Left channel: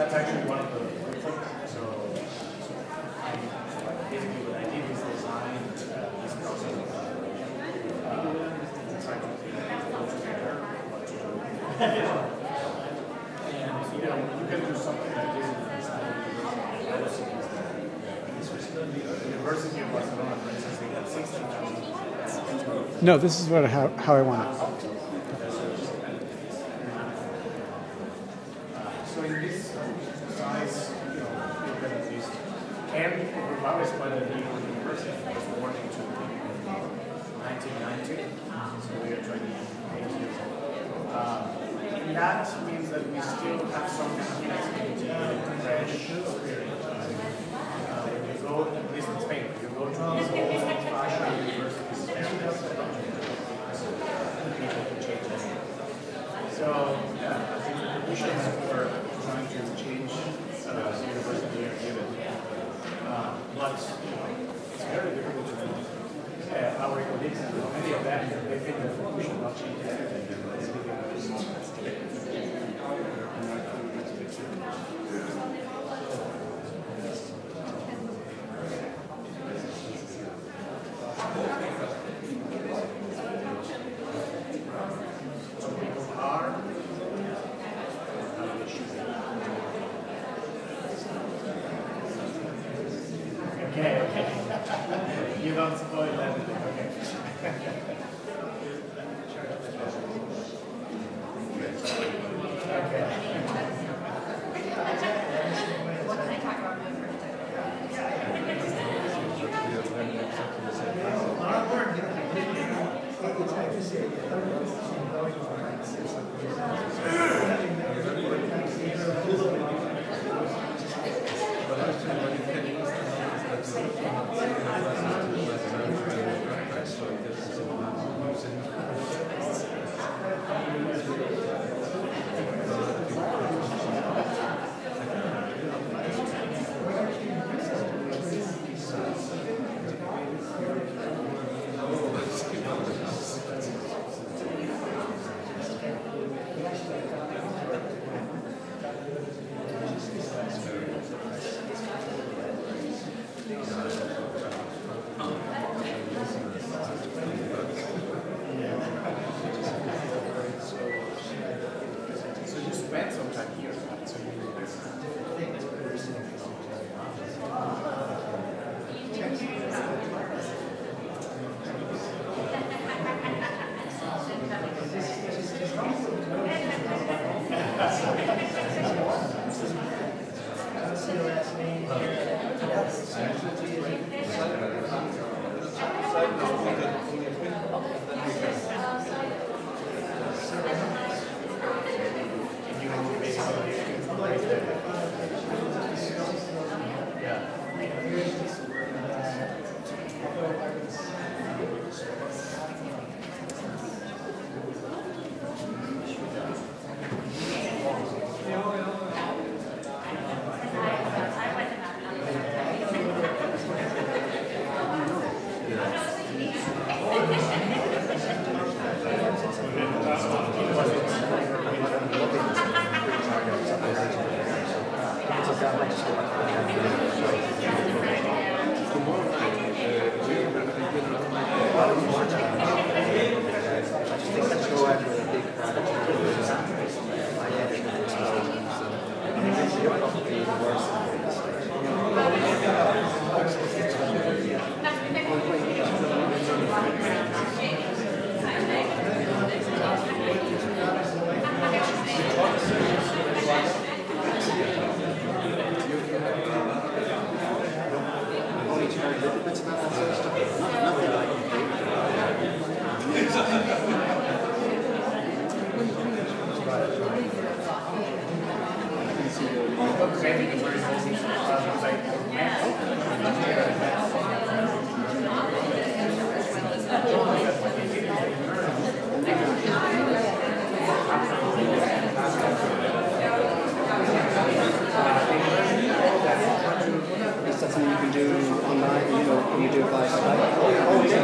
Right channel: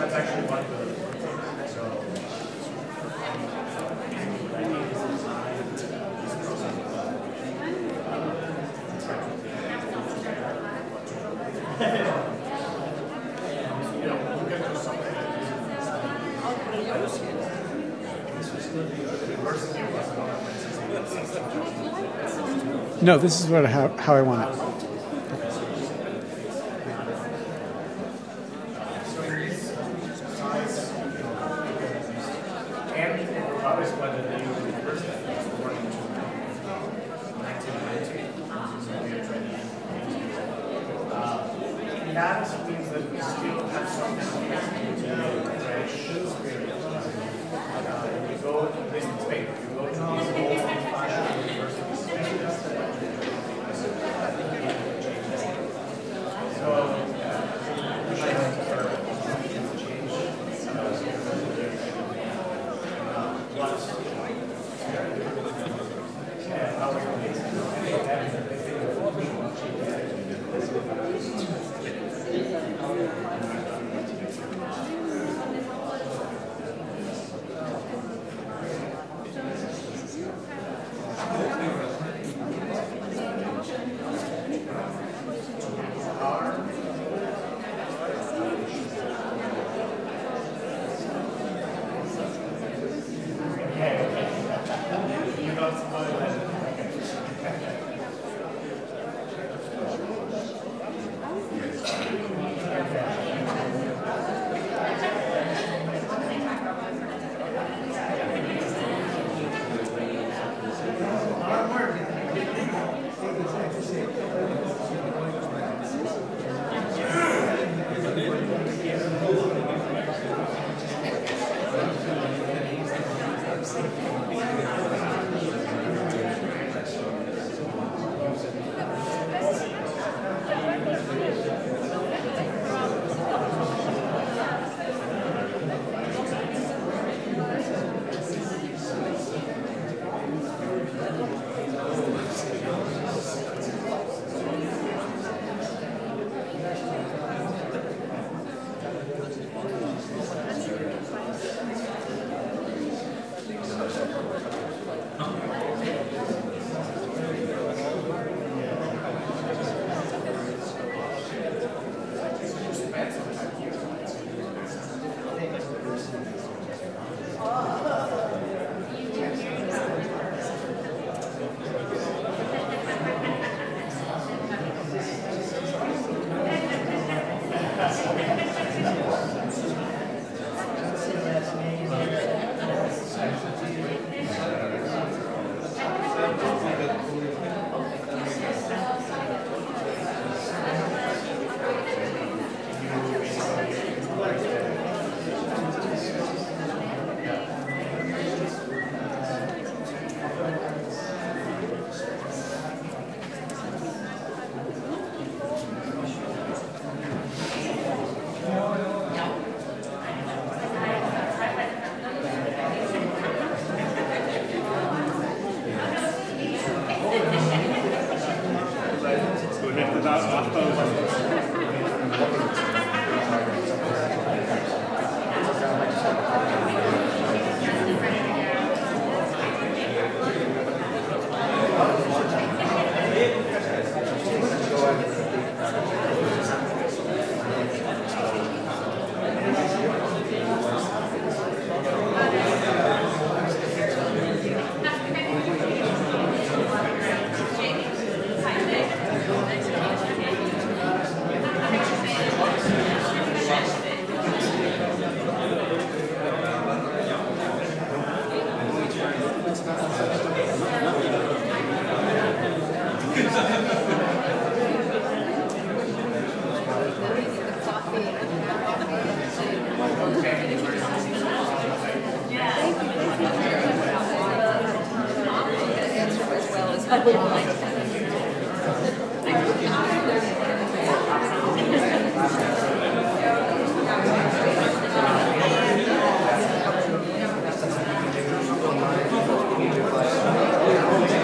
That's actually one of the so basically what I did is design this process. And we're going to do something that isn't No, this is how I want it. That means that we still have some fresh spirit. You go, at least in Spain, you go to these old-fashioned universities. So, we should have to start change what's and how we're going to any of that. They think that we should not change that. You're not supposed to. Online, you do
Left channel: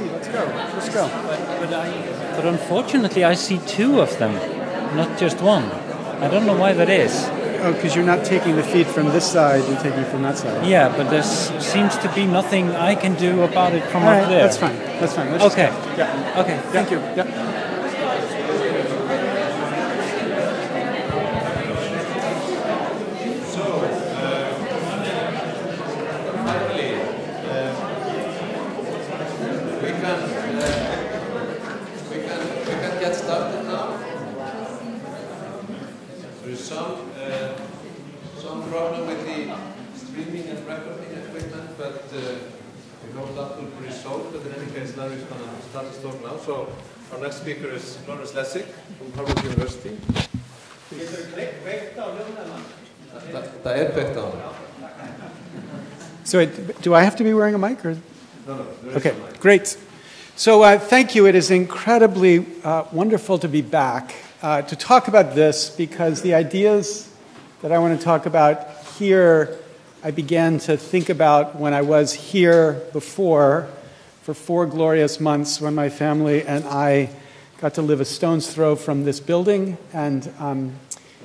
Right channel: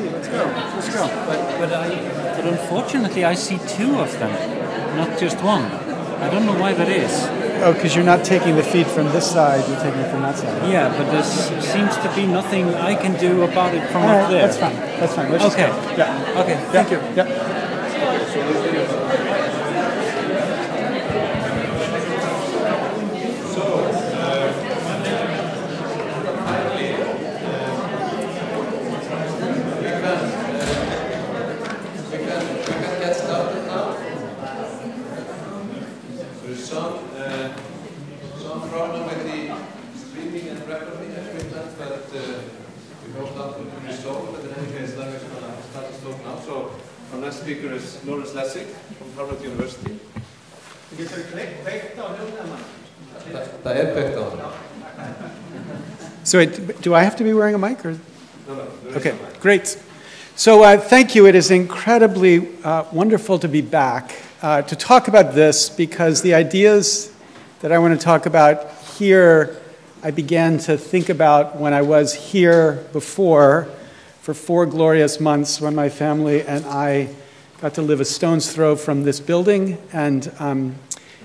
see. Let's go. Let's go. But unfortunately, I see two of them, not just one. I don't know why that is. Oh, because you're not taking the feed from this side, you're taking it from that side. Yeah, but there seems to be nothing I can do about it from up there. That's fine. That's fine. Okay. Yeah. Okay. Thank you. Yeah. So our next speaker is Lawrence Lessig from Harvard University. So do I have to be wearing a mic? Or? No. Okay, great. So thank you. It is incredibly wonderful to be back to talk about this, because the ideas that I want to talk about here, I began to think about when I was here before for 4 glorious months, when my family and I got to live a stone's throw from this building and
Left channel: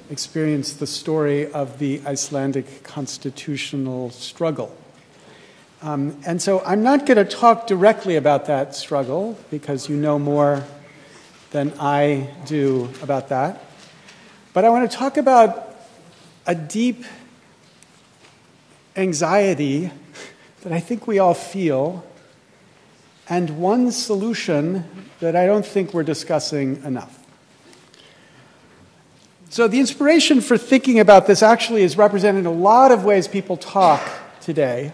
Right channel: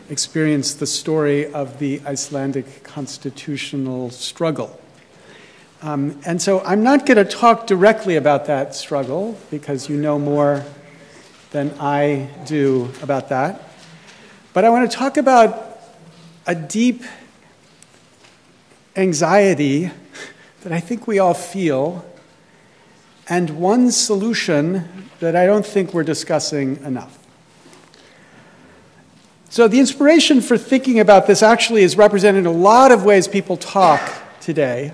experienced the story of the Icelandic constitutional struggle. And so I'm not going to talk directly about that struggle, because you know more than I do about that. But I want to talk about a deep anxiety that I think we all feel, and one solution that I don't think we're discussing enough. So the inspiration for thinking about this actually is represented in a lot of ways people talk today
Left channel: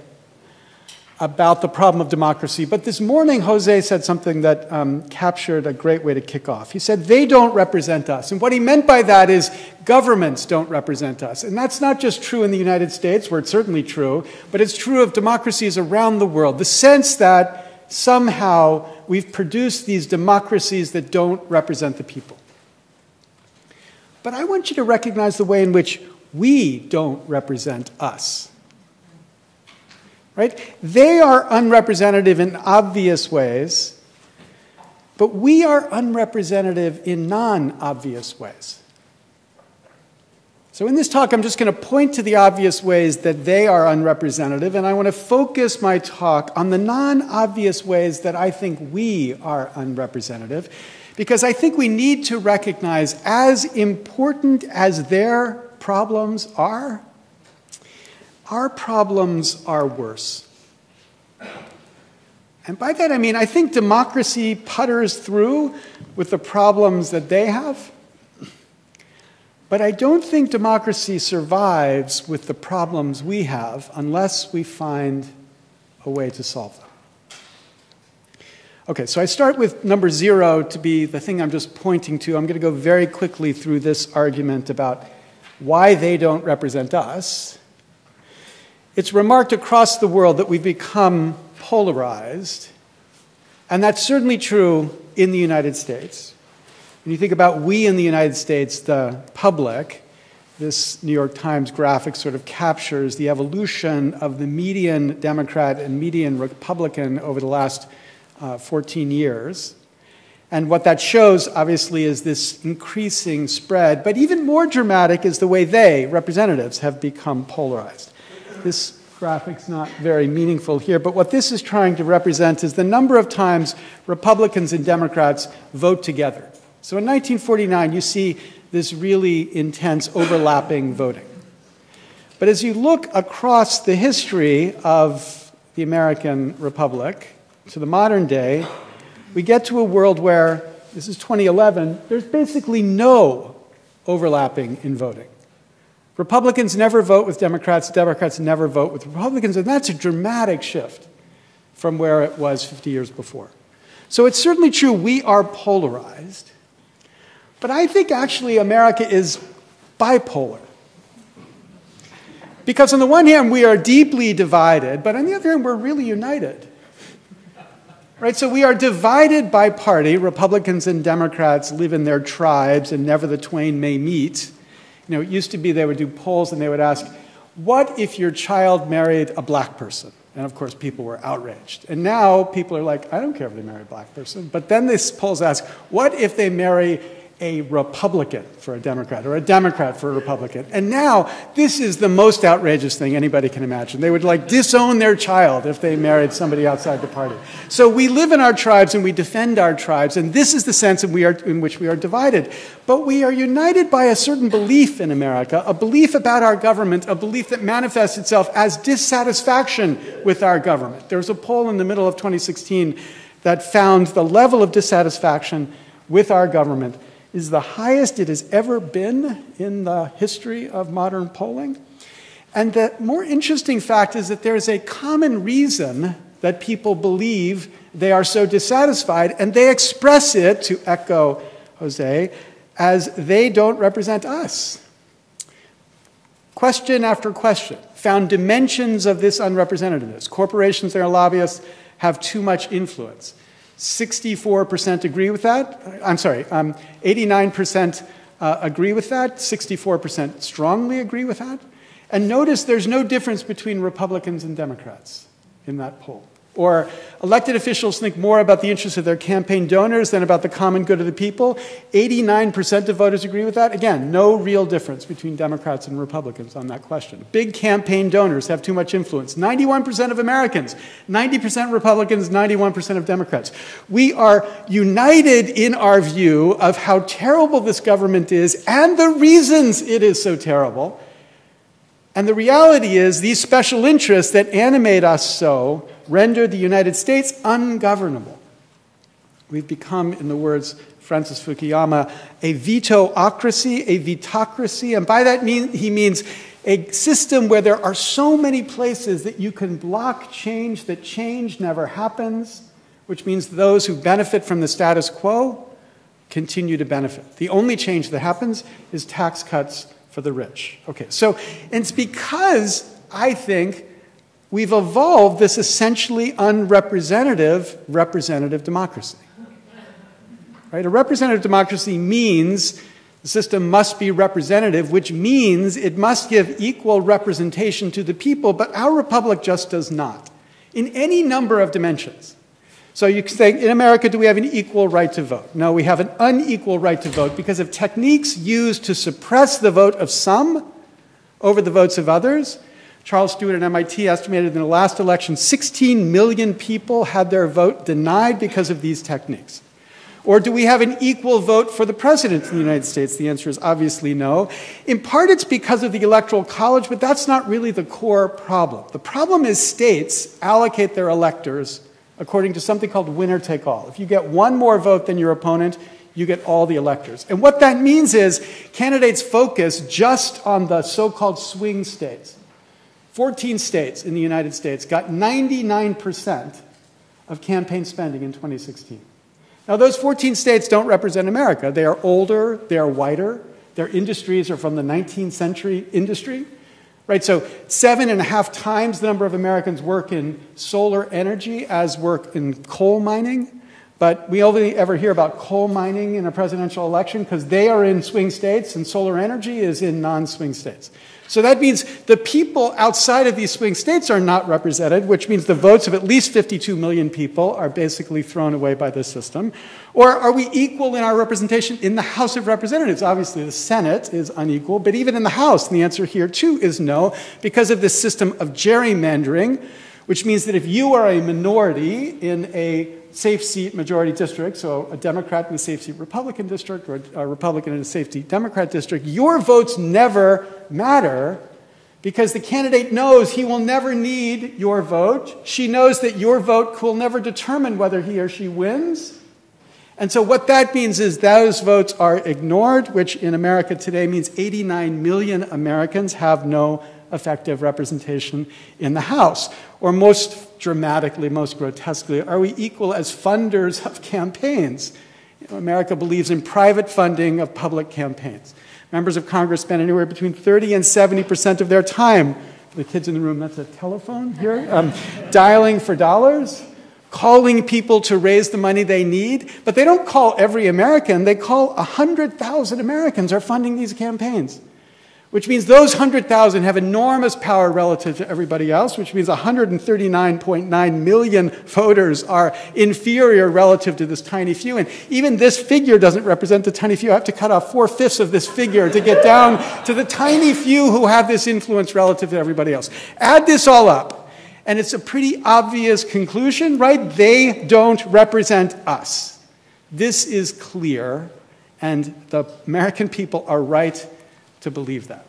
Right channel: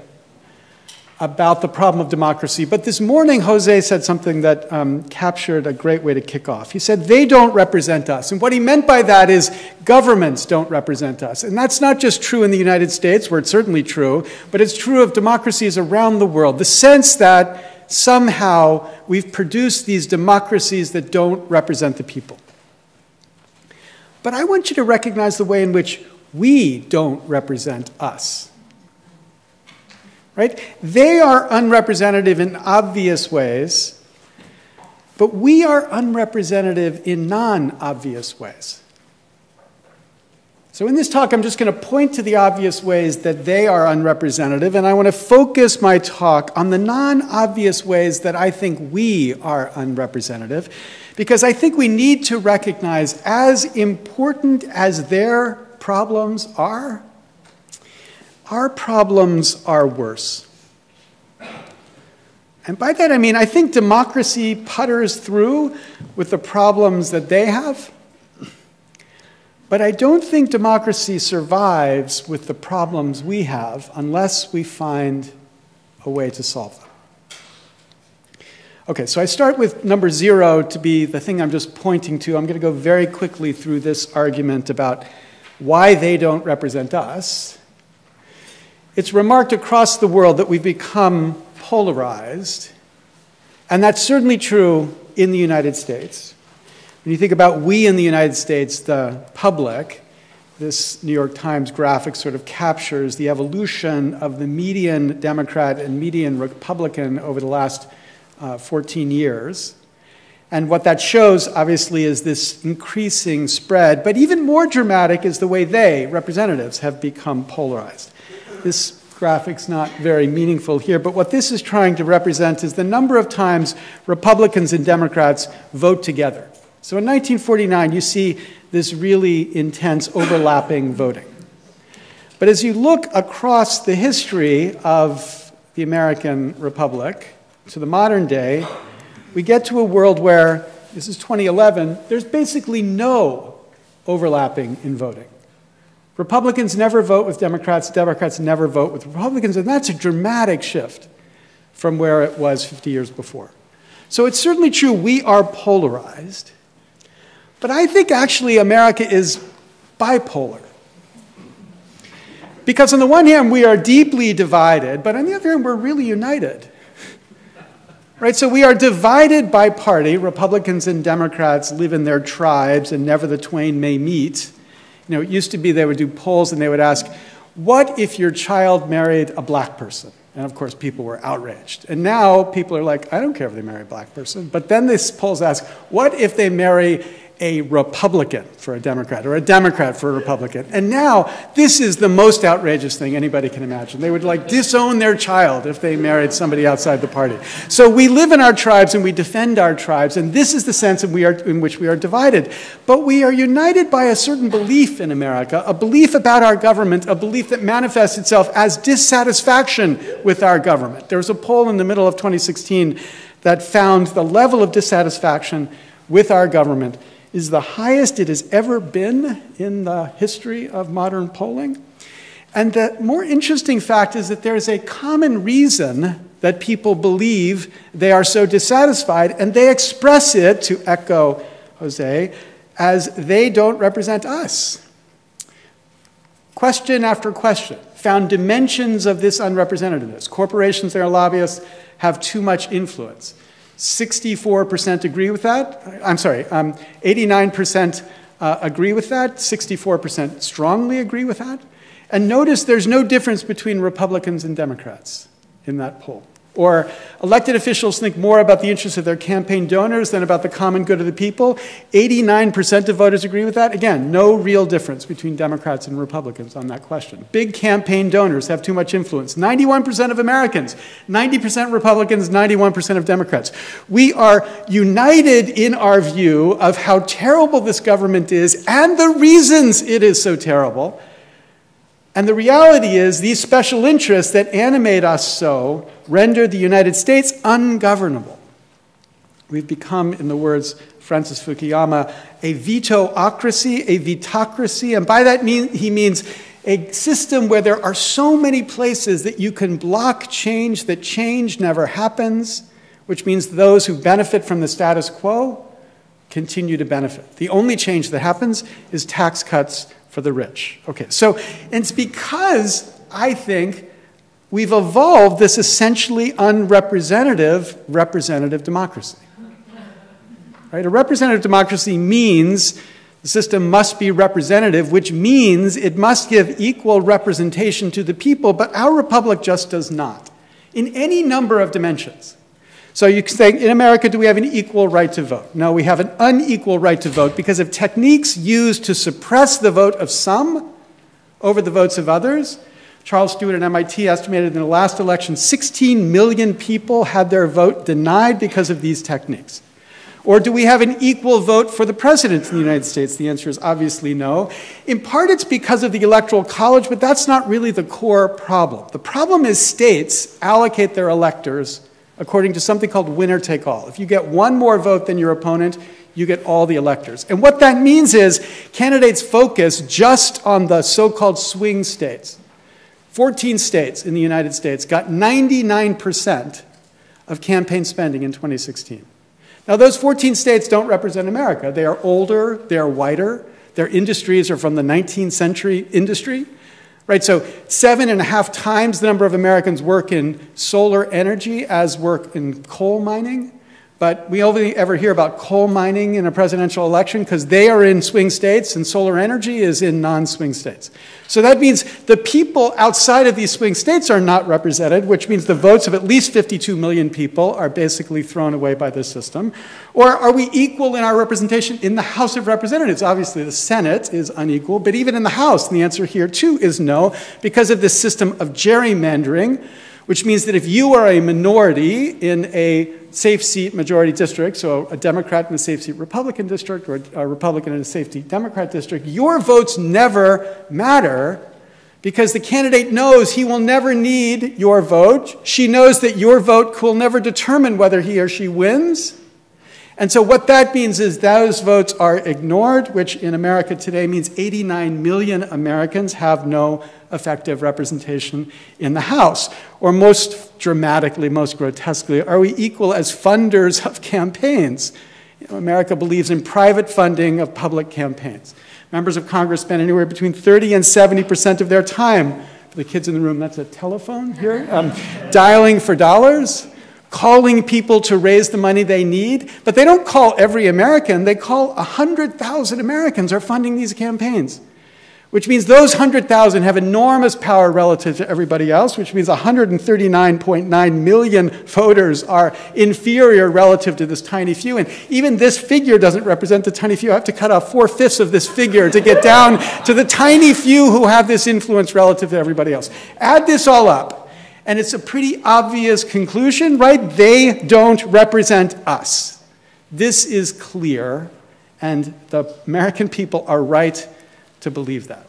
about the problem of democracy. But this morning, Jose said something that captured a great way to kick off. He said, they don't represent us. And what he meant by that is governments don't represent us. And that's not just true in the United States, where it's certainly true, but it's true of democracies around the world. The sense that somehow we've produced these democracies that don't represent the people. But I want you to recognize the way in which we don't represent us. Right? They are unrepresentative in obvious ways, but we are unrepresentative in non-obvious ways. So in this talk, I'm just going to point to the obvious ways that they are unrepresentative, and I want to focus my talk on the non-obvious ways that I think we are unrepresentative, because I think we need to recognize, as important as their problems are, our problems are worse. And by that I mean, I think democracy putters through with the problems that they have, but I don't think democracy survives with the problems we have unless we find a way to solve them. Okay, so I start with number 0 to be the thing I'm just pointing to. I'm going to go very quickly through this argument about why they don't represent us. It's remarked across the world that we've become polarized, and that's certainly true in the United States. When you think about we in the United States, the public, this New York Times graphic sort of captures the evolution of the median Democrat and median Republican over the last 14 years. And what that shows, obviously, is this increasing spread. But even more dramatic is the way they, representatives, have become polarized. This graphic's not very meaningful here, but what this is trying to represent is the number of times Republicans and Democrats vote together. So in 1949, you see this really intense overlapping voting. But as you look across the history of the American Republic to the modern day, we get to a world where, this is 2011, there's basically no overlapping in voting. Republicans never vote with Democrats, Democrats never vote with Republicans, and that's a dramatic shift from where it was 50 years before. So it's certainly true we are polarized, but I think actually America is bipolar. Because on the one hand, we are deeply divided, but on the other hand, we're really united. Right, so we are divided by party. Republicans and Democrats live in their tribes, and never the twain may meet. You know, it used to be they would do polls and they would ask, what if your child married a black person? And of course, people were outraged. And now people are like, I don't care if they marry a black person. But then these polls ask, what if they marry a Republican for a Democrat, or a Democrat for a Republican? And now, this is the most outrageous thing anybody can imagine. They would like disown their child if they married somebody outside the party. So we live in our tribes and we defend our tribes, and this is the sense in which we are divided. But we are united by a certain belief in America, a belief about our government, a belief that manifests itself as dissatisfaction with our government. There was a poll in the middle of 2016 that found the level of dissatisfaction with our government is the highest it has ever been in the history of modern polling. And the more interesting fact is that there is a common reason that people believe they are so dissatisfied, and they express it, to echo Jose, as they don't represent us. Question after question found dimensions of this unrepresentativeness. Corporations and their lobbyists have too much influence. 64% agree with that. I'm sorry, 89% agree with that. 64% strongly agree with that. And notice there's no difference between Republicans and Democrats in that poll. Or elected officials think more about the interests of their campaign donors than about the common good of the people. 89% of voters agree with that. Again, no real difference between Democrats and Republicans on that question. Big campaign donors have too much influence. 91% of Americans, 90% Republicans, 91% of Democrats. We are united in our view of how terrible this government is and the reasons it is so terrible. And the reality is these special interests that animate us so render the United States ungovernable. We've become, in the words of Francis Fukuyama, a veto-ocracy, a vetocracy, and by that he means a system where there are so many places that you can block change, that change never happens, which means those who benefit from the status quo continue to benefit. The only change that happens is tax cuts for the rich. Okay, so it's because I think we've evolved this essentially unrepresentative representative democracy. Right? A representative democracy means the system must be representative, which means it must give equal representation to the people, but our republic just does not, in any number of dimensions. So you can say, in America, do we have an equal right to vote? No, we have an unequal right to vote because of techniques used to suppress the vote of some over the votes of others. Charles Stewart at MIT estimated in the last election 16 million people had their vote denied because of these techniques. Or do we have an equal vote for the president in the United States? The answer is obviously no. In part, it's because of the Electoral College, but that's not really the core problem. The problem is states allocate their electors according to something called winner-take-all. If you get one more vote than your opponent, you get all the electors. And what that means is candidates focus just on the so-called swing states. 14 states in the United States got 99% of campaign spending in 2016. Now, those 14 states don't represent America. They are older, they're whiter, their industries are from the 19th century industry. Right, so 7.5 times the number of Americans work in solar energy as work in coal mining. But we only ever hear about coal mining in a presidential election because they are in swing states and solar energy is in non-swing states. So that means the people outside of these swing states are not represented, which means the votes of at least 52 million people are basically thrown away by this system. Or are we equal in our representation in the House of Representatives? Obviously, the Senate is unequal, but even in the House, and the answer here, too, is no, because of this system of gerrymandering, which means that if you are a minority in a safe seat majority district, so a Democrat in a safe seat Republican district, or a Republican in a safe seat Democrat district, your votes never matter because the candidate knows he will never need your vote. She knows that your vote will never determine whether he or she wins. And so what that means is those votes are ignored, which in America today means 89 million Americans have no effective representation in the House. Or most dramatically, most grotesquely, are we equal as funders of campaigns? You know, America believes in private funding of public campaigns. Members of Congress spend anywhere between 30 and 70% of their time, for the kids in the room, that's a telephone here, dialing for dollars, calling people to raise the money they need, but they don't call every American. They call 100,000 Americans are funding these campaigns. which means those 100,000 have enormous power relative to everybody else, which means 139.9 million voters are inferior relative to this tiny few. And even this figure doesn't represent the tiny few. I have to cut off 4/5 of this figure to get down to the tiny few who have this influence relative to everybody else. Add this all up, and it's a pretty obvious conclusion, right? They don't represent us. This is clear, and the American people are right to believe that.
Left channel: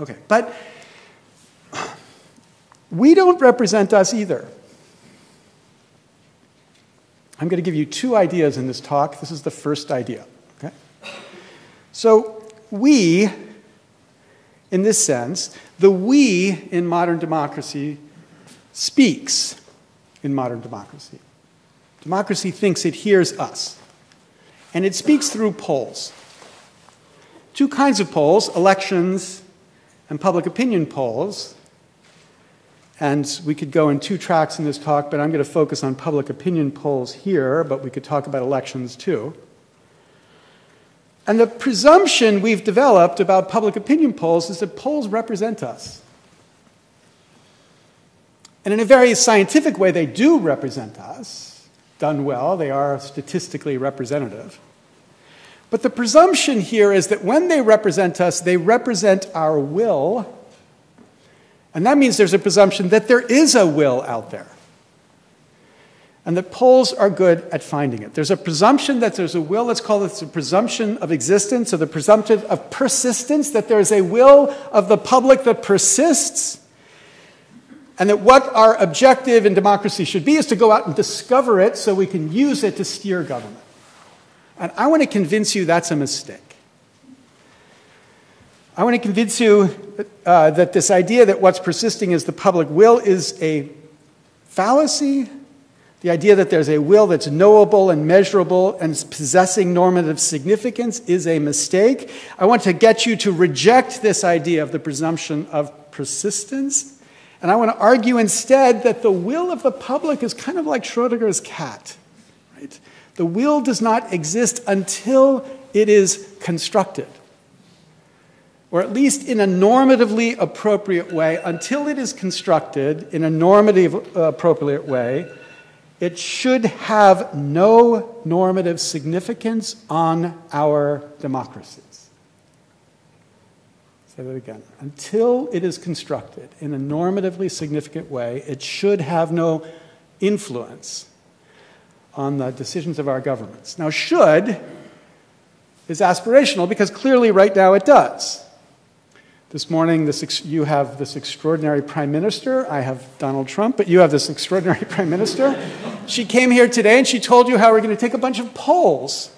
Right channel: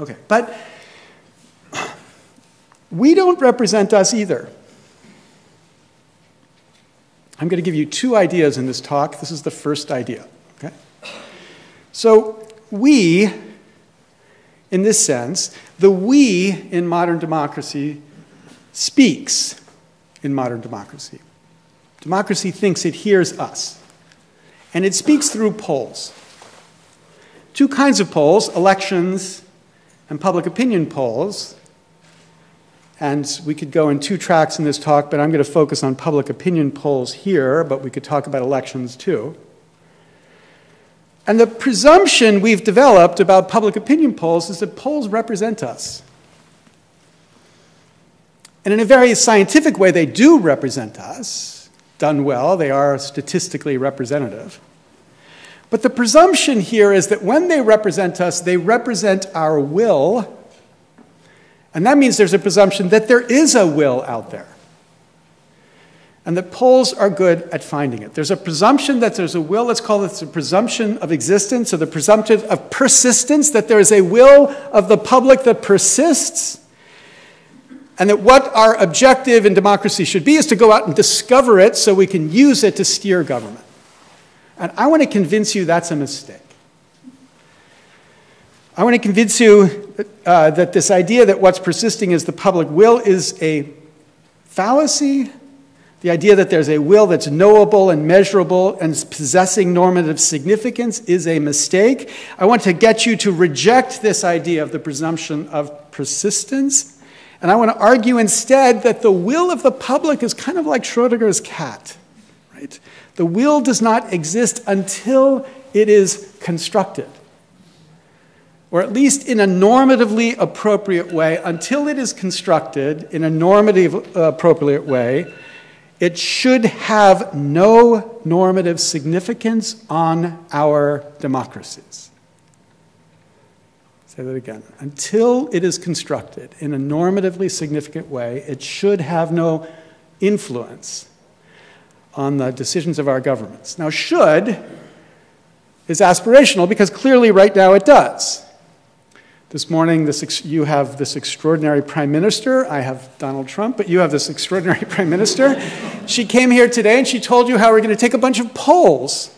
Okay, but we don't represent us either. I'm going to give you two ideas in this talk. This is the first idea. Okay? So we, in this sense, the we in modern democracy speaks in modern democracy. Democracy thinks it hears us, and it speaks through polls. Two kinds of polls, elections and public opinion polls. And we could go in two tracks in this talk, but I'm going to focus on public opinion polls here, but we could talk about elections too. And the presumption we've developed about public opinion polls is that polls represent us. And in a very scientific way, they do represent us. Done well, they are statistically representative. But the presumption here is that when they represent us, they represent our will. And that means there's a presumption that there is a will out there. And that polls are good at finding it. There's a presumption that there's a will. Let's call it the presumption of existence, or the presumption of persistence, that there is a will of the public that persists. And that what our objective in democracy should be is to go out and discover it so we can use it to steer government. And I want to convince you that's a mistake. I want to convince you that this idea that what's persisting is the public will is a fallacy. The idea that there's a will that's knowable and measurable and possessing normative significance is a mistake. I want to get you to reject this idea of the presumption of persistence. And I want to argue instead that the will of the public is kind of like Schrodinger's cat, right? The will does not exist until it is constructed, or at least in a normatively appropriate way. Until it is constructed in a normatively appropriate way, it should have no normative significance on our democracies. Say that again. Until it is constructed in a normatively significant way, it should have no influence on the decisions of our governments. Now, should is aspirational because clearly right now it does. This morning, you have this extraordinary prime minister. I have Donald Trump, but you have this extraordinary prime minister. She came here today and she told you how we're going to take a bunch of polls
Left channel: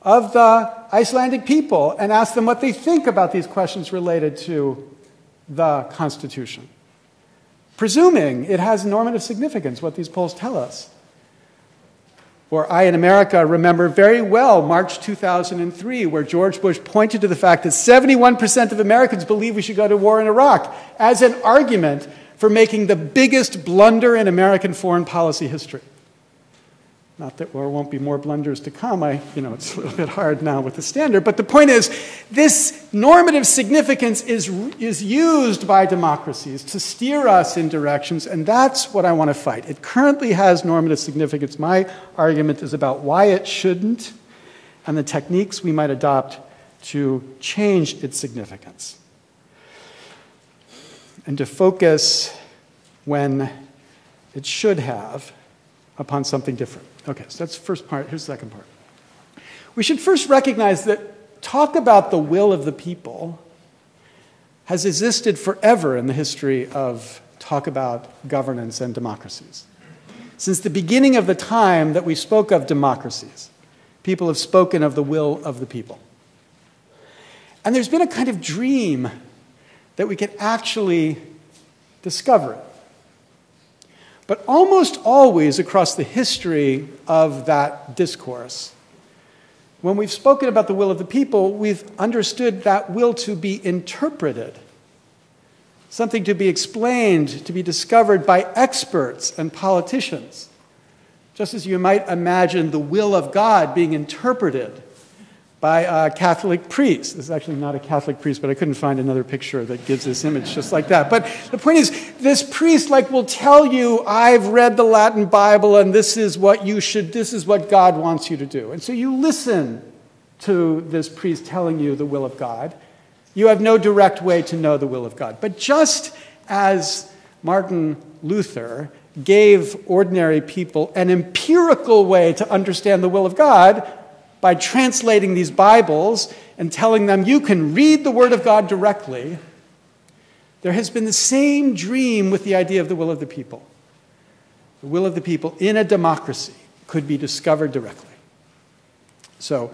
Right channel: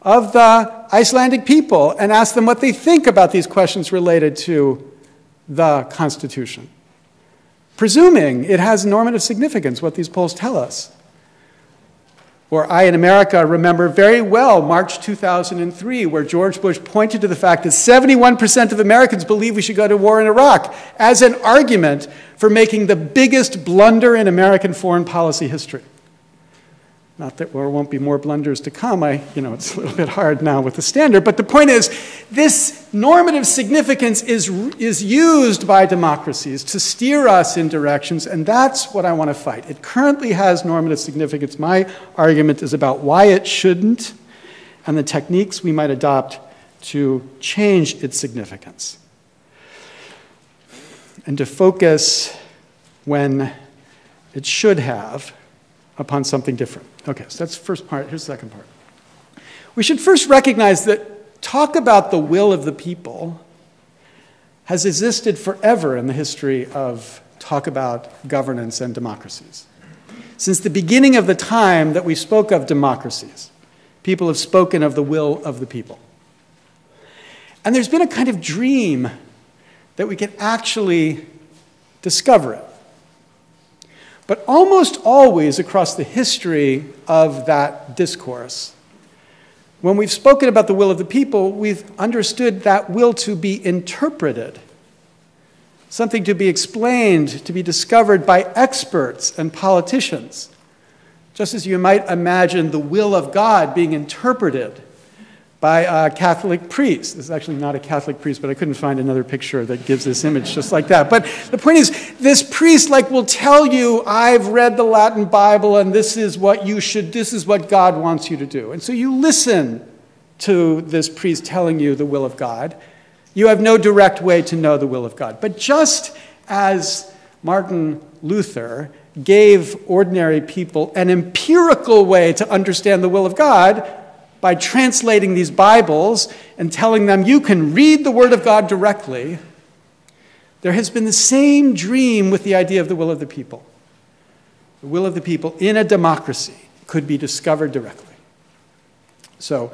of the Icelandic people and ask them what they think about these questions related to the Constitution, presuming it has normative significance, what these polls tell us. Or I, in America, remember very well March 2003, where George Bush pointed to the fact that 71% of Americans believe we should go to war in Iraq as an argument for making the biggest blunder in American foreign policy history. Not that there won't be more blunders to come. It's a little bit hard now with the standard. But the point is, this normative significance is used by democracies to steer us in directions, and that's what I want to fight. It currently has normative significance. My argument is about why it shouldn't and the techniques we might adopt to change its significance and to focus when it should have upon something different. Okay, so that's the first part. Here's the second part. We should first recognize that talk about the will of the people has existed forever in the history of talk about governance and democracies. Since the beginning of the time that we spoke of democracies, people have spoken of the will of the people. And there's been a kind of dream that we can actually discover it. But almost always across the history of that discourse, when we've spoken about the will of the people, we've understood that will to be interpreted, something to be explained, to be discovered by experts and politicians, just as you might imagine the will of God being interpreted by a Catholic priest. This is actually not a Catholic priest, but I couldn't find another picture that gives this image just like that. But the point is, this priest will tell you, I've read the Latin Bible and this is what God wants you to do. And so you listen to this priest telling you the will of God. You have no direct way to know the will of God. But just as Martin Luther gave ordinary people an empirical way to understand the will of God by translating these Bibles and telling them you can read the Word of God directly, there has been the same dream with the idea of the will of the people. The will of the people in a democracy could be discovered directly. So,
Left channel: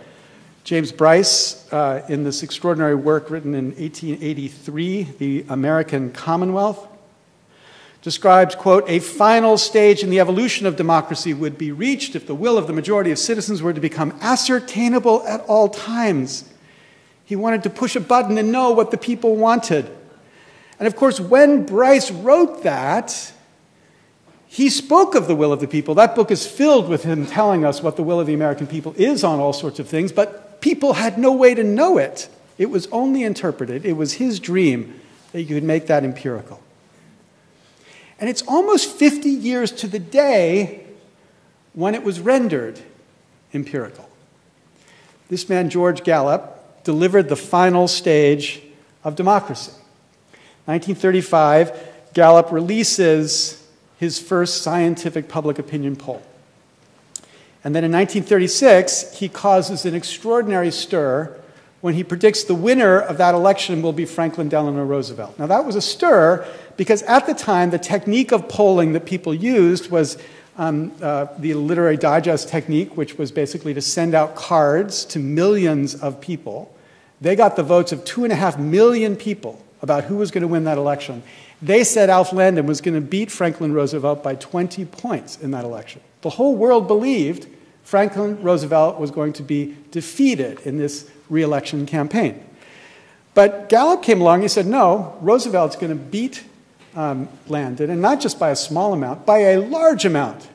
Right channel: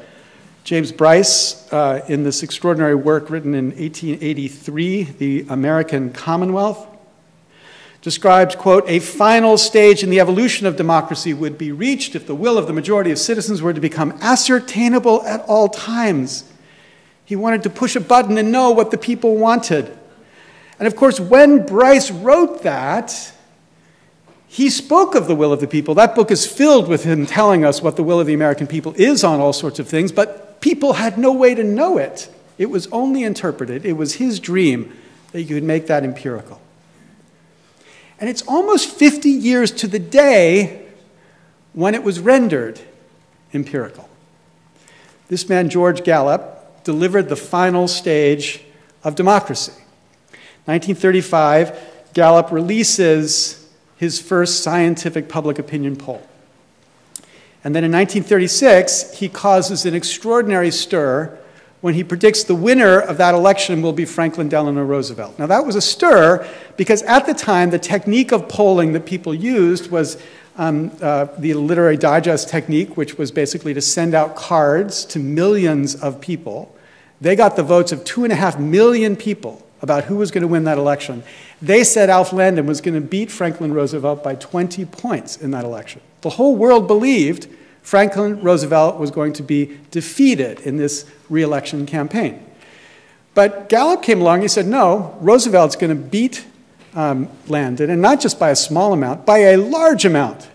James Bryce, in this extraordinary work written in 1883, The American Commonwealth, describes, quote, a final stage in the evolution of democracy would be reached if the will of the majority of citizens were to become ascertainable at all times. He wanted to push a button and know what the people wanted. And of course, when Bryce wrote that, he spoke of the will of the people. That book is filled with him telling us what the will of the American people is on all sorts of things, but people had no way to know it. It was only interpreted. It was his dream that you could make that empirical. And it's almost 50 years to the day when it was rendered empirical. This man, George Gallup, delivered the final stage of democracy. 1935, Gallup releases his first scientific public opinion poll. And then in 1936, he causes an extraordinary stir when he predicts the winner of that election will be Franklin Delano Roosevelt. Now, that was a stir because at the time, the technique of polling that people used was the literary digest technique, which was basically to send out cards to millions of people. They got the votes of 2.5 million people about who was going to win that election. They said Alf Landon was going to beat Franklin Roosevelt by 20 points in that election. The whole world believed Franklin Roosevelt was going to be defeated in this re-election campaign. But Gallup came along and he said, no, Roosevelt's going to beat Landon, and not just by a small amount, by a large amount.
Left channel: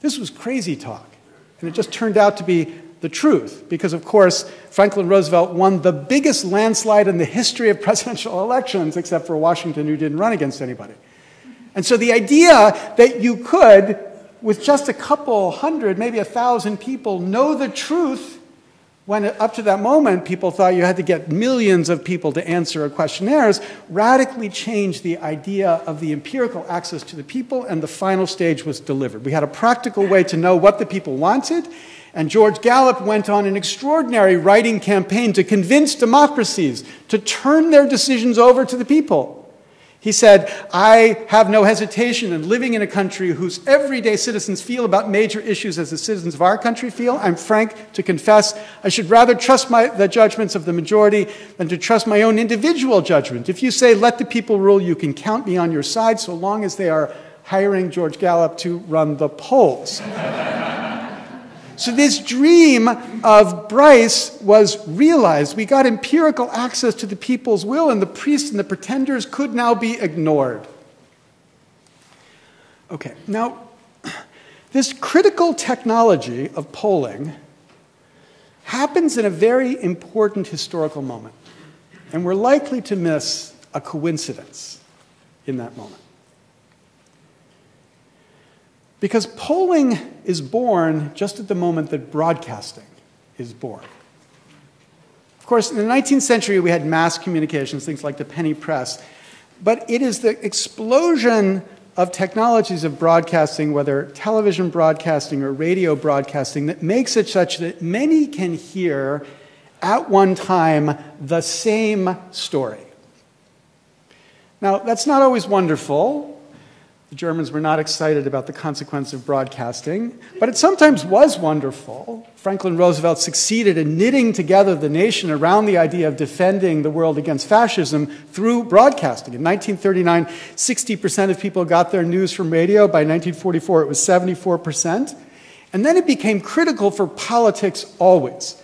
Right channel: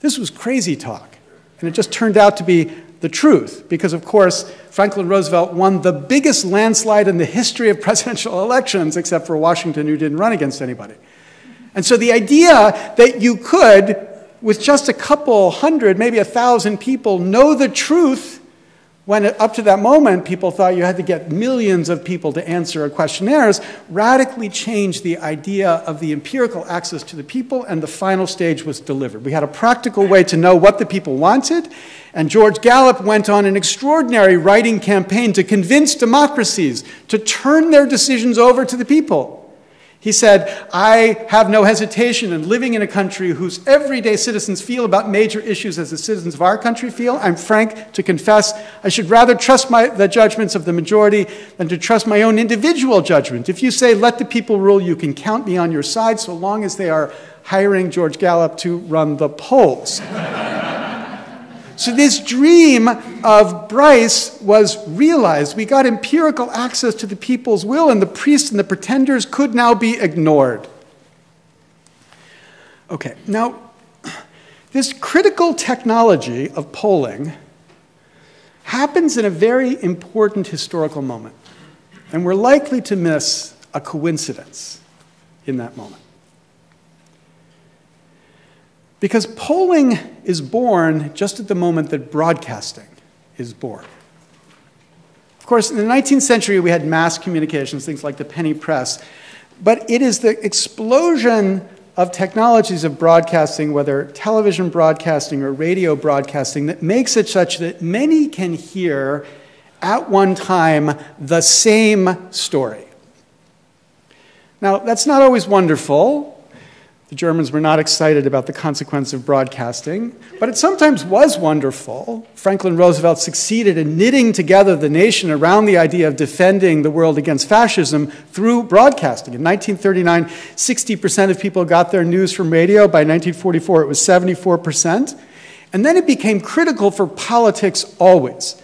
This was crazy talk. And it just turned out to be the truth, because, of course, Franklin Roosevelt won the biggest landslide in the history of presidential elections, except for Washington, who didn't run against anybody. And so the idea that you could, with just a couple hundred, maybe 1,000 people, know the truth, when up to that moment people thought you had to get millions of people to answer questionnaires, radically changed the idea of the empirical access to the people, and the final stage was delivered. We had a practical way to know what the people wanted, and George Gallup went on an extraordinary writing campaign to convince democracies to turn their decisions over to the people. He said, I have no hesitation in living in a country whose everyday citizens feel about major issues as the citizens of our country feel. I'm frank to confess, I should rather trust the judgments of the majority than to trust my own individual judgment. If you say, let the people rule, you can count me on your side, so long as they are hiring George Gallup to run the polls. So this dream of Bryce was realized. We got empirical access to the people's will, and the priests and the pretenders could now be ignored. Okay, now, this critical technology of polling happens in a very important historical moment, and we're likely to miss a coincidence in that moment. Because polling is born just at the moment that broadcasting is born. Of course, in the 19th century, we had mass communications, things like the penny press. But it is the explosion of technologies of broadcasting, whether television broadcasting or radio broadcasting, that makes it such that many can hear at one time the same story. Now, that's not always wonderful. The Germans were not excited about the consequence of broadcasting, but it sometimes was wonderful. Franklin Roosevelt succeeded in knitting together the nation around the idea of defending the world against fascism through broadcasting. In 1939, 60% of people got their news from radio. By 1944, it was 74%. And then it became critical for politics always.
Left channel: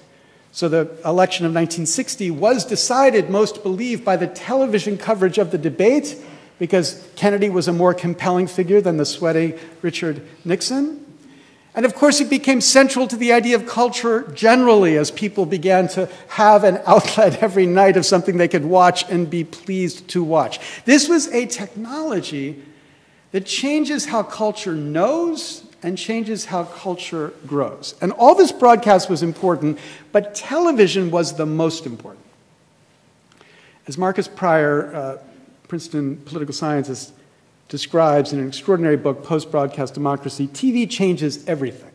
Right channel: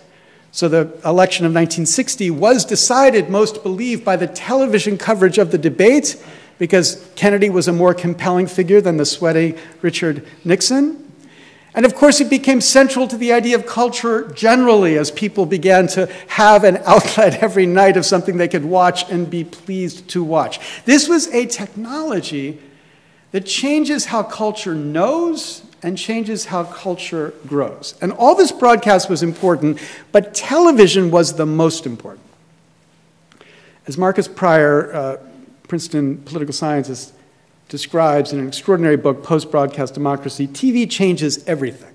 So the election of 1960 was decided, most believe, by the television coverage of the debate, because Kennedy was a more compelling figure than the sweaty Richard Nixon. And of course, it became central to the idea of culture generally as people began to have an outlet every night of something they could watch and be pleased to watch. This was a technology that changes how culture knows and changes how culture grows. And all this broadcast was important, but television was the most important. As Marcus Pryor, Princeton political scientist, describes in an extraordinary book, Post-Broadcast Democracy, TV changes everything.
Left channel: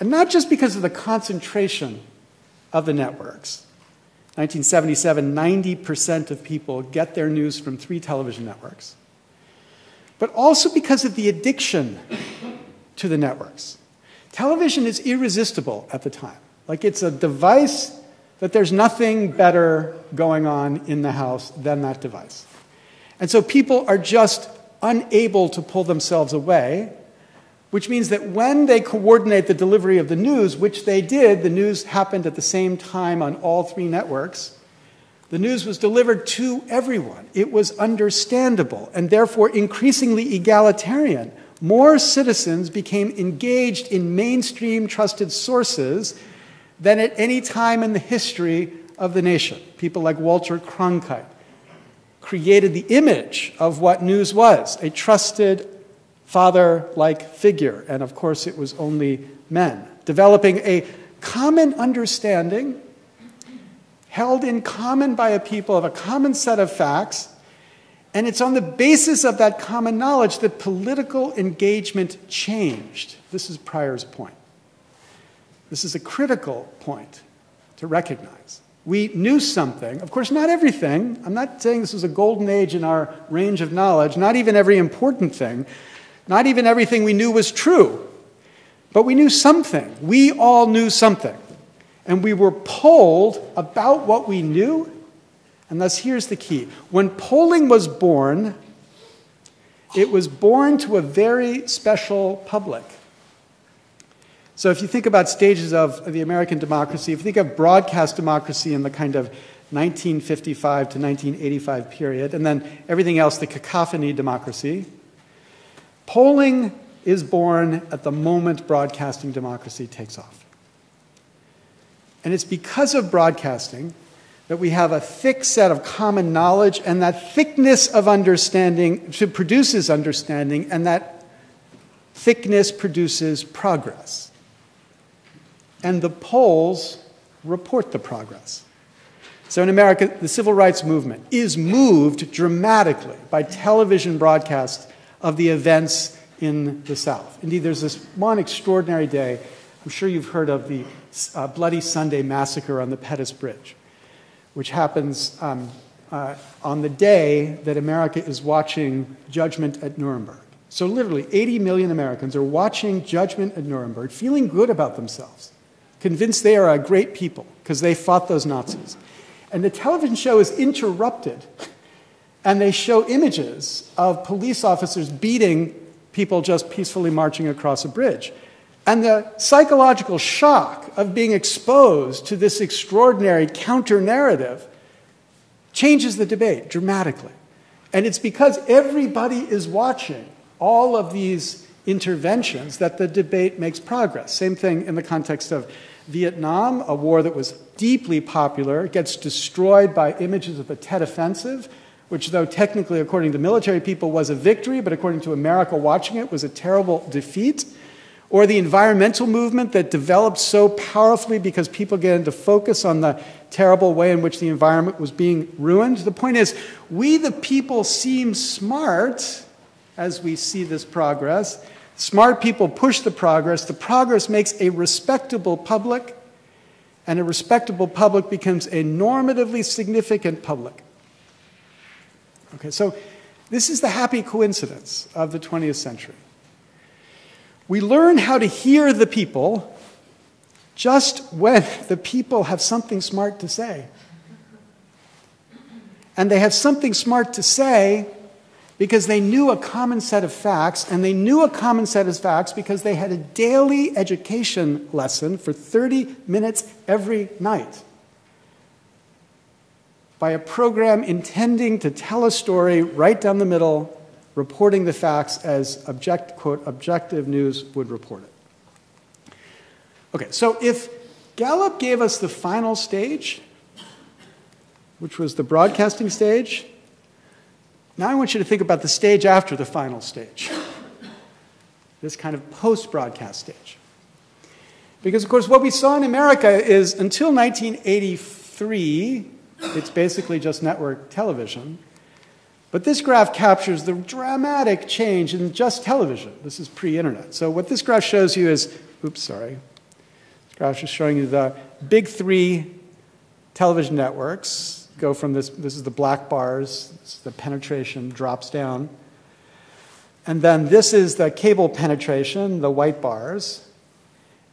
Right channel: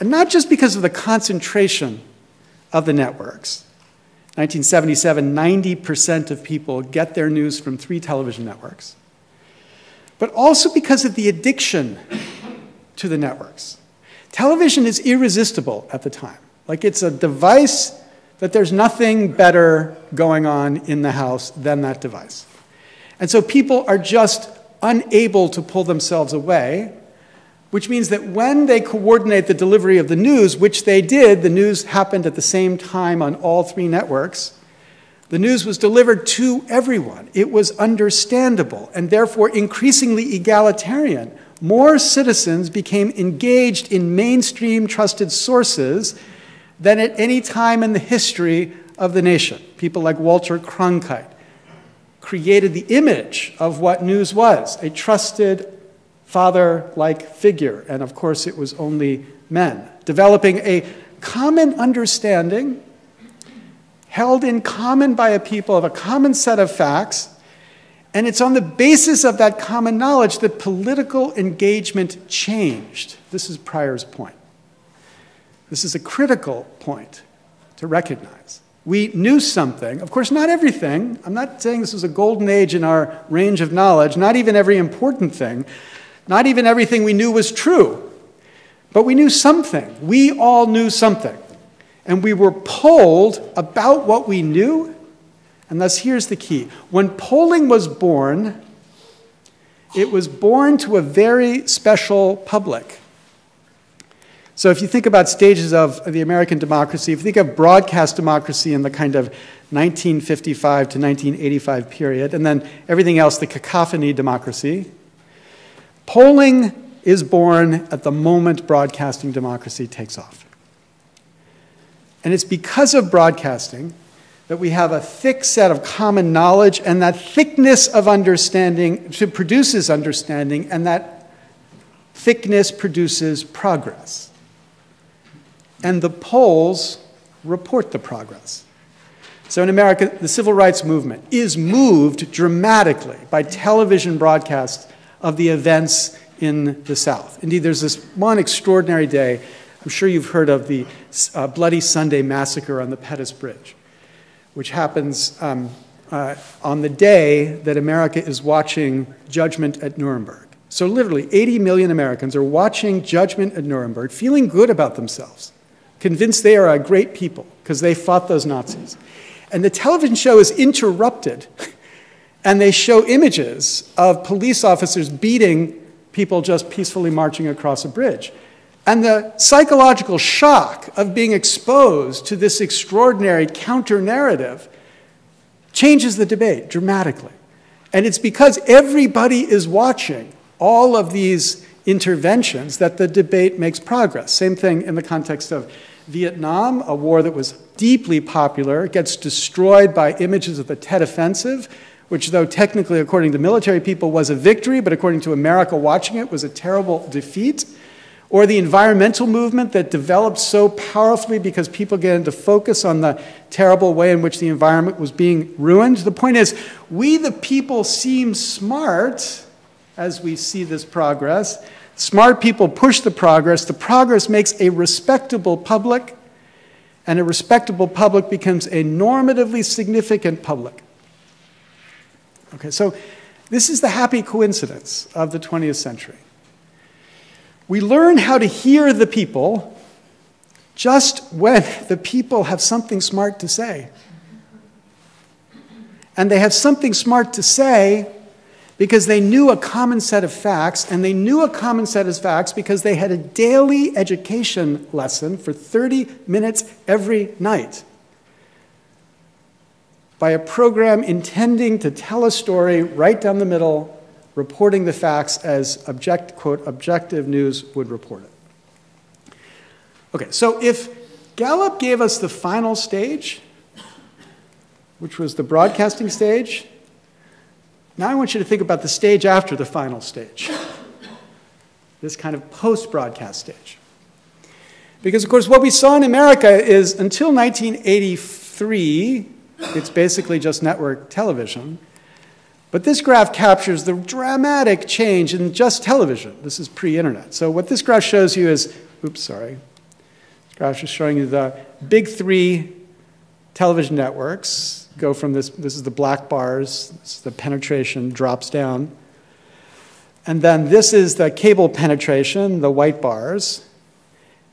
And not just because of the concentration of the networks. 1977, 90% of people get their news from 3 television networks. But also because of the addiction to the networks. Television is irresistible at the time. Like it's a device that there's nothing better going on in the house than that device. And so people are just unable to pull themselves away, which means that when they coordinate the delivery of the news, which they did, the news happened at the same time on all 3 networks, the news was delivered to everyone. It was understandable and therefore increasingly egalitarian. More citizens became engaged in mainstream trusted sources than at any time in the history of the nation. People like Walter Cronkite created the image of what news was, a trusted father-like figure. And of course, it was only men. Developing a common understanding held in common by a people of a common set of facts. And it's on the basis of that common knowledge that political engagement changed. This is Pryor's point. This is a critical point to recognize. We knew something. Of course, not everything. I'm not saying this is a golden age in our range of knowledge. Not even every important thing. Not even everything we knew was true. But we knew something. We all knew something. And we were polled about what we knew. And thus, here's the key. When polling was born, it was born to a very special public. So if you think about stages of the American democracy, if you think of broadcast democracy in the kind of 1955 to 1985 period, and then everything else, the cacophony democracy, polling is born at the moment broadcasting democracy takes off. And it's because of broadcasting that we have a thick set of common knowledge, and that thickness of understanding produces understanding, and that thickness produces progress. And the polls report the progress. So in America, the civil rights movement is moved dramatically by television broadcast of the events in the South. Indeed, there's this one extraordinary day. I'm sure you've heard of the Bloody Sunday massacre on the Pettus Bridge, which happens on the day that America is watching Judgment at Nuremberg. So literally 80 million Americans are watching Judgment at Nuremberg, feeling good about themselves, convinced they are a great people because they fought those Nazis. And the television show is interrupted, and they show images of police officers beating people just peacefully marching across a bridge. And the psychological shock of being exposed to this extraordinary counter-narrative changes the debate dramatically. And it's because everybody is watching all of these interventions that the debate makes progress. Same thing in the context of Vietnam, a war that was deeply popular, gets destroyed by images of the Tet Offensive, which, though technically, according to military people, was a victory, but according to America watching it, was a terrible defeat. Or the environmental movement that developed so powerfully because people get into focus on the terrible way in which the environment was being ruined. The point is, we the people seem smart as we see this progress. Smart people push the progress. The progress makes a respectable public, and a respectable public becomes a normatively significant public. Okay, so this is the happy coincidence of the 20th century. We learn how to hear the people just when the people have something smart to say. And they have something smart to say because they knew a common set of facts, and they knew a common set of facts because they had a daily education lesson for 30 minutes every night by a program intending to tell a story right down the middle, reporting the facts as quote, objective news would report. Okay, so if Gallup gave us the final stage, which was the broadcasting stage, now I want you to think about the stage after the final stage, this kind of post-broadcast stage. Because, of course, what we saw in America is until 1983, it's basically just network television. But this graph captures the dramatic change in just television. This is pre-internet. So what this graph shows you is, oops, sorry. This graph is showing you the big three television networks go from this is the black bars, this is the penetration drops down. And then this is the cable penetration, the white bars.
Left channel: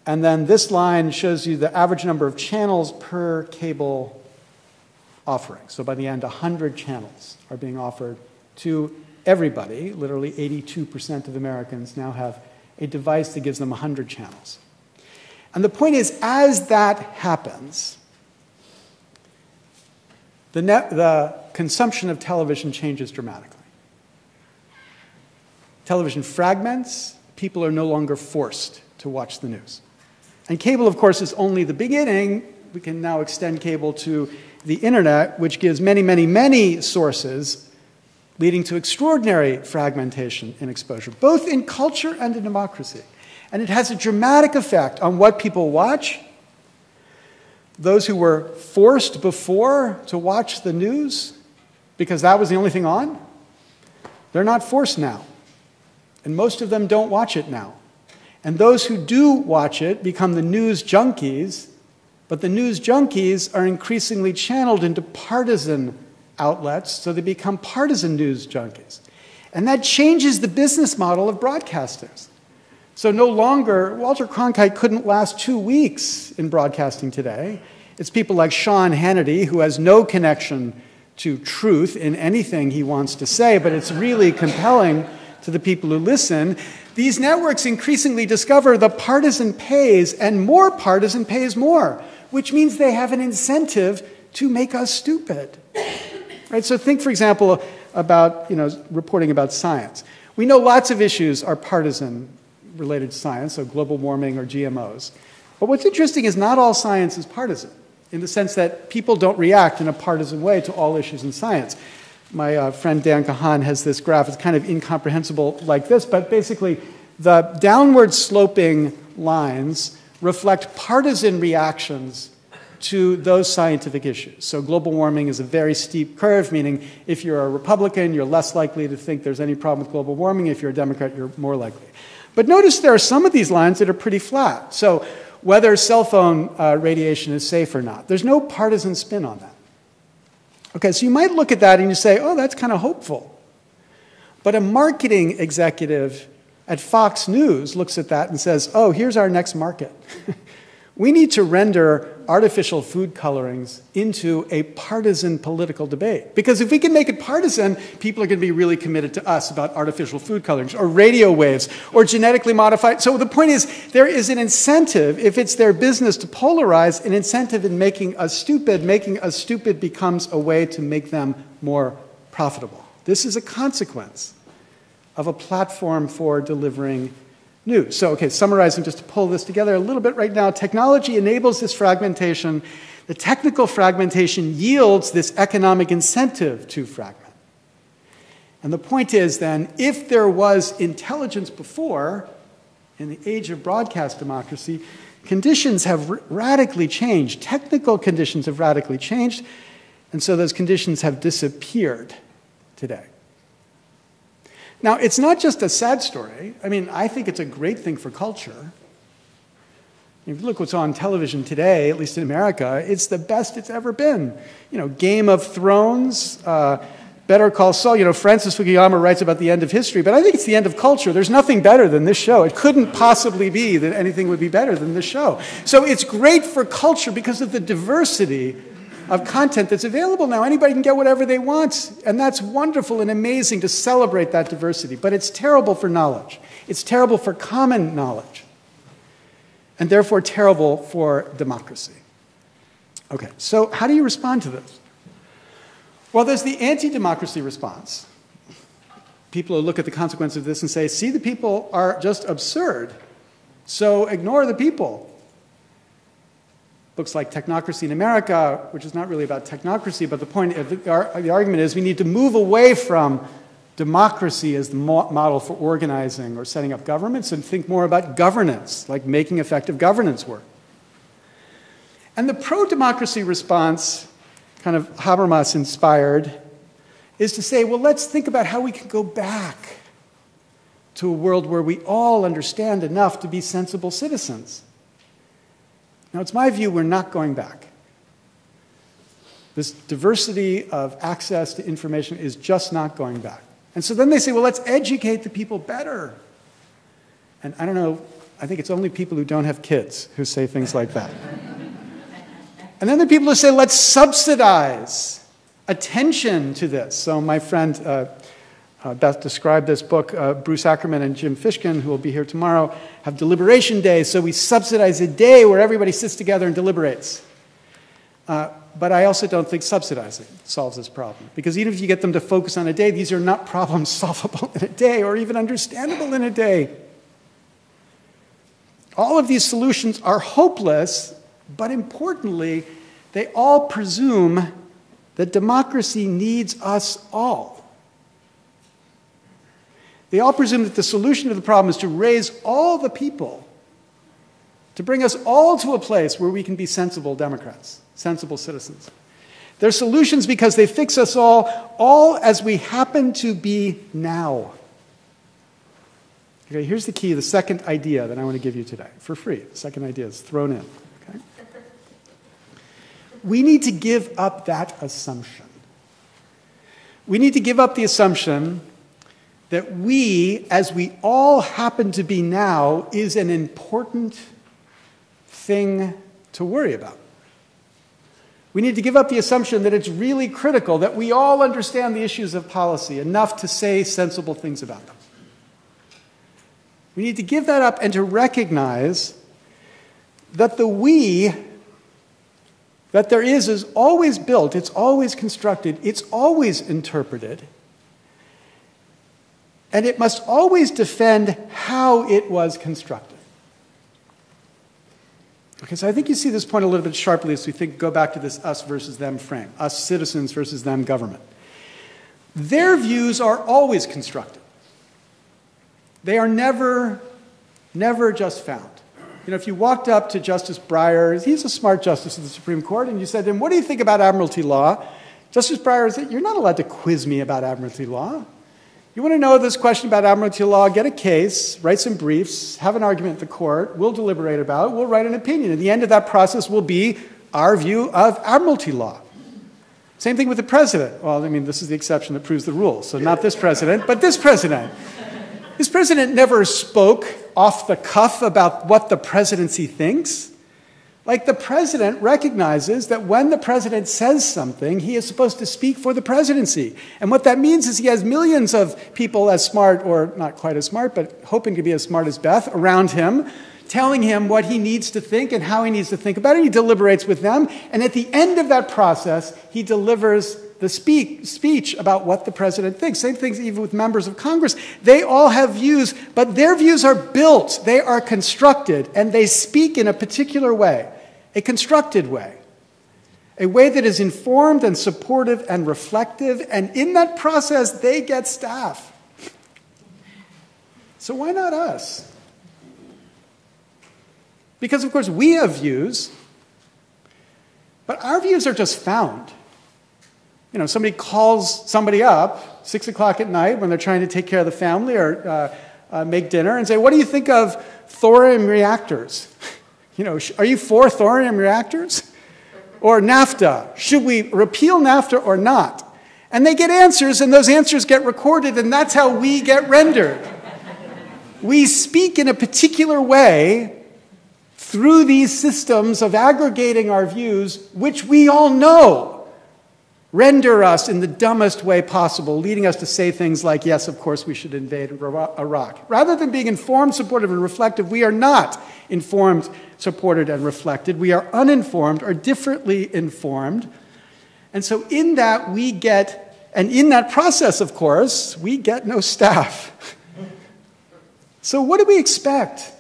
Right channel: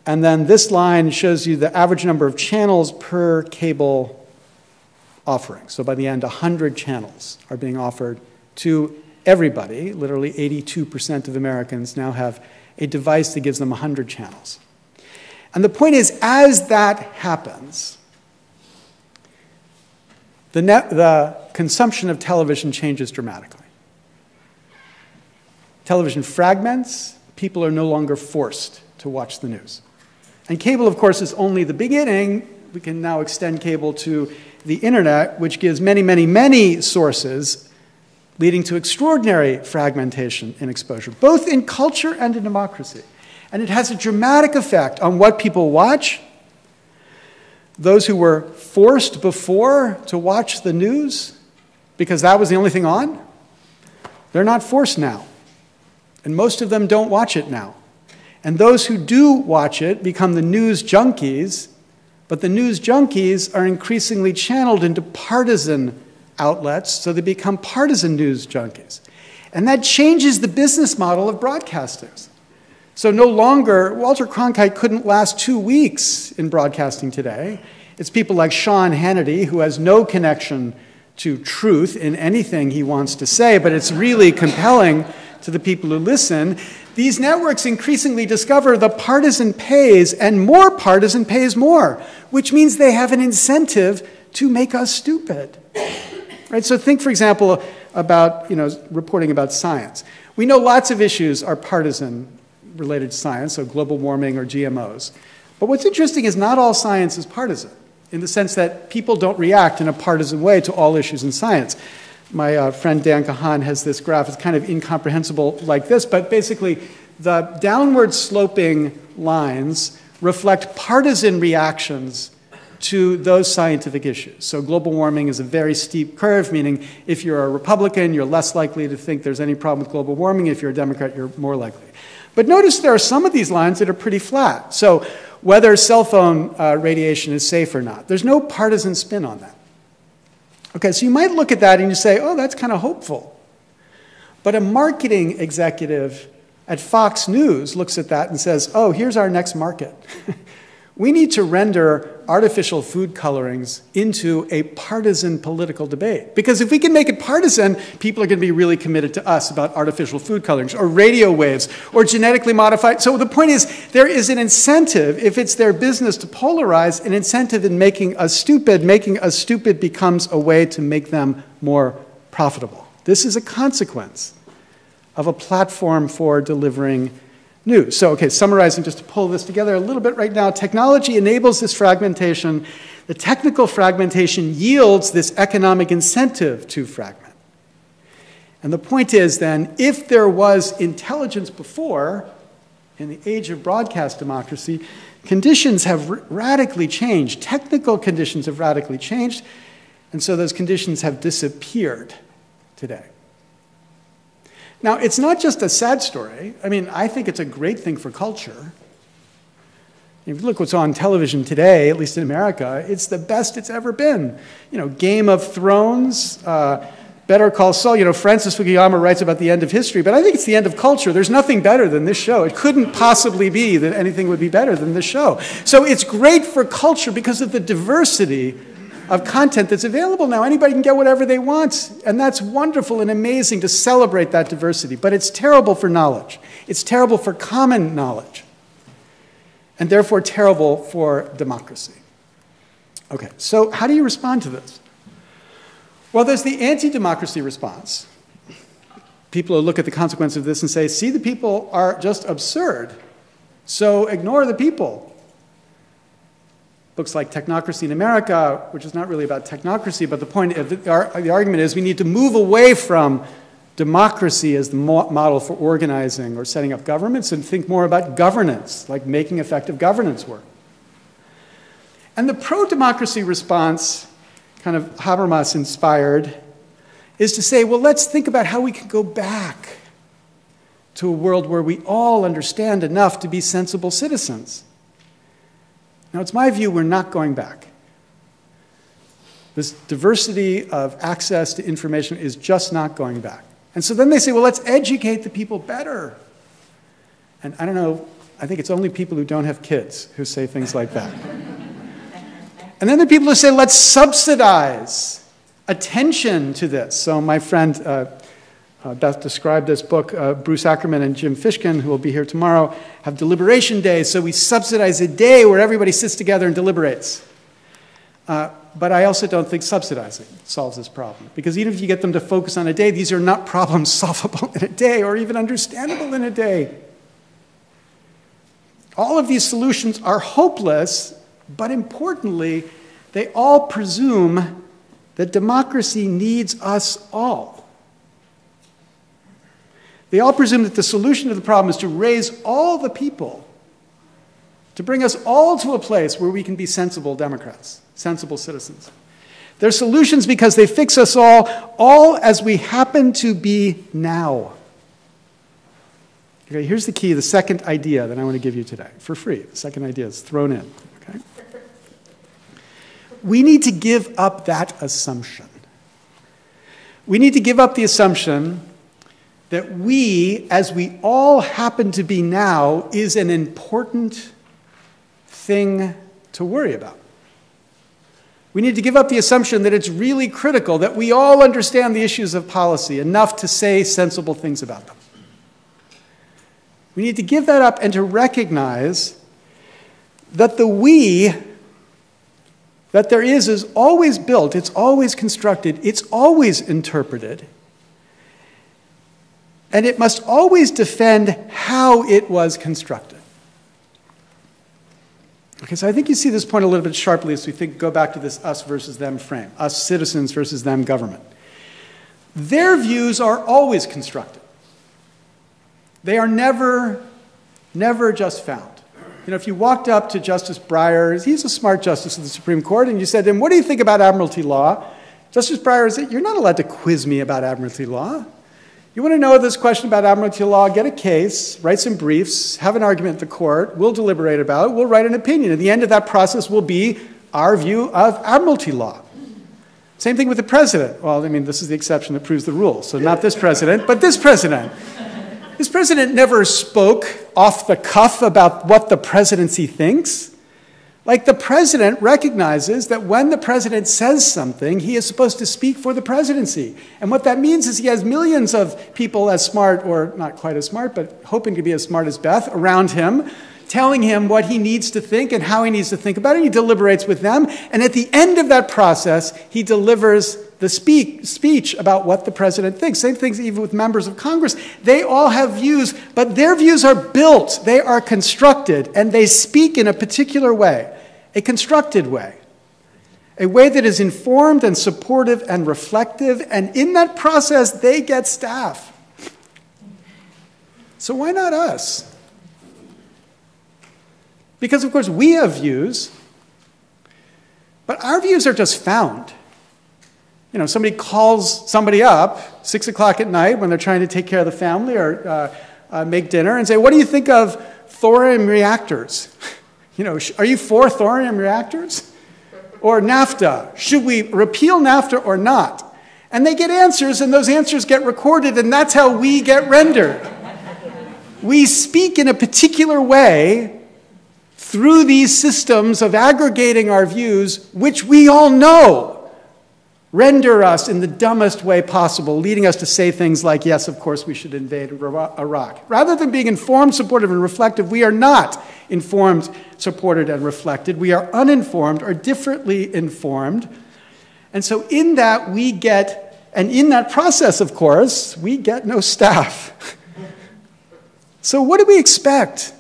And then this line shows you the average number of channels per cable offering. So by the end, 100 channels are being offered to everybody. Literally 82% of Americans now have a device that gives them 100 channels. And the point is, as that happens, the consumption of television changes dramatically. Television fragments, people are no longer forced to watch the news. And cable, of course, is only the beginning. We can now extend cable to the internet, which gives many, many, many sources, leading to extraordinary fragmentation and exposure, both in culture and in democracy. And it has a dramatic effect on what people watch. Those who were forced before to watch the news, because that was the only thing on, they're not forced now. And most of them don't watch it now. And those who do watch it become the news junkies, but the news junkies are increasingly channeled into partisan outlets, so they become partisan news junkies. And that changes the business model of broadcasters. So no longer, Walter Cronkite couldn't last 2 weeks in broadcasting today. It's people like Sean Hannity, who has no connection to truth in anything he wants to say, but it's really compelling to the people who listen. These networks increasingly discover the partisan pays, and more partisan pays more, which means they have an incentive to make us stupid. Right? So think, for example, about reporting about science. We know lots of issues are partisan-related science, so global warming or GMOs. But what's interesting is not all science is partisan, in the sense that people don't react in a partisan way to all issues in science. My friend Dan Kahan has this graph. It's kind of incomprehensible like this, but basically the downward sloping lines reflect partisan reactions to those scientific issues. So global warming is a very steep curve, meaning if you're a Republican, you're less likely to think there's any problem with global warming. If you're a Democrat, you're more likely. But notice there are some of these lines that are pretty flat. So whether cell phone radiation is safe or not, there's no partisan spin on that. Okay, so you might look at that and you say, oh, that's kind of hopeful. But a marketing executive at Fox News looks at that and says, oh, here's our next market. We need to render artificial food colorings into a partisan political debate. Because if we can make it partisan, people are going to be really committed to us about artificial food colorings or radio waves or genetically modified. So the point is, there is an incentive, if it's their business to polarize, an incentive in making us stupid. Making us stupid becomes a way to make them more profitable. This is a consequence of a platform for delivering news. So, okay, summarizing, just to pull this together a little bit right now, technology enables this fragmentation. The technical fragmentation yields this economic incentive to fragment. And the point is then, if there was intelligence before, in the age of broadcast democracy, conditions have radically changed. Technical conditions have radically changed, and so those conditions have disappeared today. Now, it's not just a sad story. I mean, I think it's a great thing for culture. If you look what's on television today, at least in America, it's the best it's ever been. You know, Game of Thrones, Better Call Saul. You know, Francis Fukuyama writes about the end of history, but I think it's the end of culture. There's nothing better than this show. It couldn't possibly be that anything would be better than this show. So it's great for culture because of the diversity of content that's available now. Anybody can get whatever they want, and that's wonderful and amazing to celebrate that diversity. But it's terrible for knowledge. It's terrible for common knowledge, and therefore terrible for democracy. Okay, so how do you respond to this? Well, there's the anti-democracy response. People will look at the consequence of this and say, see, the people are just absurd, so ignore the people. books like Technocracy in America, which is not really about technocracy, but the point of the argument is we need to move away from democracy as the model for organizing or setting up governments and think more about governance, like making effective governance work. And the pro-democracy response, kind of Habermas inspired, is to say, well, let's think about how we can go back to a world where we all understand enough to be sensible citizens. Now, it's my view we're not going back. This diversity of access to information is just not going back. And so then they say, well, let's educate the people better. And I don't know, I think it's only people who don't have kids who say things like that. And then the people who say, let's subsidize attention to this. So my friend Beth described this book, Bruce Ackerman and Jim Fishkin, who will be here tomorrow, have deliberation days. So we subsidize a day where everybody sits together and deliberates. But I also don't think subsidizing solves this problem. Because even if you get them to focus on a day, these are not problems solvable in a day or even understandable in a day. All of these solutions are hopeless, but importantly, they all presume that democracy needs us all. They all presume that the solution to the problem is to raise all the people, to bring us all to a place where we can be sensible Democrats, sensible citizens. They're solutions because they fix us all as we happen to be now. Okay, here's the key, the second idea that I want to give you today, for free. The second idea is thrown in. Okay? We need to give up that assumption. We need to give up the assumption that we, as we all happen to be now, is an important thing to worry about. We need to give up the assumption that it's really critical that we all understand the issues of policy enough to say sensible things about them. We need to give that up and to recognize that the we that there is always built, it's always constructed, it's always interpreted, and it must always defend how it was constructed. Okay, so I think you see this point a little bit sharply as we go back to this us versus them frame, us citizens versus them government. Their views are always constructed. They are never just found. You know, if you walked up to Justice Breyer, he's a smart justice of the Supreme Court, and you said to him, what do you think about admiralty law? Justice Breyer said, you're not allowed to quiz me about admiralty law. You want to know this question about admiralty law, get a case, write some briefs, have an argument at the court, we'll deliberate about it, we'll write an opinion. At the end of that process will be our view of admiralty law. Same thing with the president. Well, I mean, this is the exception that proves the rule. So not this president, but this president. This president never spoke off the cuff about what the presidency thinks. Like, the president recognizes that when the president says something, he is supposed to speak for the presidency. And what that means is he has millions of people as smart, or not quite as smart, but hoping to be as smart as Beth, around him, telling him what he needs to think and how he needs to think about it. He deliberates with them. And at the end of that process, he delivers the speech about what the president thinks. Same things even with members of Congress. They all have views, but their views are built. They are constructed, and they speak in a particular way, a constructed way, a way that is informed and supportive and reflective, and in that process, they get staff. So why not us? Because, of course, we have views, but our views are just found. You know, somebody calls somebody up 6 o'clock at night when they're trying to take care of the family or make dinner and say, what do you think of thorium reactors? You know, are you for thorium reactors? Or NAFTA? Should we repeal NAFTA or not? And they get answers, and those answers get recorded, and that's how we get rendered. We speak in a particular way through these systems of aggregating our views, which we all know render us in the dumbest way possible, leading us to say things like, yes, of course, we should invade Iraq. Rather than being informed, supportive, and reflective, we are not informed, supported, and reflected. We are uninformed or differently informed. And so in that, we get, and in that process, of course, we get no staff. So what do we expect?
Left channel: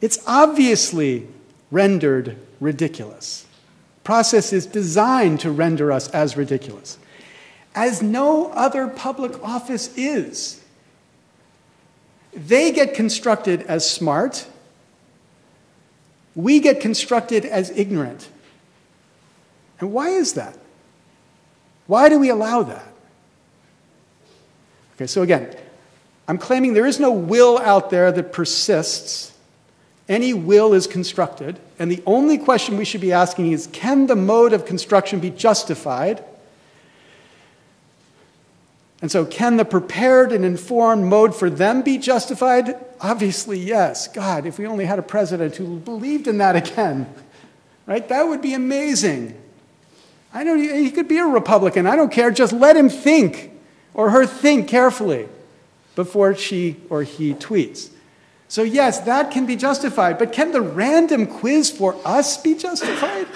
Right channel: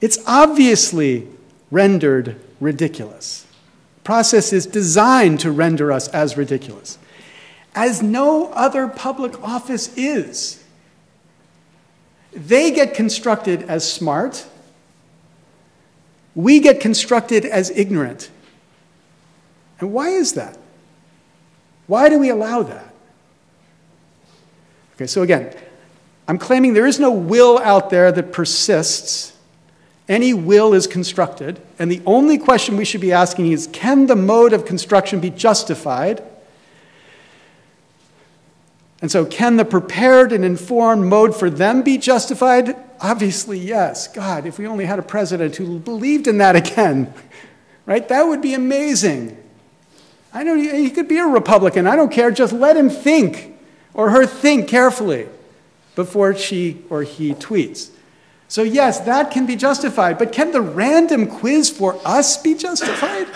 It's obviously rendered ridiculous. Process is designed to render us as ridiculous, as no other public office is. They get constructed as smart. We get constructed as ignorant. And why is that? Why do we allow that? Okay, so again, I'm claiming there is no will out there that persists. Any will is constructed. And the only question we should be asking is, can the mode of construction be justified? And so, can the prepared and informed mode for them be justified? Obviously, yes. God, if we only had a president who believed in that again, right? That would be amazing. I know he could be a Republican. I don't care. Just let him think, or her think carefully before she or he tweets. So yes, that can be justified. But can the random quiz for us be justified?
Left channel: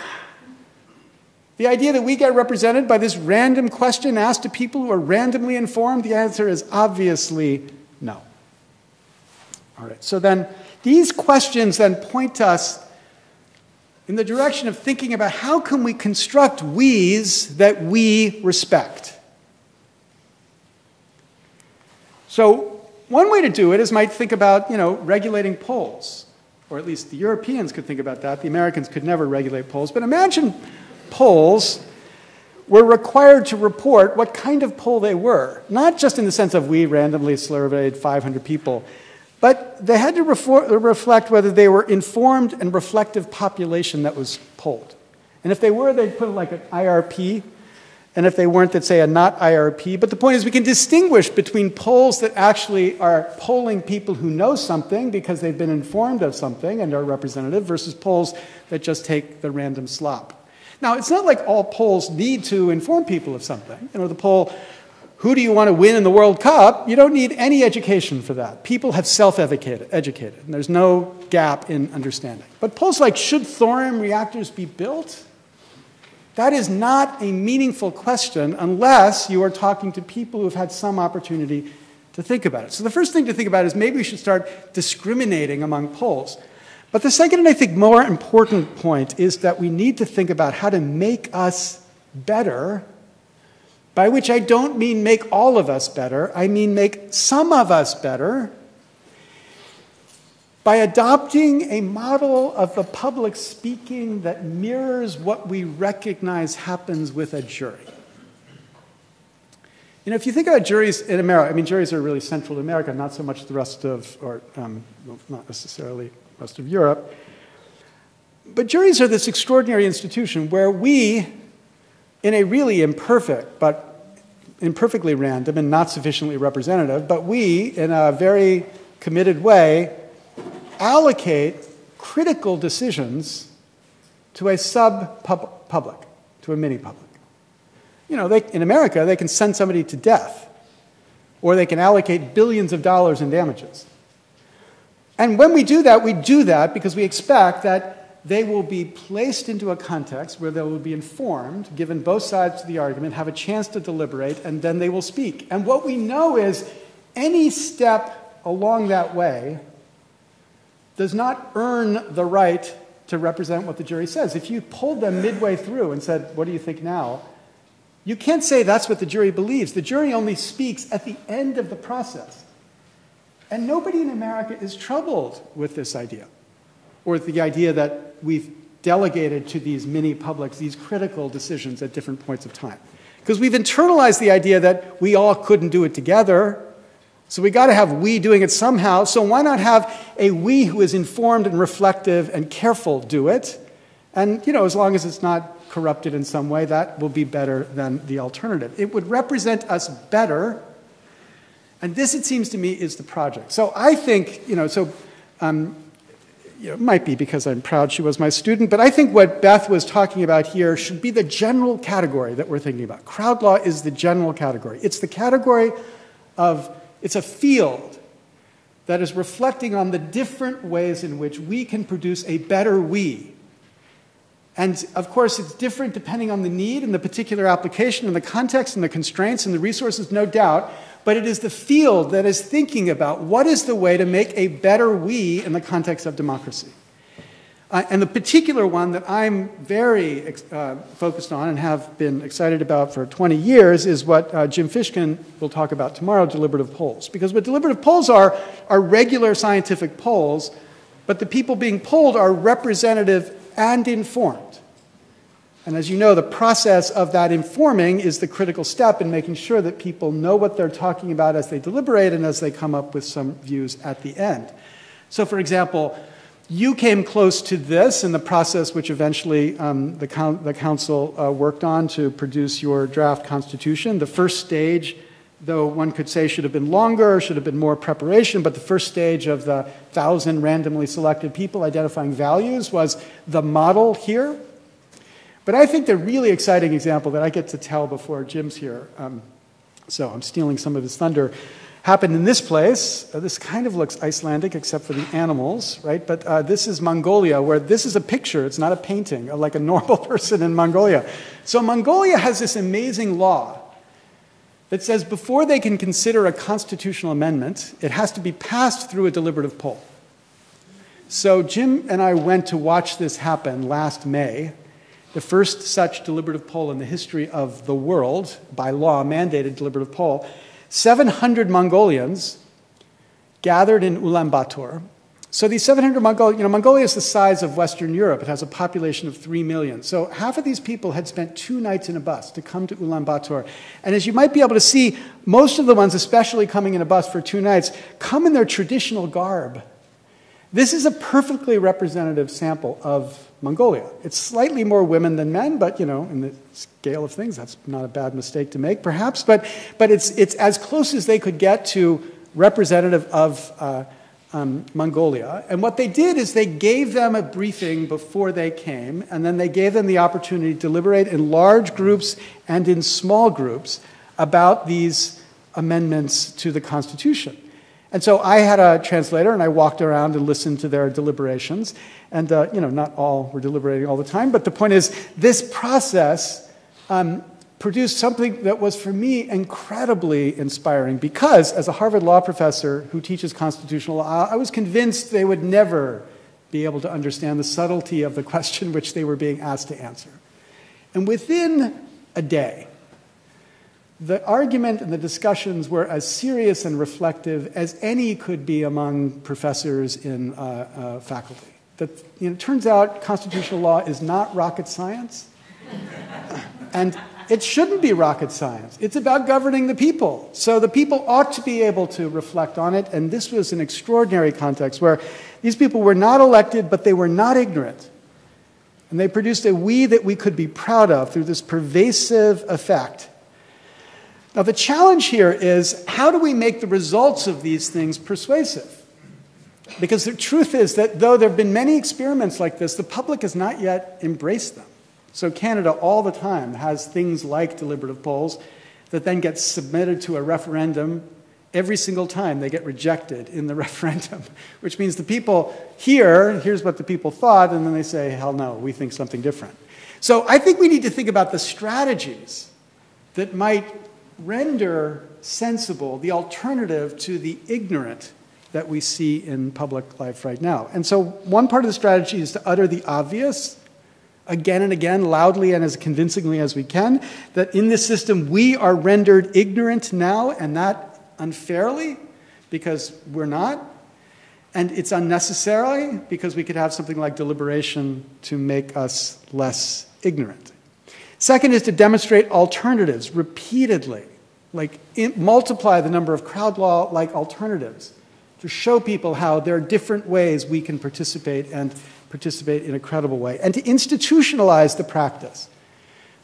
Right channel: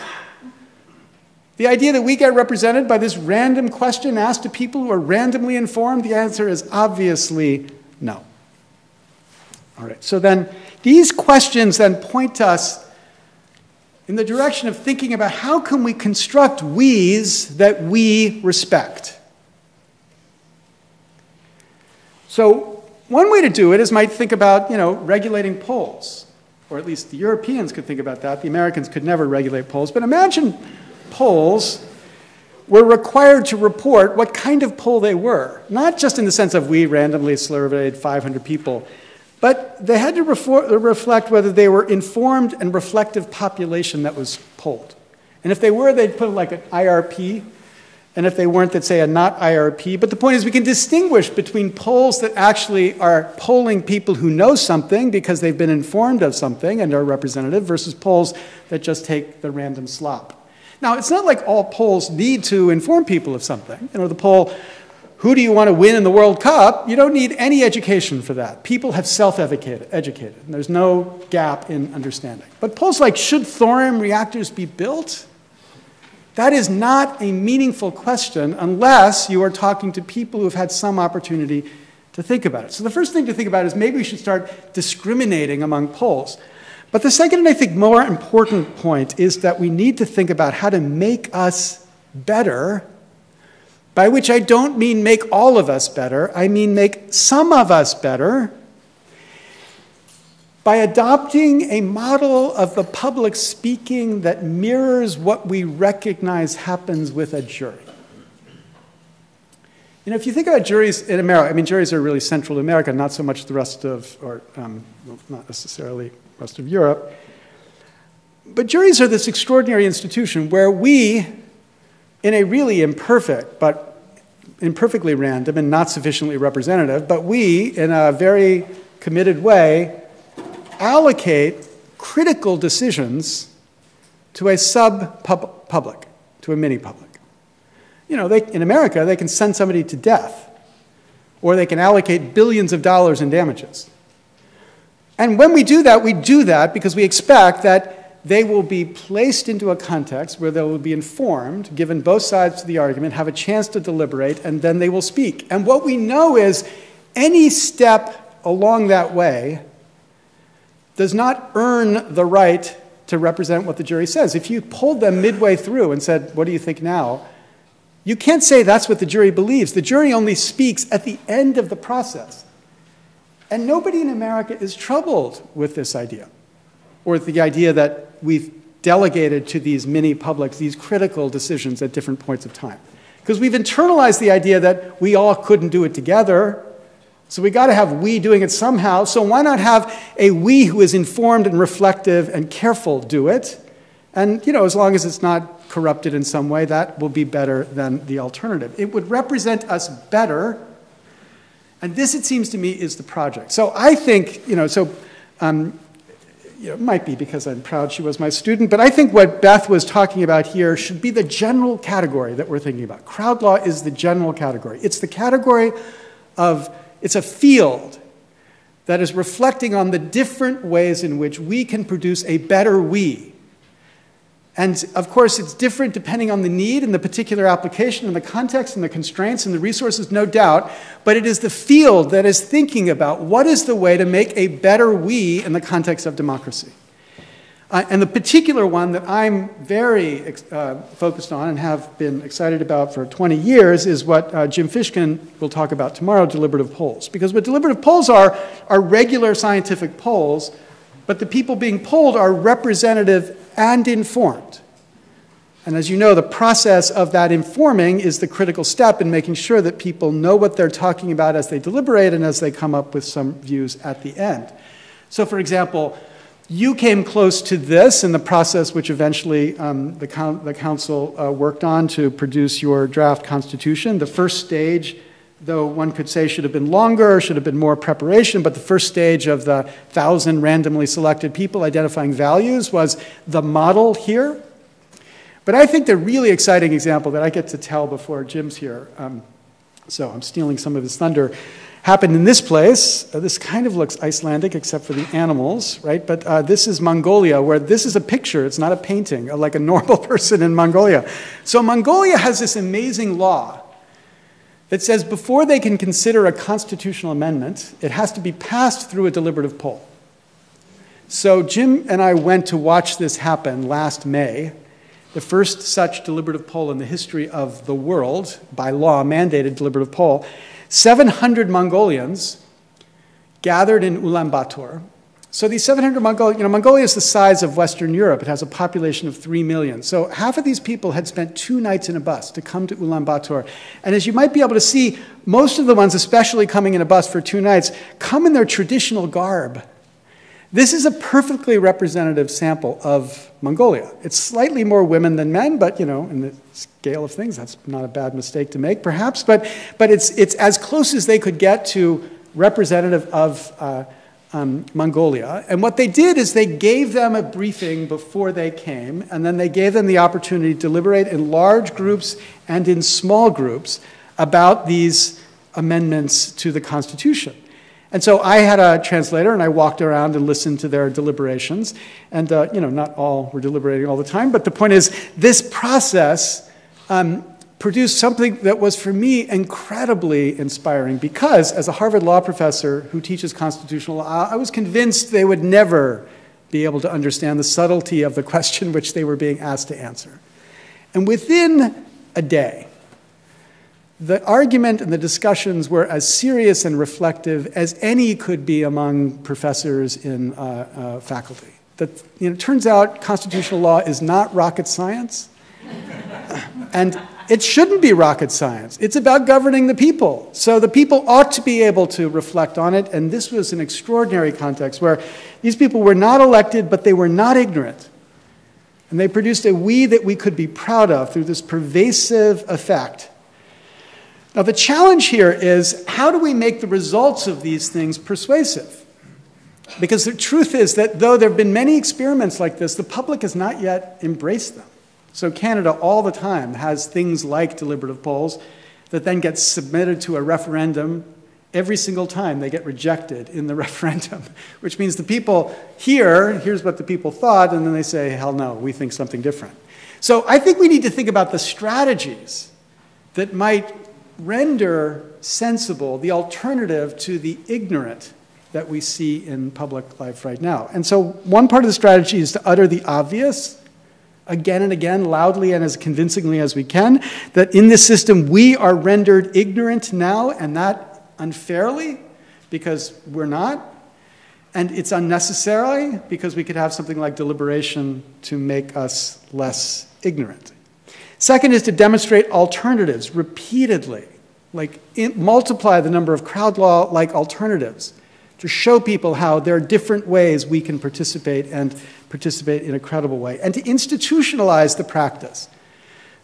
The idea that we get represented by this random question asked to people who are randomly informed, the answer is obviously no. All right, so then these questions then point us in the direction of thinking about how can we construct we's that we respect. So one way to do it is might think about, regulating polls. Or at least the Europeans could think about that. The Americans could never regulate polls. But imagine polls were required to report what kind of poll they were. Not just in the sense of we randomly surveyed 500 people, but they had to reflect whether they were informed and reflective population that was polled. And if they were, they'd put like an IRP. And if they weren't, they'd say a not IRP. But the point is we can distinguish between polls that actually are polling people who know something because they've been informed of something and are representative versus polls that just take the random slop. Now, it's not like all polls need to inform people of something. The poll, who do you want to win in the World Cup? You don't need any education for that. People have self-educated, and there's no gap in understanding. But polls like, should thorium reactors be built? That is not a meaningful question unless you are talking to people who have had some opportunity to think about it. So the first thing to think about is maybe we should start discriminating among polls. But the second, I think, more important point is that we need to think about how to make us better, by which I don't mean make all of us better. I mean make some of us better, by adopting a model of the public speaking that mirrors what we recognize happens with a jury. If you think about juries in America, juries are really central to America, not so much the rest of, not necessarily the rest of Europe. But juries are this extraordinary institution where we, in a really imperfect, but imperfectly random and not sufficiently representative, but we, in a very committed way, allocate critical decisions to a sub-public, to a mini-public. In America, they can send somebody to death, or they can allocate billions of dollars in damages. And when we do that because we expect that they will be placed into a context where they will be informed, given both sides of the argument, have a chance to deliberate, and then they will speak. And what we know is any step along that way does not earn the right to represent what the jury says. If you polled them midway through and said, what do you think now? You can't say that's what the jury believes. The jury only speaks at the end of the process. And nobody in America is troubled with this idea, or the idea that we've delegated to these mini-publics these critical decisions at different points of time. Because we've internalized the idea that we all couldn't do it together. So we got to have we doing it somehow. So why not have a we who is informed and reflective and careful do it? And, as long as it's not corrupted in some way, that will be better than the alternative. It would represent us better. And this, it seems to me, is the project. So I think, it might be because I'm proud she was my student, but I think what Beth was talking about here should be the general category that we're thinking about. Crowd law is the general category. It's the category of, it's a field that is reflecting on the different ways in which we can produce a better we. And of course, it's different depending on the need and the particular application and the context and the constraints and the resources, no doubt. But it is the field that is thinking about what is the way to make a better we in the context of democracy. And the particular one that I'm very focused on and have been excited about for 20 years is what Jim Fishkin will talk about tomorrow, deliberative polls. Because what deliberative polls are regular scientific polls, but the people being polled are representative and informed. And as you know, the process of that informing is the critical step in making sure that people know what they're talking about as they deliberate and as they come up with some views at the end. So for example, you came close to this in the process which eventually the council worked on to produce your draft constitution. The first stage, though one could say should have been longer, should have been more preparation, but the first stage of the 1,000 randomly selected people identifying values was the model here. But I think the really exciting example that I get to tell before Jim's here, so I'm stealing some of his thunder, happened in this place. This kind of looks Icelandic except for the animals, right? But this is Mongolia, where this is a picture. It's not a painting of like a normal person in Mongolia. So Mongolia has this amazing law that says before they can consider a constitutional amendment, it has to be passed through a deliberative poll. So Jim and I went to watch this happen last May. The first such deliberative poll in the history of the world, by law mandated deliberative poll. 700 Mongolians gathered in Ulaanbaatar. So these 700 Mongolians, Mongolia is the size of Western Europe. It has a population of 3 million. So half of these people had spent 2 nights in a bus to come to Ulaanbaatar. And as you might be able to see, most of the ones, especially coming in a bus for 2 nights, come in their traditional garb. This is a perfectly representative sample of Mongolia. It's slightly more women than men, but in the scale of things, that's not a bad mistake to make, perhaps. But it's as close as they could get to representative of Mongolia. And what they did is they gave them a briefing before they came, and then they gave them the opportunity to deliberate in large groups and in small groups about these amendments to the Constitution. And so I had a translator, and I walked around and listened to their deliberations. And not all were deliberating all the time, but the point is, this process produced something that was, for me, incredibly inspiring. Because, as a Harvard law professor who teaches constitutional law, I was convinced they would never be able to understand the subtlety of the question which they were being asked to answer. And within a day, the argument and the discussions were as serious and reflective as any could be among professors in faculty. It turns out constitutional law is not rocket science, and it shouldn't be rocket science. It's about governing the people. So the people ought to be able to reflect on it, and this was an extraordinary context where these people were not elected, but they were not ignorant. And they produced a we that we could be proud of through this pervasive effect. Now, the challenge here is, how do we make the results of these things persuasive? Because the truth is that though there have been many experiments like this, the public has not yet embraced them. So Canada all the time has things like deliberative polls that then get submitted to a referendum. Every single time they get rejected in the referendum, which means the people here's what the people thought, and then they say, hell no, we think something different. So I think we need to think about the strategies that might render sensible the alternative to the ignorant that we see in public life right now. And so one part of the strategy is to utter the obvious again and again, loudly and as convincingly as we can, that in this system we are rendered ignorant now, and that unfairly, because we're not, and it's unnecessary because we could have something like deliberation to make us less ignorant. Second is to demonstrate alternatives repeatedly, multiply the number of crowd law-like alternatives to show people how there are different ways we can participate and participate in a credible way, and to institutionalize the practice.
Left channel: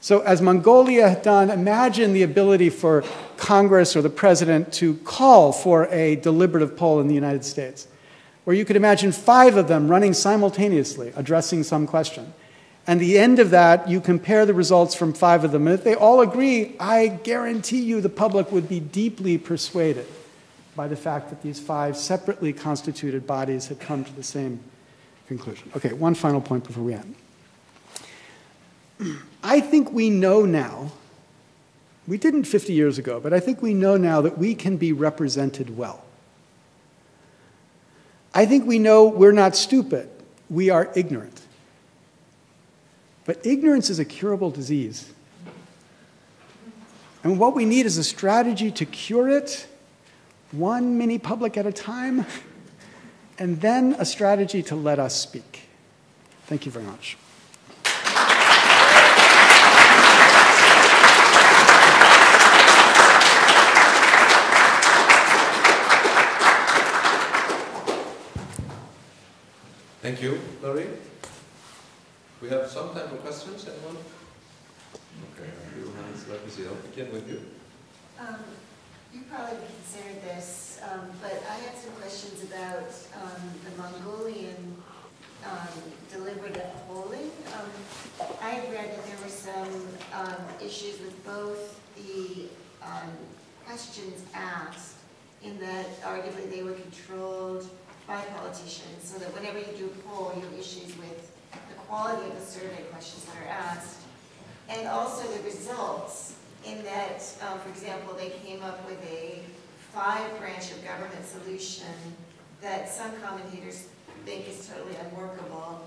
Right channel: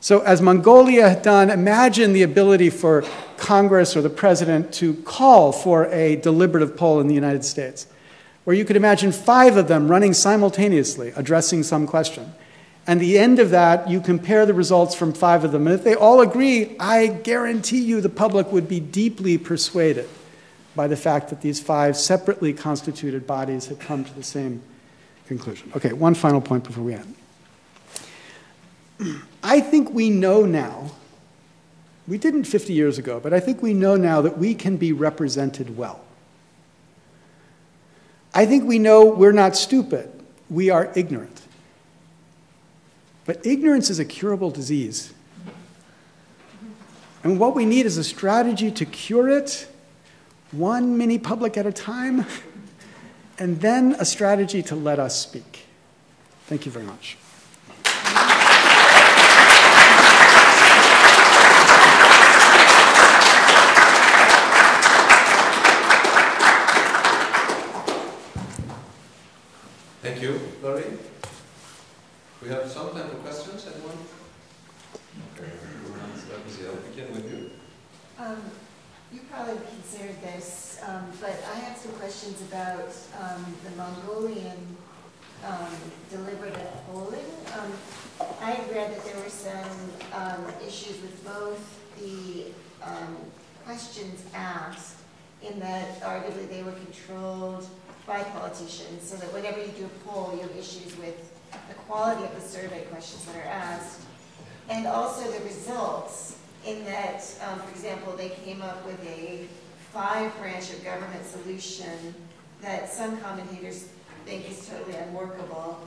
So as Mongolia had done, imagine the ability for Congress or the president to call for a deliberative poll in the United States, where you could imagine 5 of them running simultaneously, addressing some question. And at the end of that, you compare the results from 5 of them. And if they all agree, I guarantee you the public would be deeply persuaded by the fact that these 5 separately constituted bodies had come to the same conclusion. Okay, one final point before we end. I think we know now, we didn't 50 years ago, but I think we know now that we can be represented well. I think we know we're not stupid. we are ignorant. But ignorance is a curable disease. And what we need is a strategy to cure it, one mini public at a time, and then a strategy to let us speak. Thank you very much. Thank you, Larry. We have some time for questions. Anyone? Let me see. I'll begin with you. You probably considered this, but I have some questions about the Mongolian deliberative polling. I had read that there were some issues with both the questions asked, in that arguably they were controlled by politicians, so that whenever you do a poll, you have issues with the quality of the survey questions that are asked, and also the results, in that, for example, they came up with a 5-branch of government solution that some commentators think is totally unworkable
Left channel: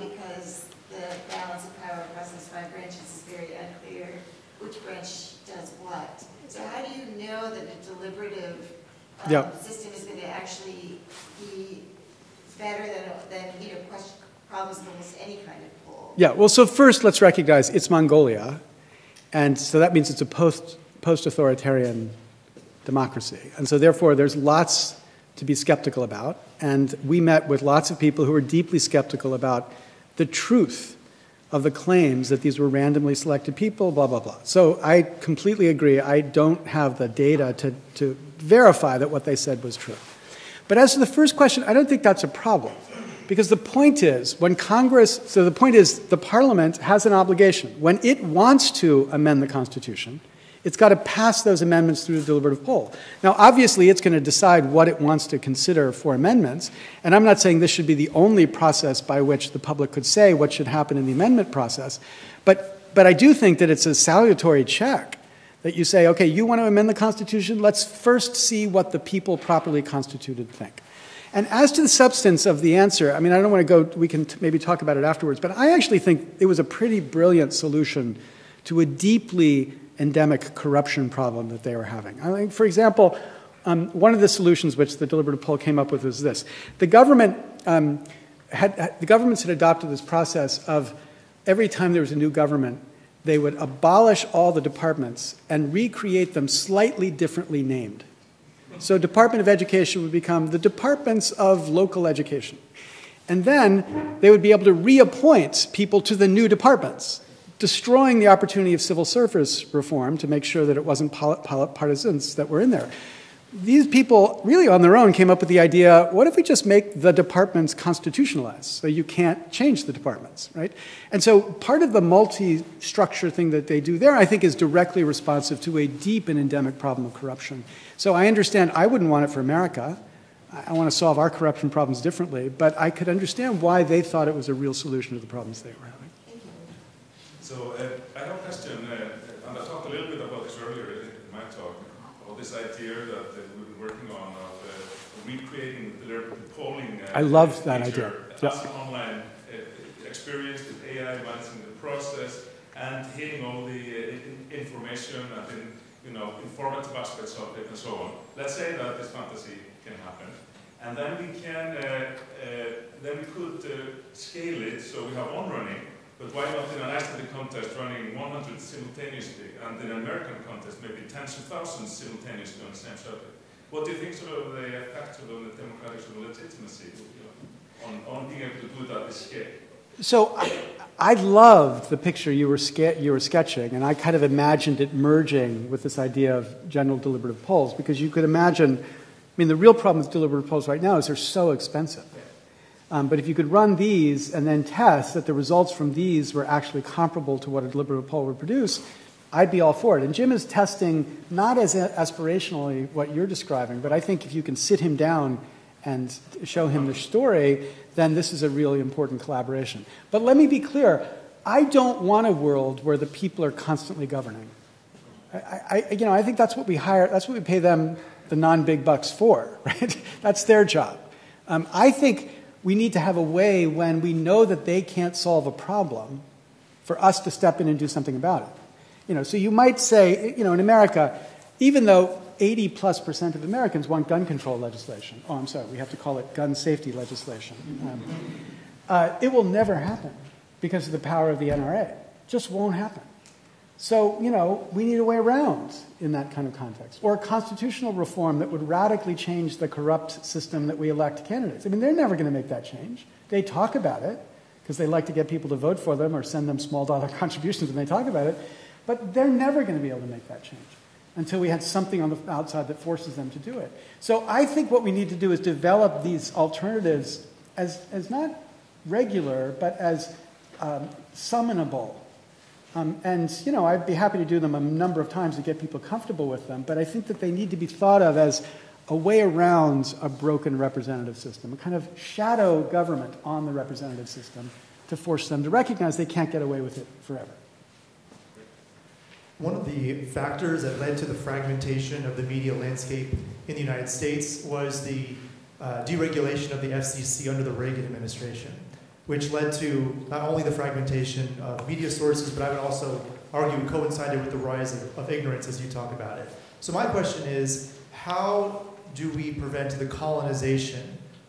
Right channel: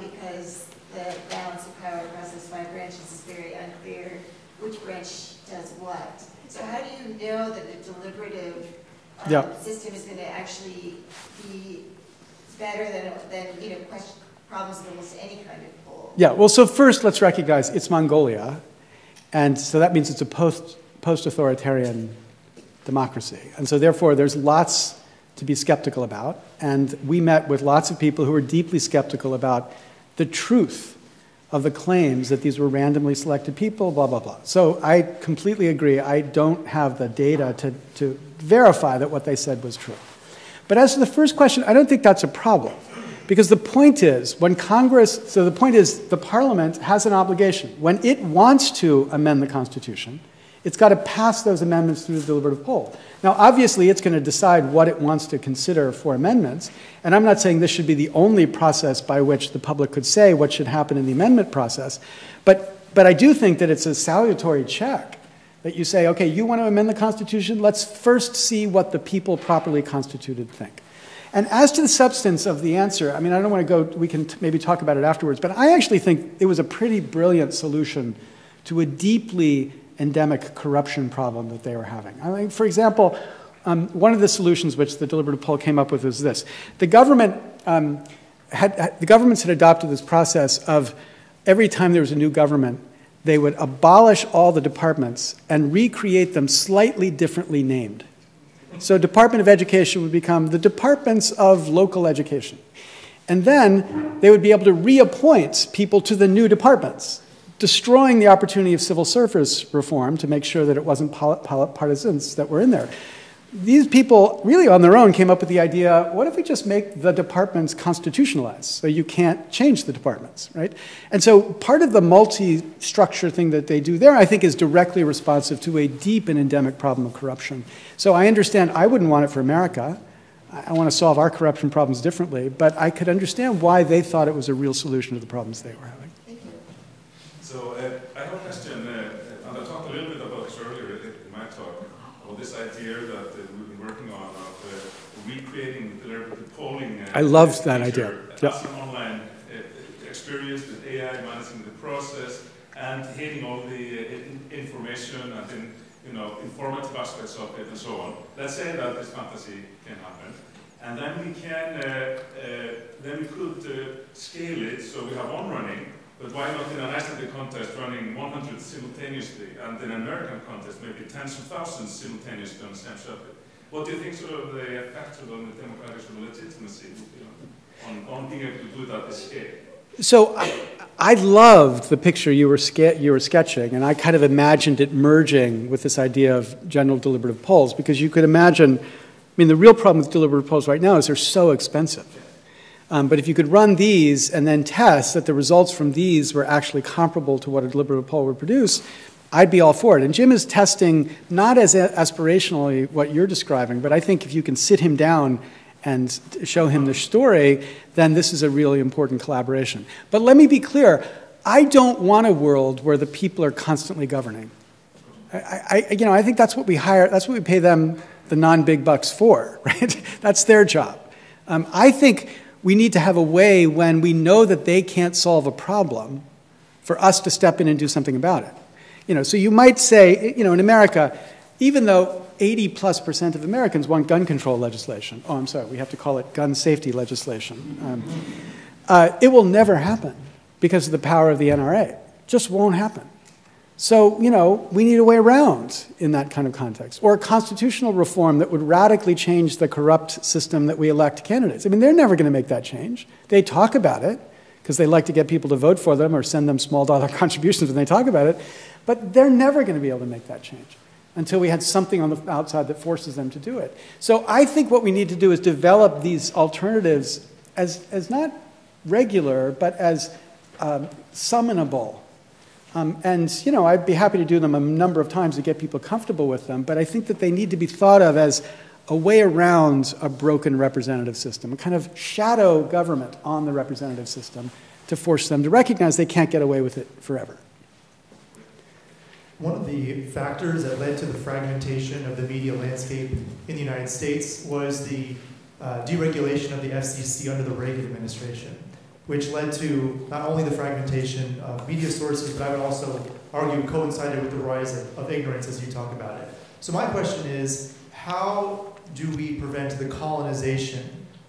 because the balance of power across those 5 branches is very unclear which branch does what. So how do you know that a deliberative system is going to actually be better than problems with almost any kind of poll? Yeah, well, so first let's recognize it's Mongolia. And so that means it's a post-authoritarian democracy. And so therefore there's lots to be skeptical about. And we met with lots of people who were deeply skeptical about the truth of the claims that these were randomly selected people, blah, blah, blah. So I completely agree. I don't have the data to verify that what they said was true. But as to the first question, I don't think that's a problem. Because the point is, when Congress, so the point is, the Parliament has an obligation. When it wants to amend the Constitution, it's got to pass those amendments through the deliberative poll. Now, obviously, it's going to decide what it wants to consider for amendments. And I'm not saying this should be the only process by which the public could say what should happen in the amendment process. But I do think that it's a salutary check that you say, okay, you want to amend the Constitution? Let's first see what the people properly constituted think. And as to the substance of the answer, I mean, I don't want to go, we can maybe talk about it afterwards, but I actually think it was a pretty brilliant solution to a deeply endemic corruption problem that they were having. I mean, for example, one of the solutions which the deliberative poll came up with is this. The governments had adopted this process of every time there was a new government, they would abolish all the departments and recreate them slightly differently named. So Department of Education would become the Departments of Local Education. And then they would be able to reappoint people to the new departments, destroying the opportunity of civil service reform to make sure that it wasn't partisans that were in there. These people, really on their own, came up with the idea, what if we just make the departments constitutionalized so you can't change the departments, right? And so part of the multi-structure thing that they do there, I think, is directly responsive to a deep and endemic problem of corruption. So I understand I wouldn't want it for America. I want to solve our corruption problems differently, but I could understand why they thought it was a real solution to the problems they were having. Thank you. So I have a question, and I talked a little bit about this earlier in my talk, about this idea that we've been working on recreating deliberative polling. I loved that idea. Yep. As an online experience with AI managing the process and hitting all the information and informative aspects of it and so on. Let's say that this fantasy can happen, and then we can could scale it so we have one running. But why not in an Icelandic contest running 100 simultaneously, and in an American contest maybe tens of thousands simultaneously on the same subject? What do you think sort of the effect on the democratic sort of legitimacy would be on being able to do that at this scale? So I loved the picture you were sketching, and I kind of imagined it merging with this idea of general deliberative polls, because you could imagine, I mean, the real problem with deliberative polls right now is they're so expensive. But if you could run these and then test that the results from these were actually comparable to what a deliberative poll would produce, I'd be all for it. And Jim is testing not as aspirationally what you're describing, but I think if you can sit him down and show him the story, then this is a really important collaboration. But let me be clear, I don't want a world where the people are constantly governing. I think that's what we hire, that's what we pay them the non-big bucks for, right? That's their job. I think we need to have a way when we know that they can't solve a problem for us to step in and do something about it. So you might say, in America, even though 80+% of Americans want gun control legislation, oh, I'm sorry, we have to call it gun safety legislation, it will never happen because of the power of the NRA. It just won't happen. So, we need a way around in that kind of context. Or a constitutional reform that would radically change the corrupt system that we elect candidates. I mean, they're never going to make that change. They talk about it because they like to get people to vote for them or send them small dollar contributions when they talk about it. But they're never going to be able to make that change until we had something on the outside that forces them to do it. So I think what we need to do is develop these alternatives as not regular, but as summonable. I'd be happy to do them a number of times to get people comfortable with them, but I think that they need to be thought of as a way around a broken representative system, a kind of shadow government on the representative system to force them to recognize they can't get away with it forever. One of the factors that led to the fragmentation of the media landscape in the United States was the deregulation of the FCC under the Reagan administration, which led to not only the fragmentation of media sources, but I would also argue coincided with the rise of ignorance as you talk about it. So my question is, how do we prevent the colonization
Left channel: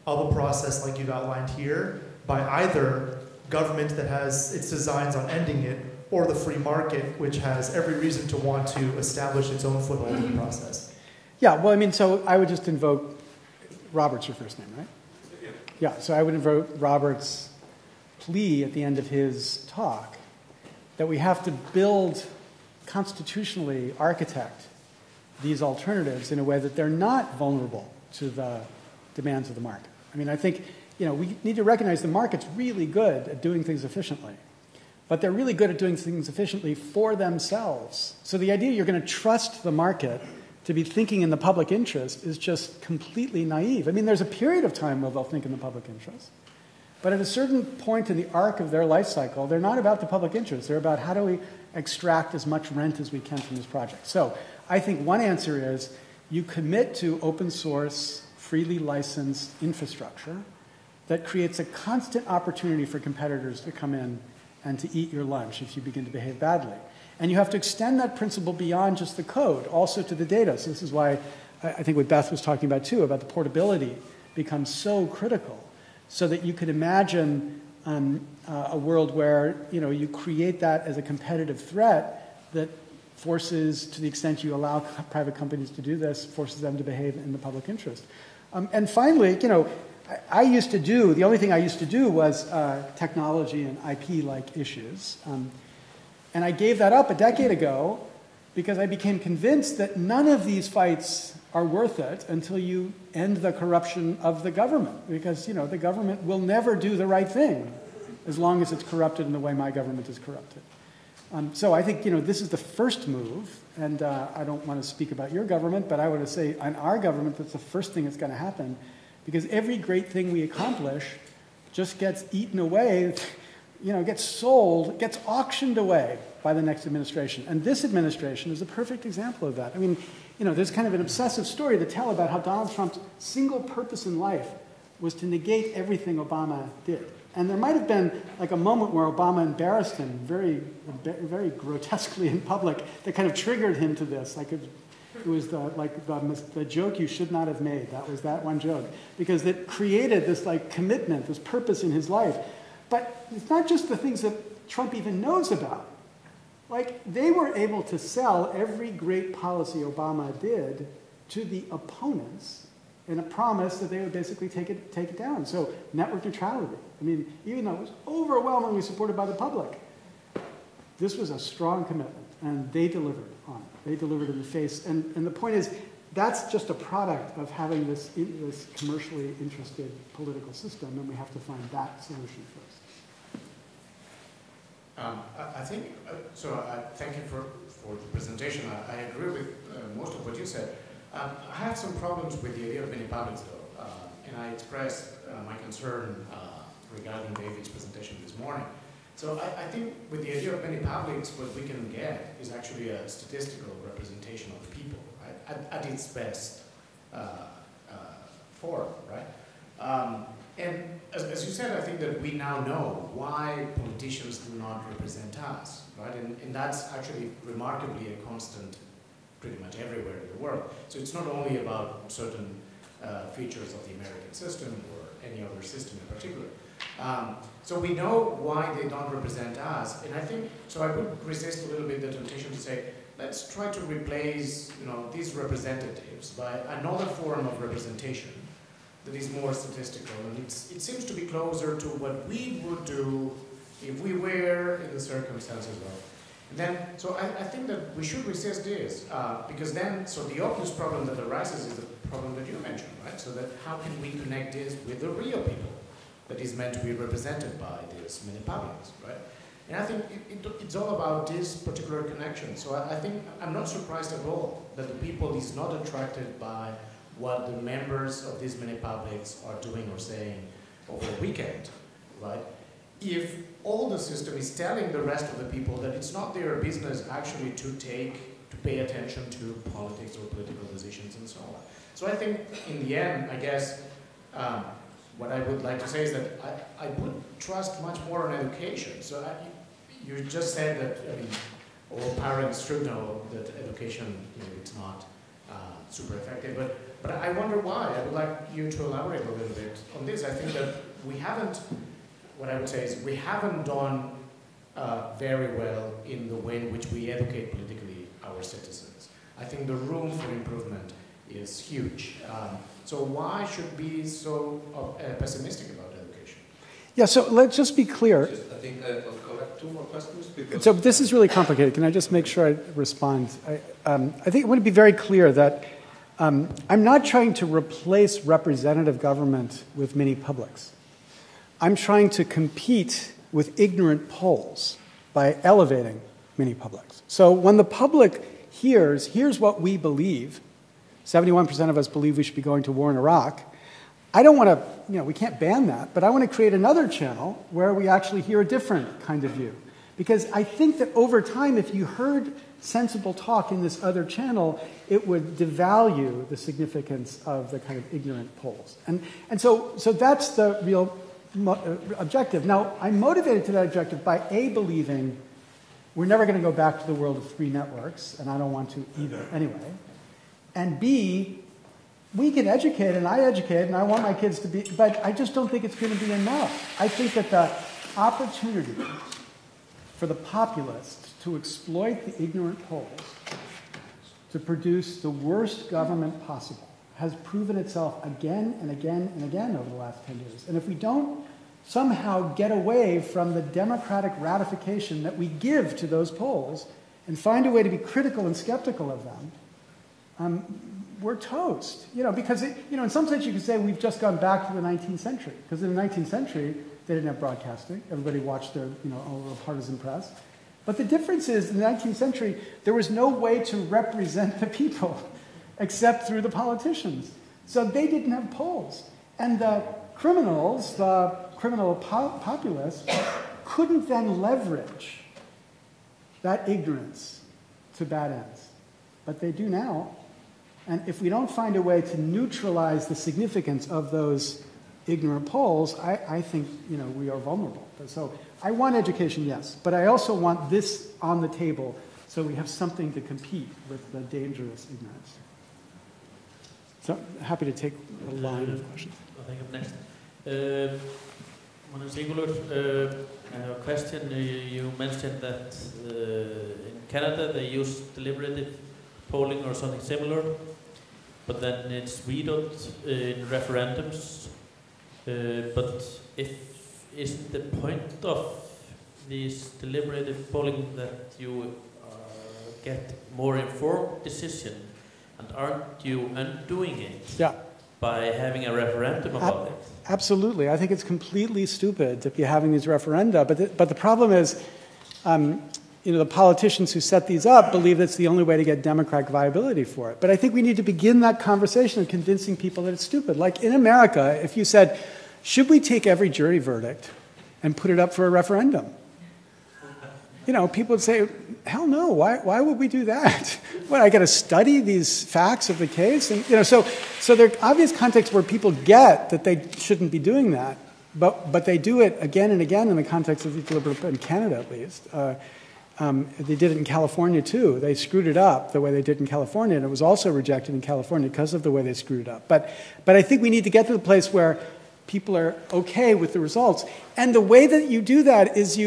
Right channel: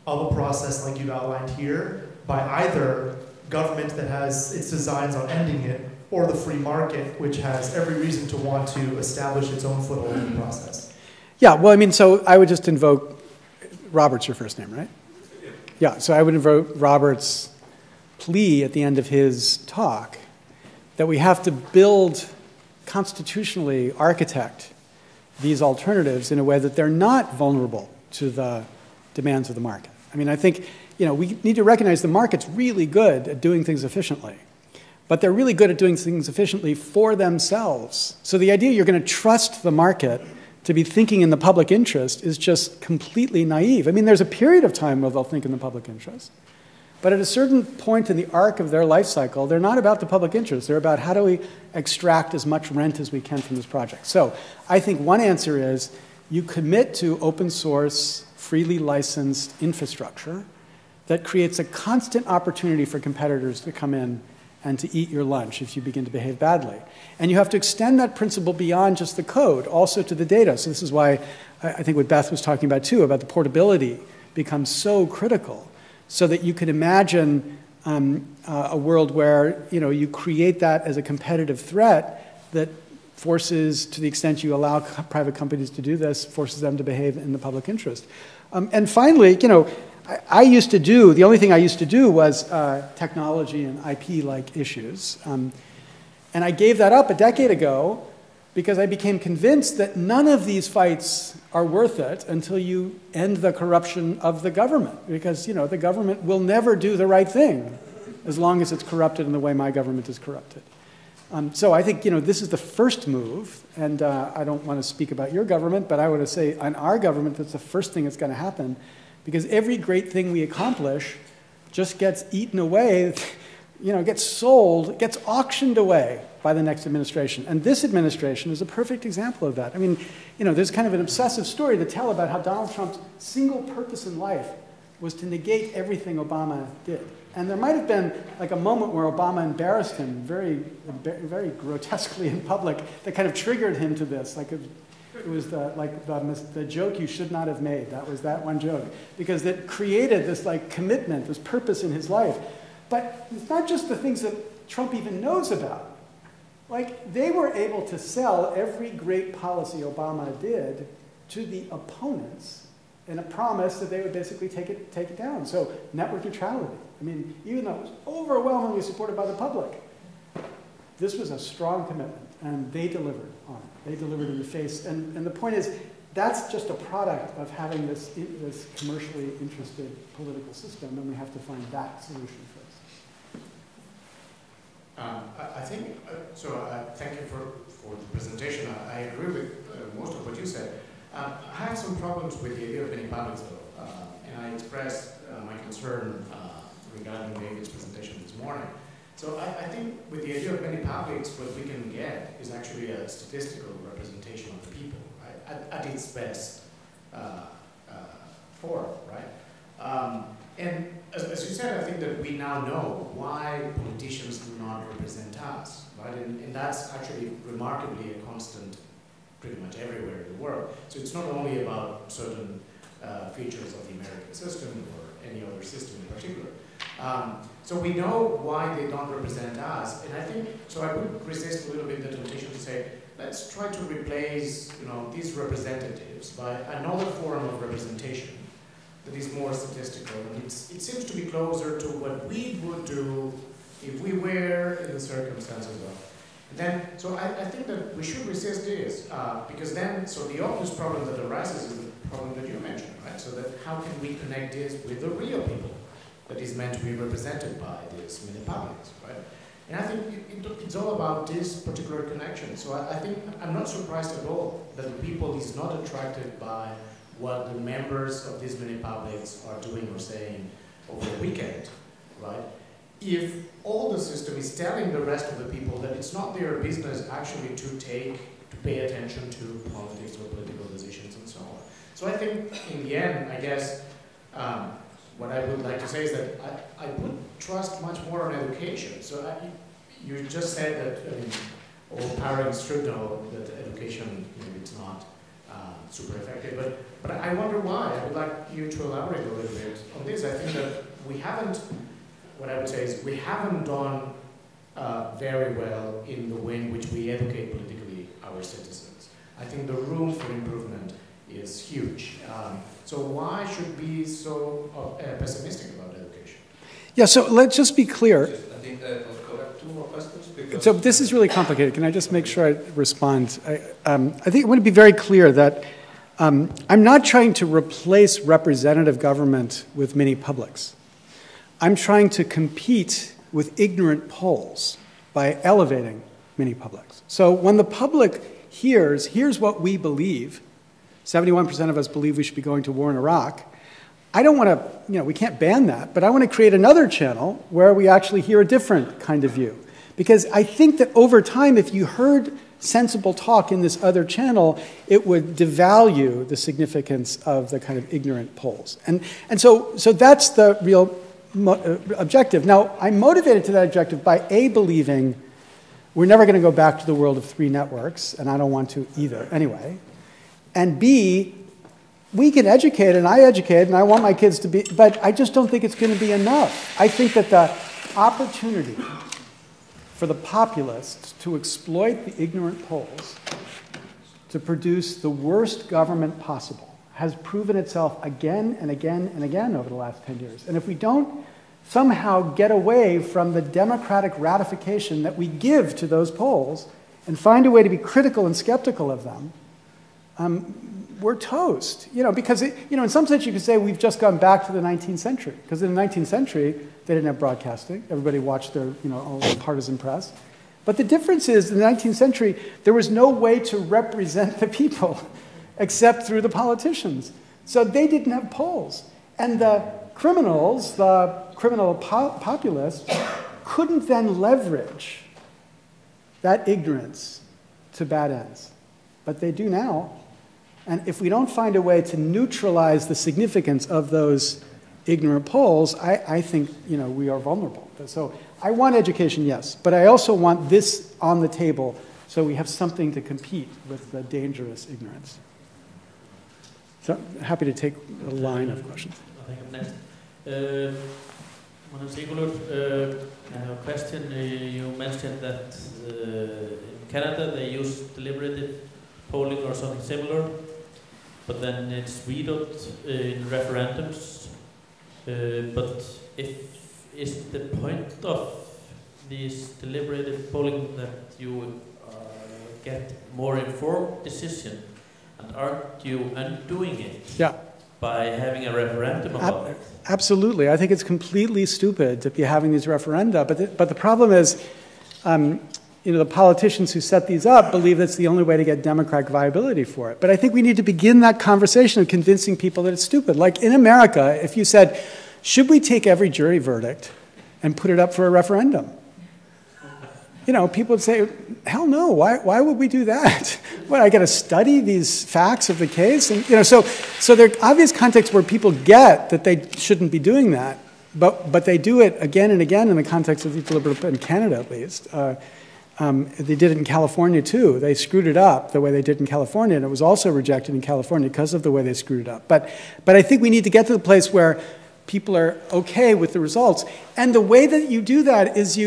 of a process like you've outlined here by either government that has its designs on ending it, or the free market, which has every reason to want to establish its own flip-flopping process? Yeah, well, so I would just invoke, Robert's your first name, right? Yeah, so I would invoke Robert's plea at the end of his talk that we have to build, constitutionally architect these alternatives in a way that they're not vulnerable to the demands of the market. I mean, I think, we need to recognize the market's really good at doing things efficiently. But they're really good at doing things efficiently for themselves. So the idea you're going to trust the market to be thinking in the public interest is just completely naive. I mean, there's a period of time where they'll think in the public interest. But at a certain point in the arc of their life cycle, they're not about the public interest. They're about how do we extract as much rent as we can from this project. So I think one answer is you commit to open source, freely licensed infrastructure that creates a constant opportunity for competitors to come in and to eat your lunch if you begin to behave badly. And you have to extend that principle beyond just the code, also to the data. So this is why I think what Beth was talking about too, about the portability becomes so critical, so that you could imagine a world where you create that as a competitive threat that forces, to the extent you allow private companies to do this, forces them to behave in the public interest. And finally, the only thing I used to do was technology and IP-like issues. And I gave that up a decade ago because I became convinced that none of these fights are worth it until you end the corruption of the government. Because, the government will never do the right thing as long as it's corrupted in the way my government is corrupted. So I think, this is the first move. And I don't want to speak about your government, but I want to say on our government, that's the first thing that's going to happen. Because every great thing we accomplish just gets eaten away, gets sold, gets auctioned away by the next administration. And this administration is a perfect example of that. I mean, there's kind of an obsessive story to tell about how Donald Trump's single purpose in life was to negate everything Obama did. And there might have been like a moment where Obama embarrassed him very, very grotesquely in public that kind of triggered him to this. Like it was the joke you should not have made. That was that one joke. Because it created this commitment, this purpose in his life. But it's not just the things that Trump even knows about. They were able to sell every great policy Obama did to the opponents in a promise that they would basically take it down. So network neutrality. I mean, even though it was overwhelmingly supported by the public, this was a strong commitment, and they delivered on it. They delivered in the face. And the point is, that's just a product of having this commercially interested political system, and we have to find that solution first. I think, thank you for the presentation. I agree with most of what you said. I have some problems with the idea of penny publics, though, and I expressed my concern regarding David's presentation this morning. So I think with the idea of penny publics, what we can get is actually a statistical representation of the people, right? At its best form, right? And as I think that we now know why politicians do not represent us, right? And that's actually remarkably a constant pretty much everywhere in the world. So it's not only about certain features of the American system or any other system in particular. So we know why they don't represent us, and I think, so I would resist a little bit the temptation to say, let's try to replace, these representatives by another form of representation that is more statistical, and it seems to be closer to what we would do if we were in the circumstances of. And then, so I think that we should resist this, because then, so the obvious problem that arises is the problem that you mentioned, right? So that how can we connect this with the real people that is meant to be represented by this many publics, right? And I think it's all about this particular connection. So I think I'm not surprised at all that the people is not attracted by what the members of these many publics are doing or saying over the weekend, right? If all the system is telling the rest of the people that it's not their business actually to pay attention to politics or political positions and so on. So I think in the end, I guess, what I would like to say is that I would trust much more on education. So you just said that all parents should know that education is not super effective, but I wonder why. I would like you to elaborate a little bit on this. I think that we haven't, what I would say is we haven't done very well in the way in which we educate politically our citizens. I think the room for improvement is huge. So why should we be so pessimistic about education? Yeah, so let's just be clear. I think that will correct 2 more questions. Because So this is really complicated. Can I just make sure I respond? I think I want to be very clear that I'm not trying to replace representative government with mini publics. I'm trying to compete with ignorant polls by elevating mini publics. So when the public here's what we believe, 71% of us believe we should be going to war in Iraq, I don't want to, we can't ban that, but I want to create another channel where we actually hear a different kind of view. Because I think that over time, if you heard sensible talk in this other channel, it would devalue the significance of the kind of ignorant polls. And so that's the real objective. Now, I'm motivated to that objective by A, believing we're never going to go back to the world of 3 networks, and I don't want to either anyway. And B, we can educate, and I educate, and I want my kids to be, but I just don't think it's going to be enough. I think that the opportunity for the populists to exploit the ignorant polls to produce the worst government possible has proven itself again and again and again over the last 10 years. And if we don't somehow get away from the democratic ratification that we give to those polls and find a way to be critical and skeptical of them, we're toast. Because in some sense you could say we've just gone back to the 19th century. Because in the 19th century, they didn't have broadcasting. Everybody watched the partisan press. But the difference is, in the 19th century, there was no way to represent the people except through the politicians. So they didn't have polls. And the criminals, the criminal populists, couldn't then leverage that ignorance to bad ends. But they do now. And if we don't find a way to neutralize the significance of those ignorant polls, I think we are vulnerable. So I want education, yes, but I also want this on the table so we have something to compete with the dangerous ignorance. So I'm happy to take a line of questions. On a single question, you mentioned that in Canada they use deliberative polling or something similar, but then it's vetoed referendums. But isn't the point of these deliberative polling that you would get more informed decision, and aren't you undoing it by having a referendum about it? Absolutely. I think it's completely stupid to be having these referenda. But the problem is, the politicians who set these up believe that's the only way to get democratic viability for it. But I think we need to begin that conversation of convincing people that it's stupid. Like in America, if you said, should we take every jury verdict and put it up for a referendum? People would say, hell no, why would we do that? What, I got to study these facts of the case? And, so there are obvious contexts where people get that they shouldn't be doing that. But they do it again and again in the context of the deliberative, in Canada at least. They did it in California too. They screwed it up the way they did in California, and it was also rejected in California because of the way they screwed it up. But I think we need to get to the place where people are okay with the results. And the way that you do that is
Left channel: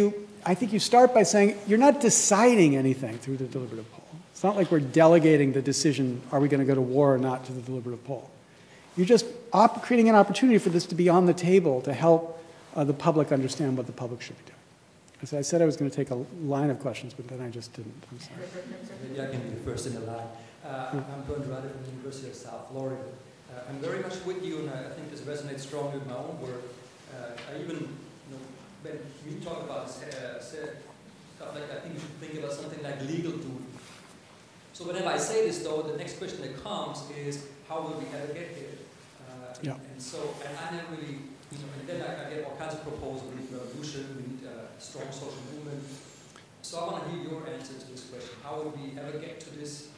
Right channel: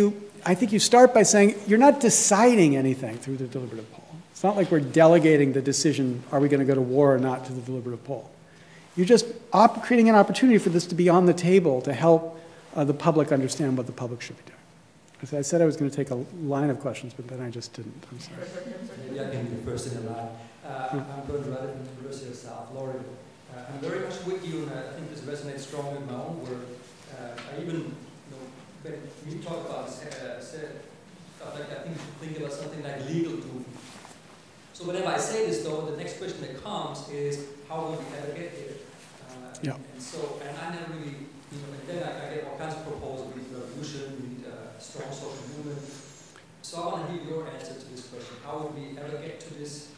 I think you start by saying you're not deciding anything through the deliberative poll. It's not like we're delegating the decision, are we going to go to war or not, to the deliberative poll. You're just creating an opportunity for this to be on the table to help the public understand what the public should do. As I said, I was going to take a line of questions, but then I just didn't. Maybe I can be personal. I'm Bernie Ruddock from the University of South Florida. I'm very much with you, and I think this resonates strongly with my own work. I even, when you talk about this stuff like that, I think about something like legal food. So whenever I say this, though, the next question that comes is, how will we ever get there? And so, I never really, and then I get all kinds of proposals, revolution, strong social movements. So I want to hear your answer to this question. How would we ever get to this,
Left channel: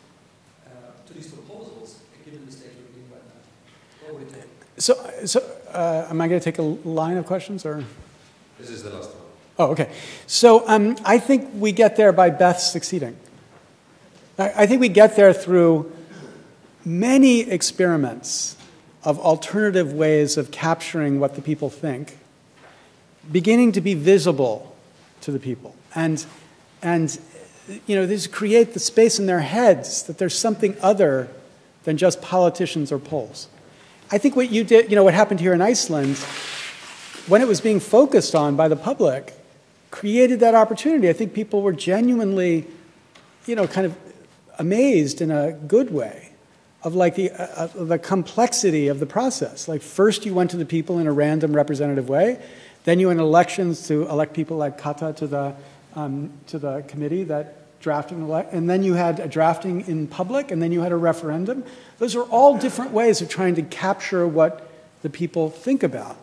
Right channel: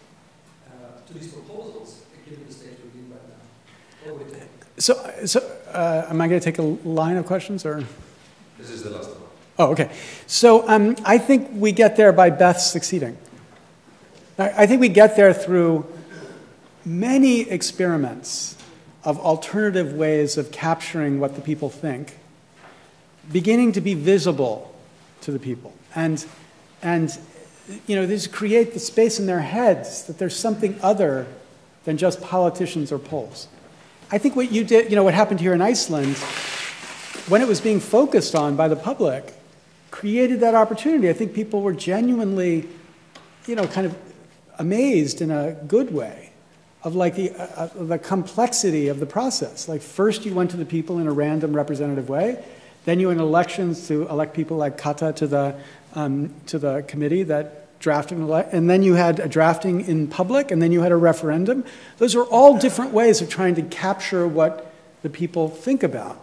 to these proposals, given the state we're in right now? What would it take? So am I going to take a line of questions, or? This is the last one. Oh, okay. So I think we get there by Beth succeeding. I think we get there through many experiments of alternative ways of capturing what the people think, beginning to be visible to the people. And these create the space in their heads that there's something other than just politicians or polls. I think what you did, what happened here in Iceland, when it was being focused on by the public, created that opportunity. I think people were genuinely, kind of amazed in a good way of the complexity of the process. Like first you went to the people in a random representative way, then you went elections to elect people like Kata to the committee that drafted and then you had a drafting in public, and then you had a referendum. Those are all different ways of trying to capture what the people think about.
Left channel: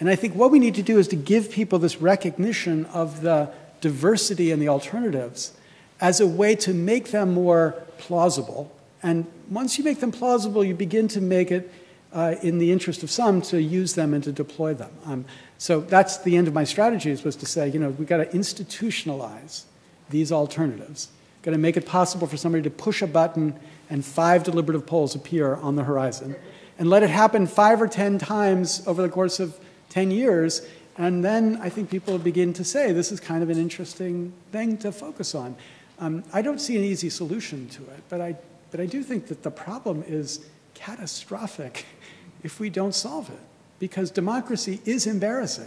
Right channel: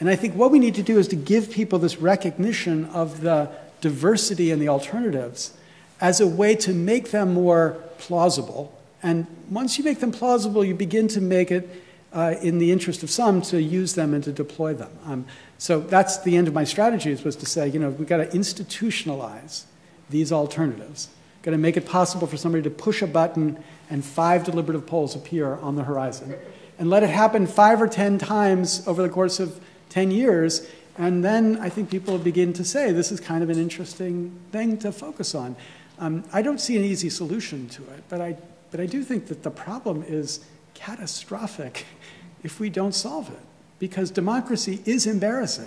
And I think what we need to do is to give people this recognition of the diversity and the alternatives as a way to make them more plausible. And once you make them plausible, you begin to make it in the interest of some to use them and to deploy them. So that's the end of my strategies, was to say, we've got to institutionalize these alternatives. Got to make it possible for somebody to push a button and 5 deliberative polls appear on the horizon. And let it happen 5 or 10 times over the course of 10 years. And then I think people will begin to say, this is kind of an interesting thing to focus on. I don't see an easy solution to it, but I do think that the problem is catastrophic if we don't solve it. Because democracy is embarrassing.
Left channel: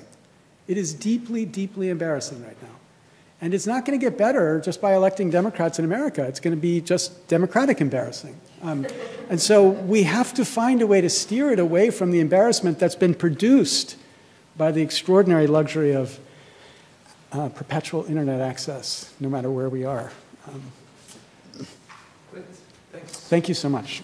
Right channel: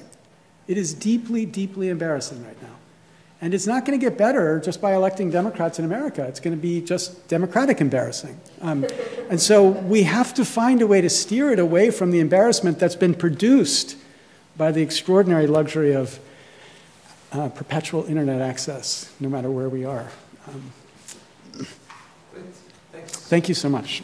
It is deeply, deeply embarrassing right now. And it's not going to get better just by electing Democrats in America. It's going to be just democratic embarrassing. And so we have to find a way to steer it away from the embarrassment that's been produced by the extraordinary luxury of perpetual internet access, no matter where we are. Great. Thanks. Thank you so much.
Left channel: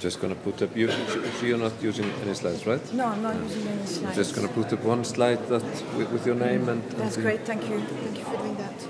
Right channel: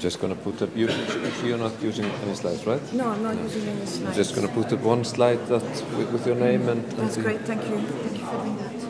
Just going to put up, you're not using any slides, right? No, I'm not using any slides. I'm just going to put up one slide with your name and... That's great, thank you. Thank you for doing that.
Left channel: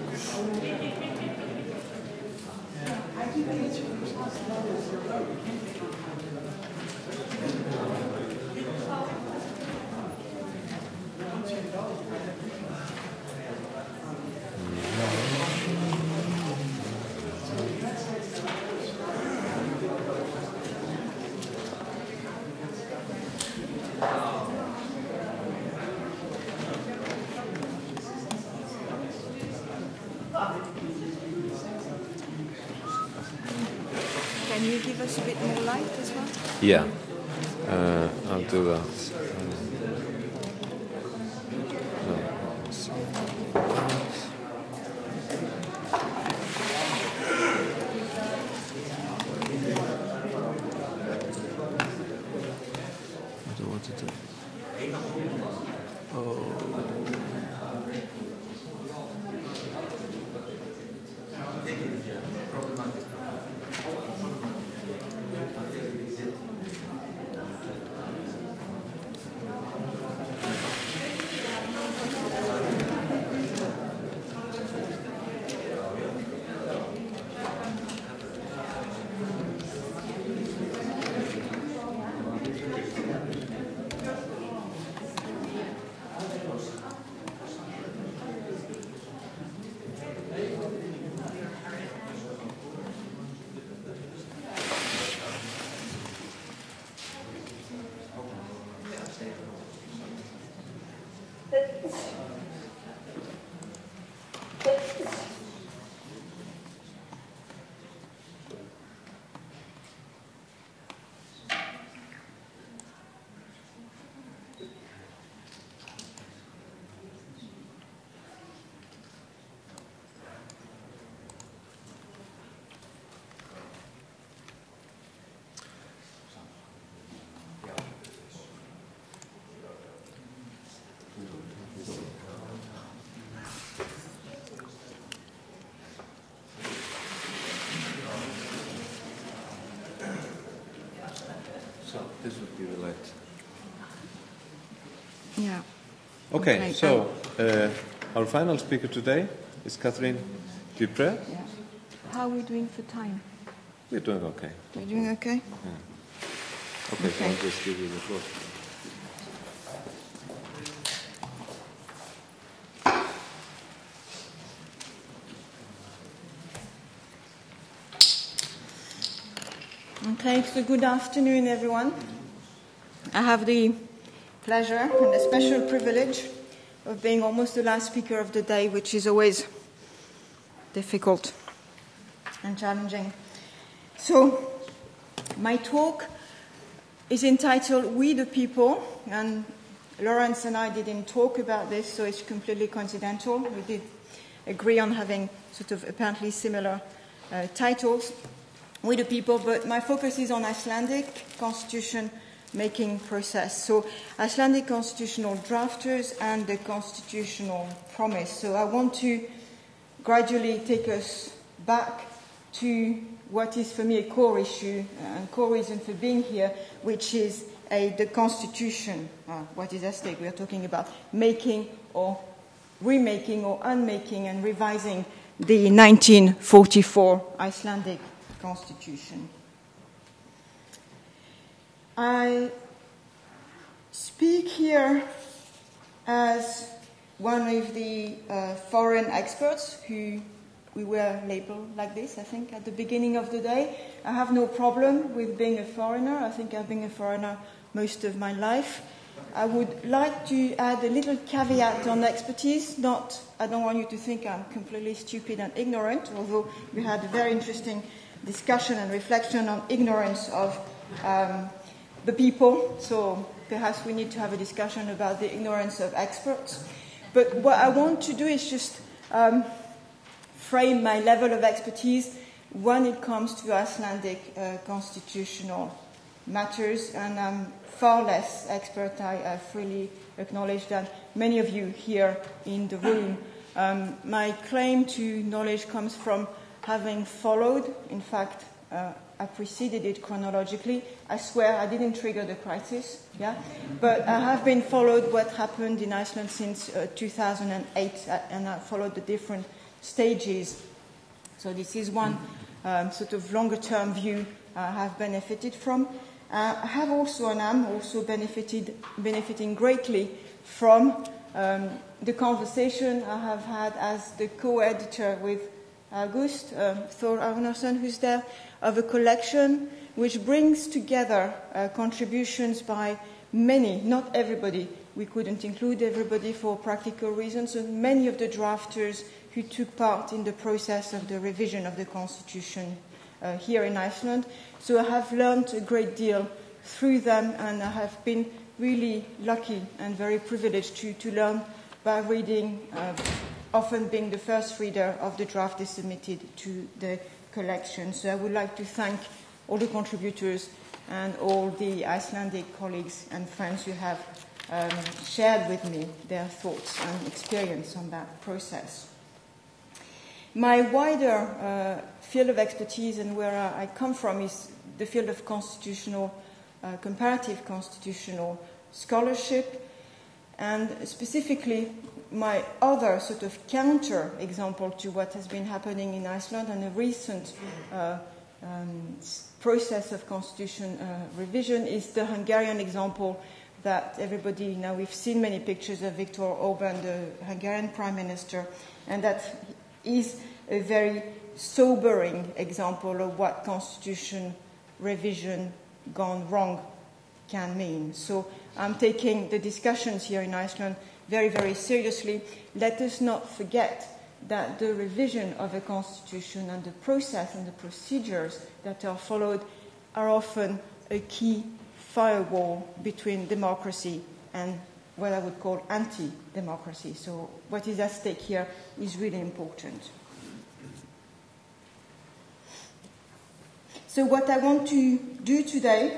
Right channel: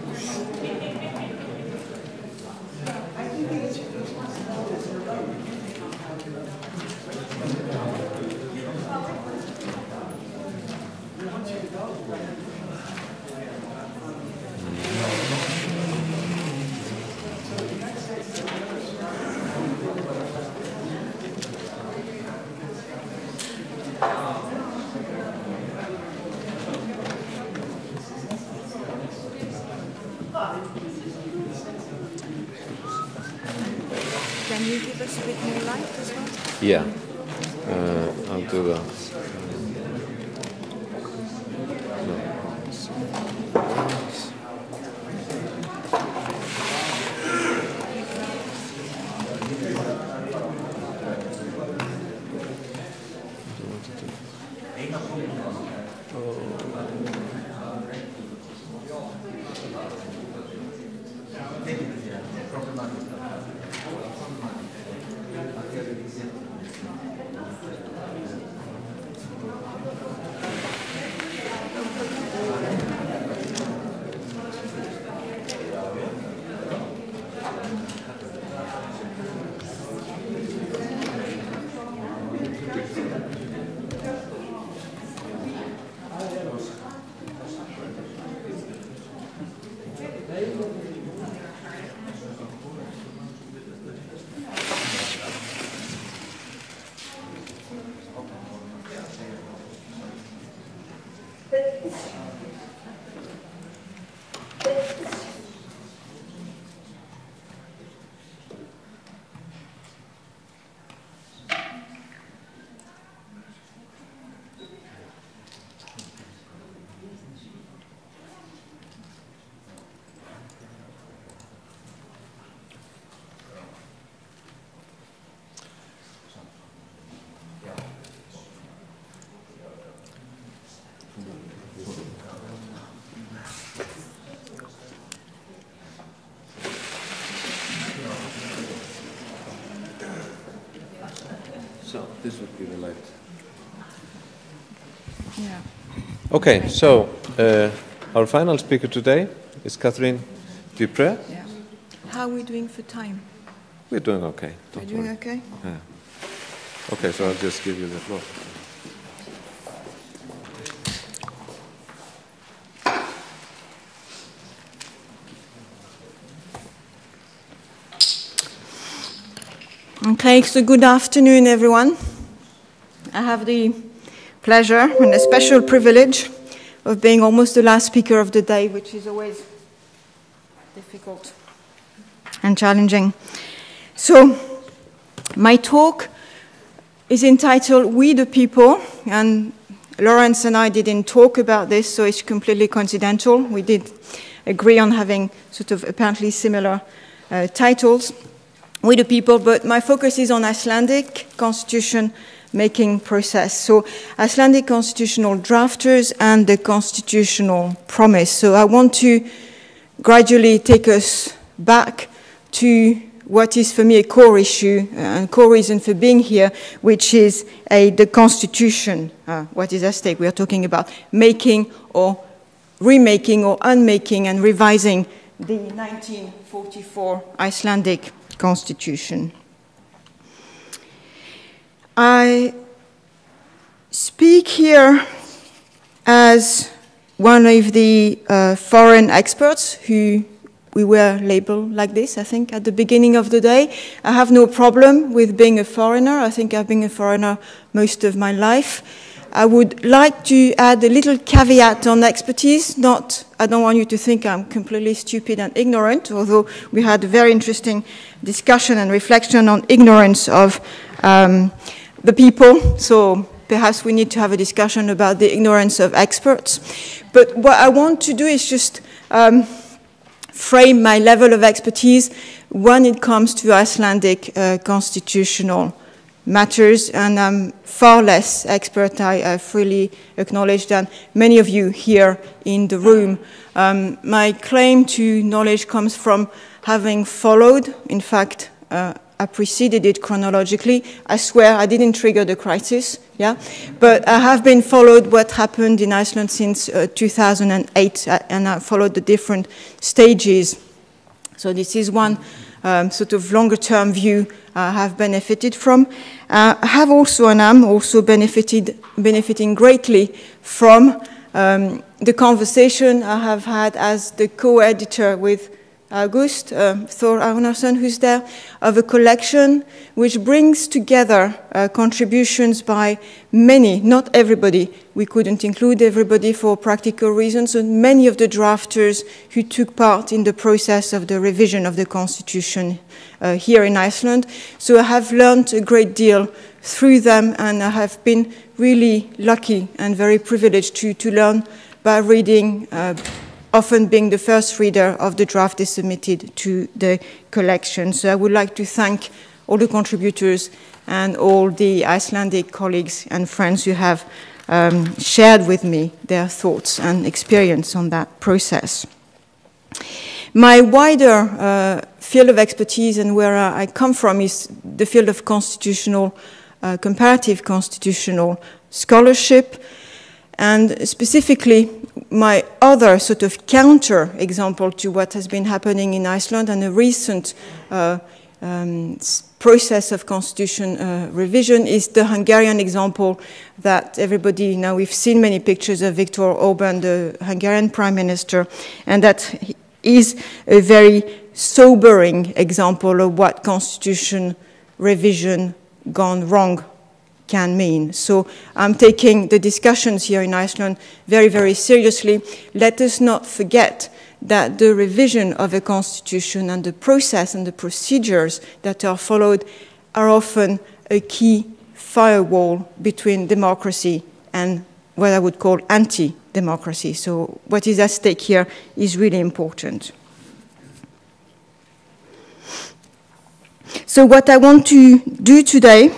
Can you give us a bit more light as well? Yeah. I'll do that. So this would be the light. Okay, so our final speaker today is Catherine Dupré. How are we doing for time? We're doing okay, don't worry. Okay. Yeah. Okay, so I'll just give you the floor. Okay, so good afternoon, everyone. I have the pleasure and a special privilege of being almost the last speaker of the day, which is always difficult and challenging. So, my talk is entitled We the People, and Lawrence and I didn't talk about this, so it's completely coincidental. We did agree on having sort of apparently similar titles. We the People, but my focus is on Icelandic constitution making process. So Icelandic constitutional drafters and the constitutional promise. So I want to gradually take us back to what is for me a core issue and core reason for being here, which is the constitution. What is at stake? We are talking about making or remaking or unmaking and revising the 1944 Icelandic Constitution. I speak here as one of the foreign experts who we were labeled like this, I think, at the beginning of the day. I have no problem with being a foreigner. I think I've been a foreigner most of my life. I would like to add a little caveat on expertise. I don't want you to think I'm completely stupid and ignorant, although we had a very interesting discussion and reflection on ignorance of the people. So perhaps we need to have a discussion about the ignorance of experts. But what I want to do is just frame my level of expertise when it comes to Icelandic constitutional matters, and I'm far less expert, I freely acknowledge, than many of you here in the room. My claim to knowledge comes from having followed, in fact, I preceded it chronologically. I swear I didn't trigger the crisis, yeah? But I have been followed what happened in Iceland since 2008, and I followed the different stages. So this is one sort of longer-term view I have benefited from. I have also, and I'm also benefiting greatly from the conversation I have had as the co-editor with August Thor Arnarsson, who's there, of a collection which brings together contributions by many, not everybody. We couldn't include everybody for practical reasons, and many of the drafters who took part in the process of the revision of the constitution here in Iceland. So I have learned a great deal through them, and I have been really lucky and very privileged to learn by reading, often being the first reader of the draft they submitted to the collection. So I would like to thank all the contributors and all the Icelandic colleagues and friends who have shared with me their thoughts and experience on that process. My wider field of expertise and where I come from is the field of constitutional, comparative constitutional scholarship, and specifically my other sort of counter example to what has been happening in Iceland and a recent process of constitution revision is the Hungarian example that everybody, now we've seen many pictures of Viktor Orbán, the Hungarian prime minister, and that is a very sobering example of what constitution revision gone wrong can mean. So I'm taking the discussions here in Iceland very, very seriously. Let us not forget that the revision of a constitution and the process and the procedures that are followed are often a key firewall between democracy and what I would call anti-democracy. So what is at stake here is really important. So what I want to do today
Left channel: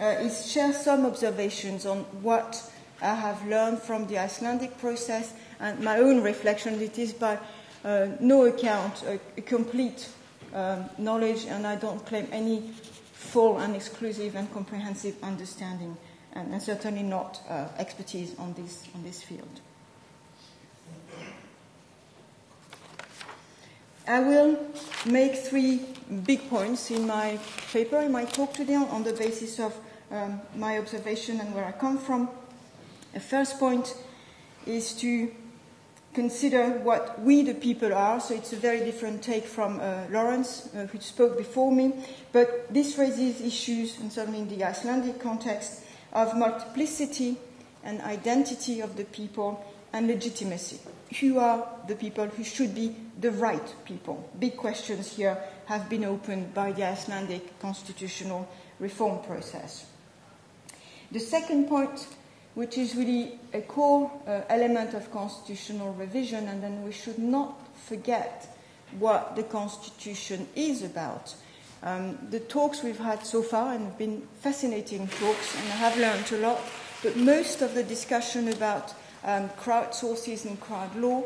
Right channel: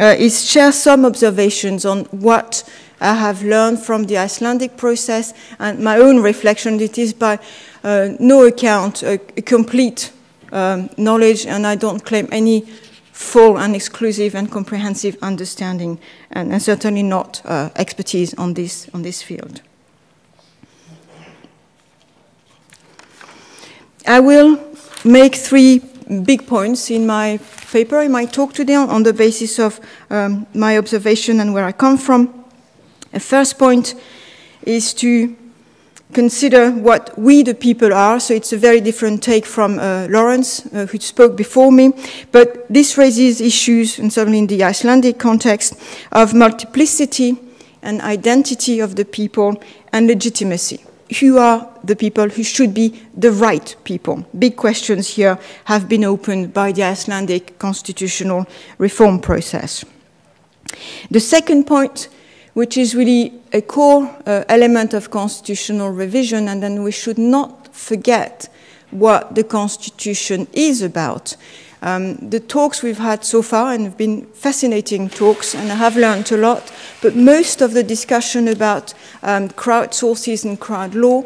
is share some observations on what I have learned from the Icelandic process and my own reflection. It is by no account a complete knowledge, and I don't claim any full and exclusive and comprehensive understanding, and certainly not expertise on this field. I will make 3 big points in my paper, in my talk today, on the basis of my observation and where I come from. The first point is to consider what we the people are. So it's a very different take from Lawrence, who spoke before me. But this raises issues, and certainly in the Icelandic context, of multiplicity and identity of the people and legitimacy. Who are the people who should be the right people? Big questions here have been opened by the Icelandic constitutional reform process. The second point, which is really a core element of constitutional revision, and then we should not forget what the Constitution is about. The talks we've had so far, and have been fascinating talks, and I have learned a lot, but most of the discussion about crowd sources and crowd law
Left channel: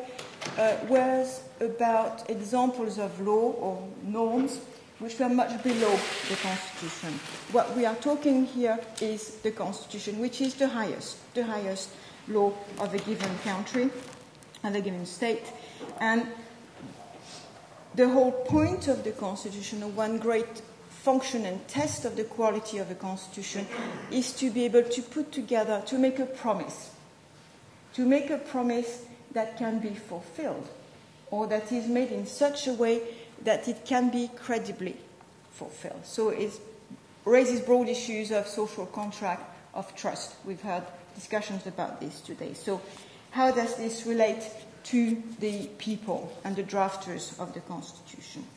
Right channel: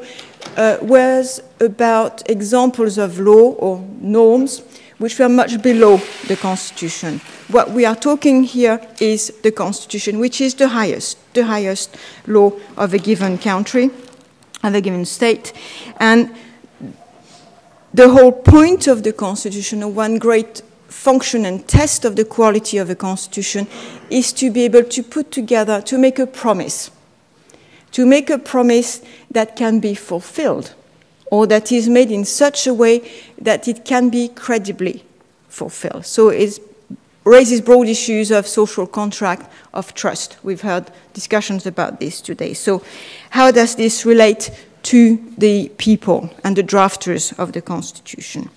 was about examples of law or norms which were much below the Constitution. What we are talking here is the Constitution, which is the highest law of a given country, of a given state. And the whole point of the Constitution, or one great function and test of the quality of a Constitution, is to be able to put together, to make a promise that can be fulfilled, or that is made in such a way that it can be credibly fulfilled. So it raises broad issues of social contract, of trust. We've heard discussions about this today. So how does this relate to the people and the drafters of the Constitution?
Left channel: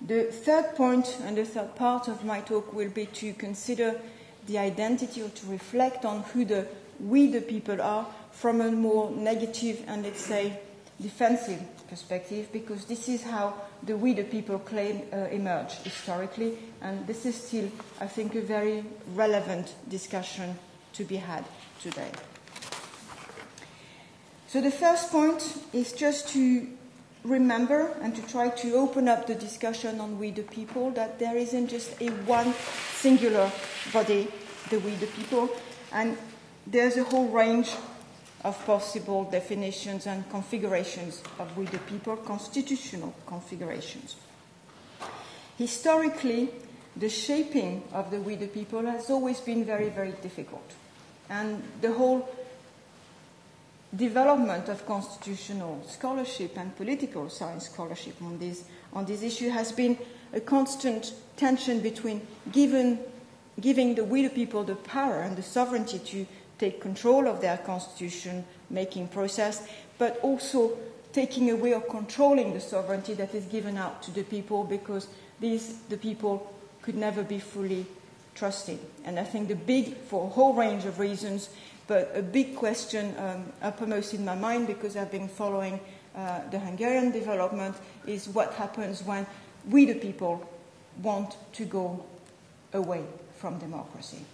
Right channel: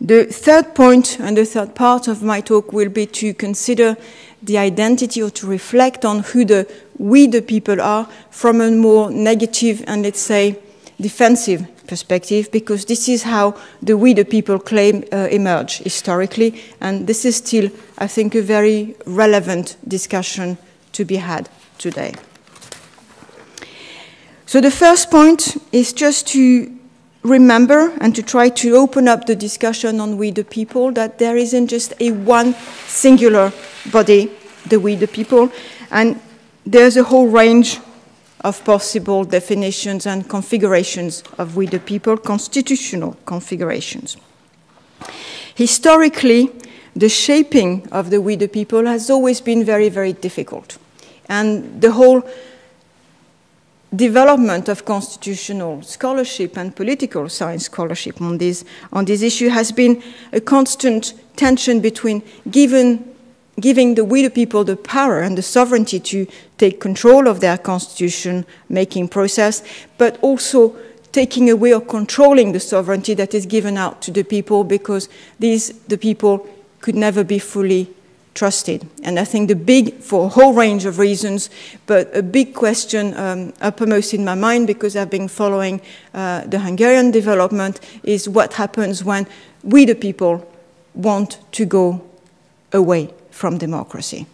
The third point and the third part of my talk will be to consider the identity, or to reflect on who we the people are from a more negative and, let's say, defensive perspective, because this is how the we the people claim emerge historically, and this is still, I think, a very relevant discussion to be had today. So the first point is just to remember and to try to open up the discussion on we the people, that there isn't just a one singular body, the we the people, and there's a whole range of possible definitions and configurations of we the people, constitutional configurations. Historically, the shaping of the we the people has always been very, very difficult. And the whole development of constitutional scholarship and political science scholarship on this issue has been a constant tension between giving the we the people the power and the sovereignty to take control of their constitution-making process, but also taking away or controlling the sovereignty that is given out to the people, because the people could never be fully trusted. And I think for a whole range of reasons, but a big question uppermost in my mind, because I've been following the Hungarian development, is what happens when we, the people, want to go away from democracy.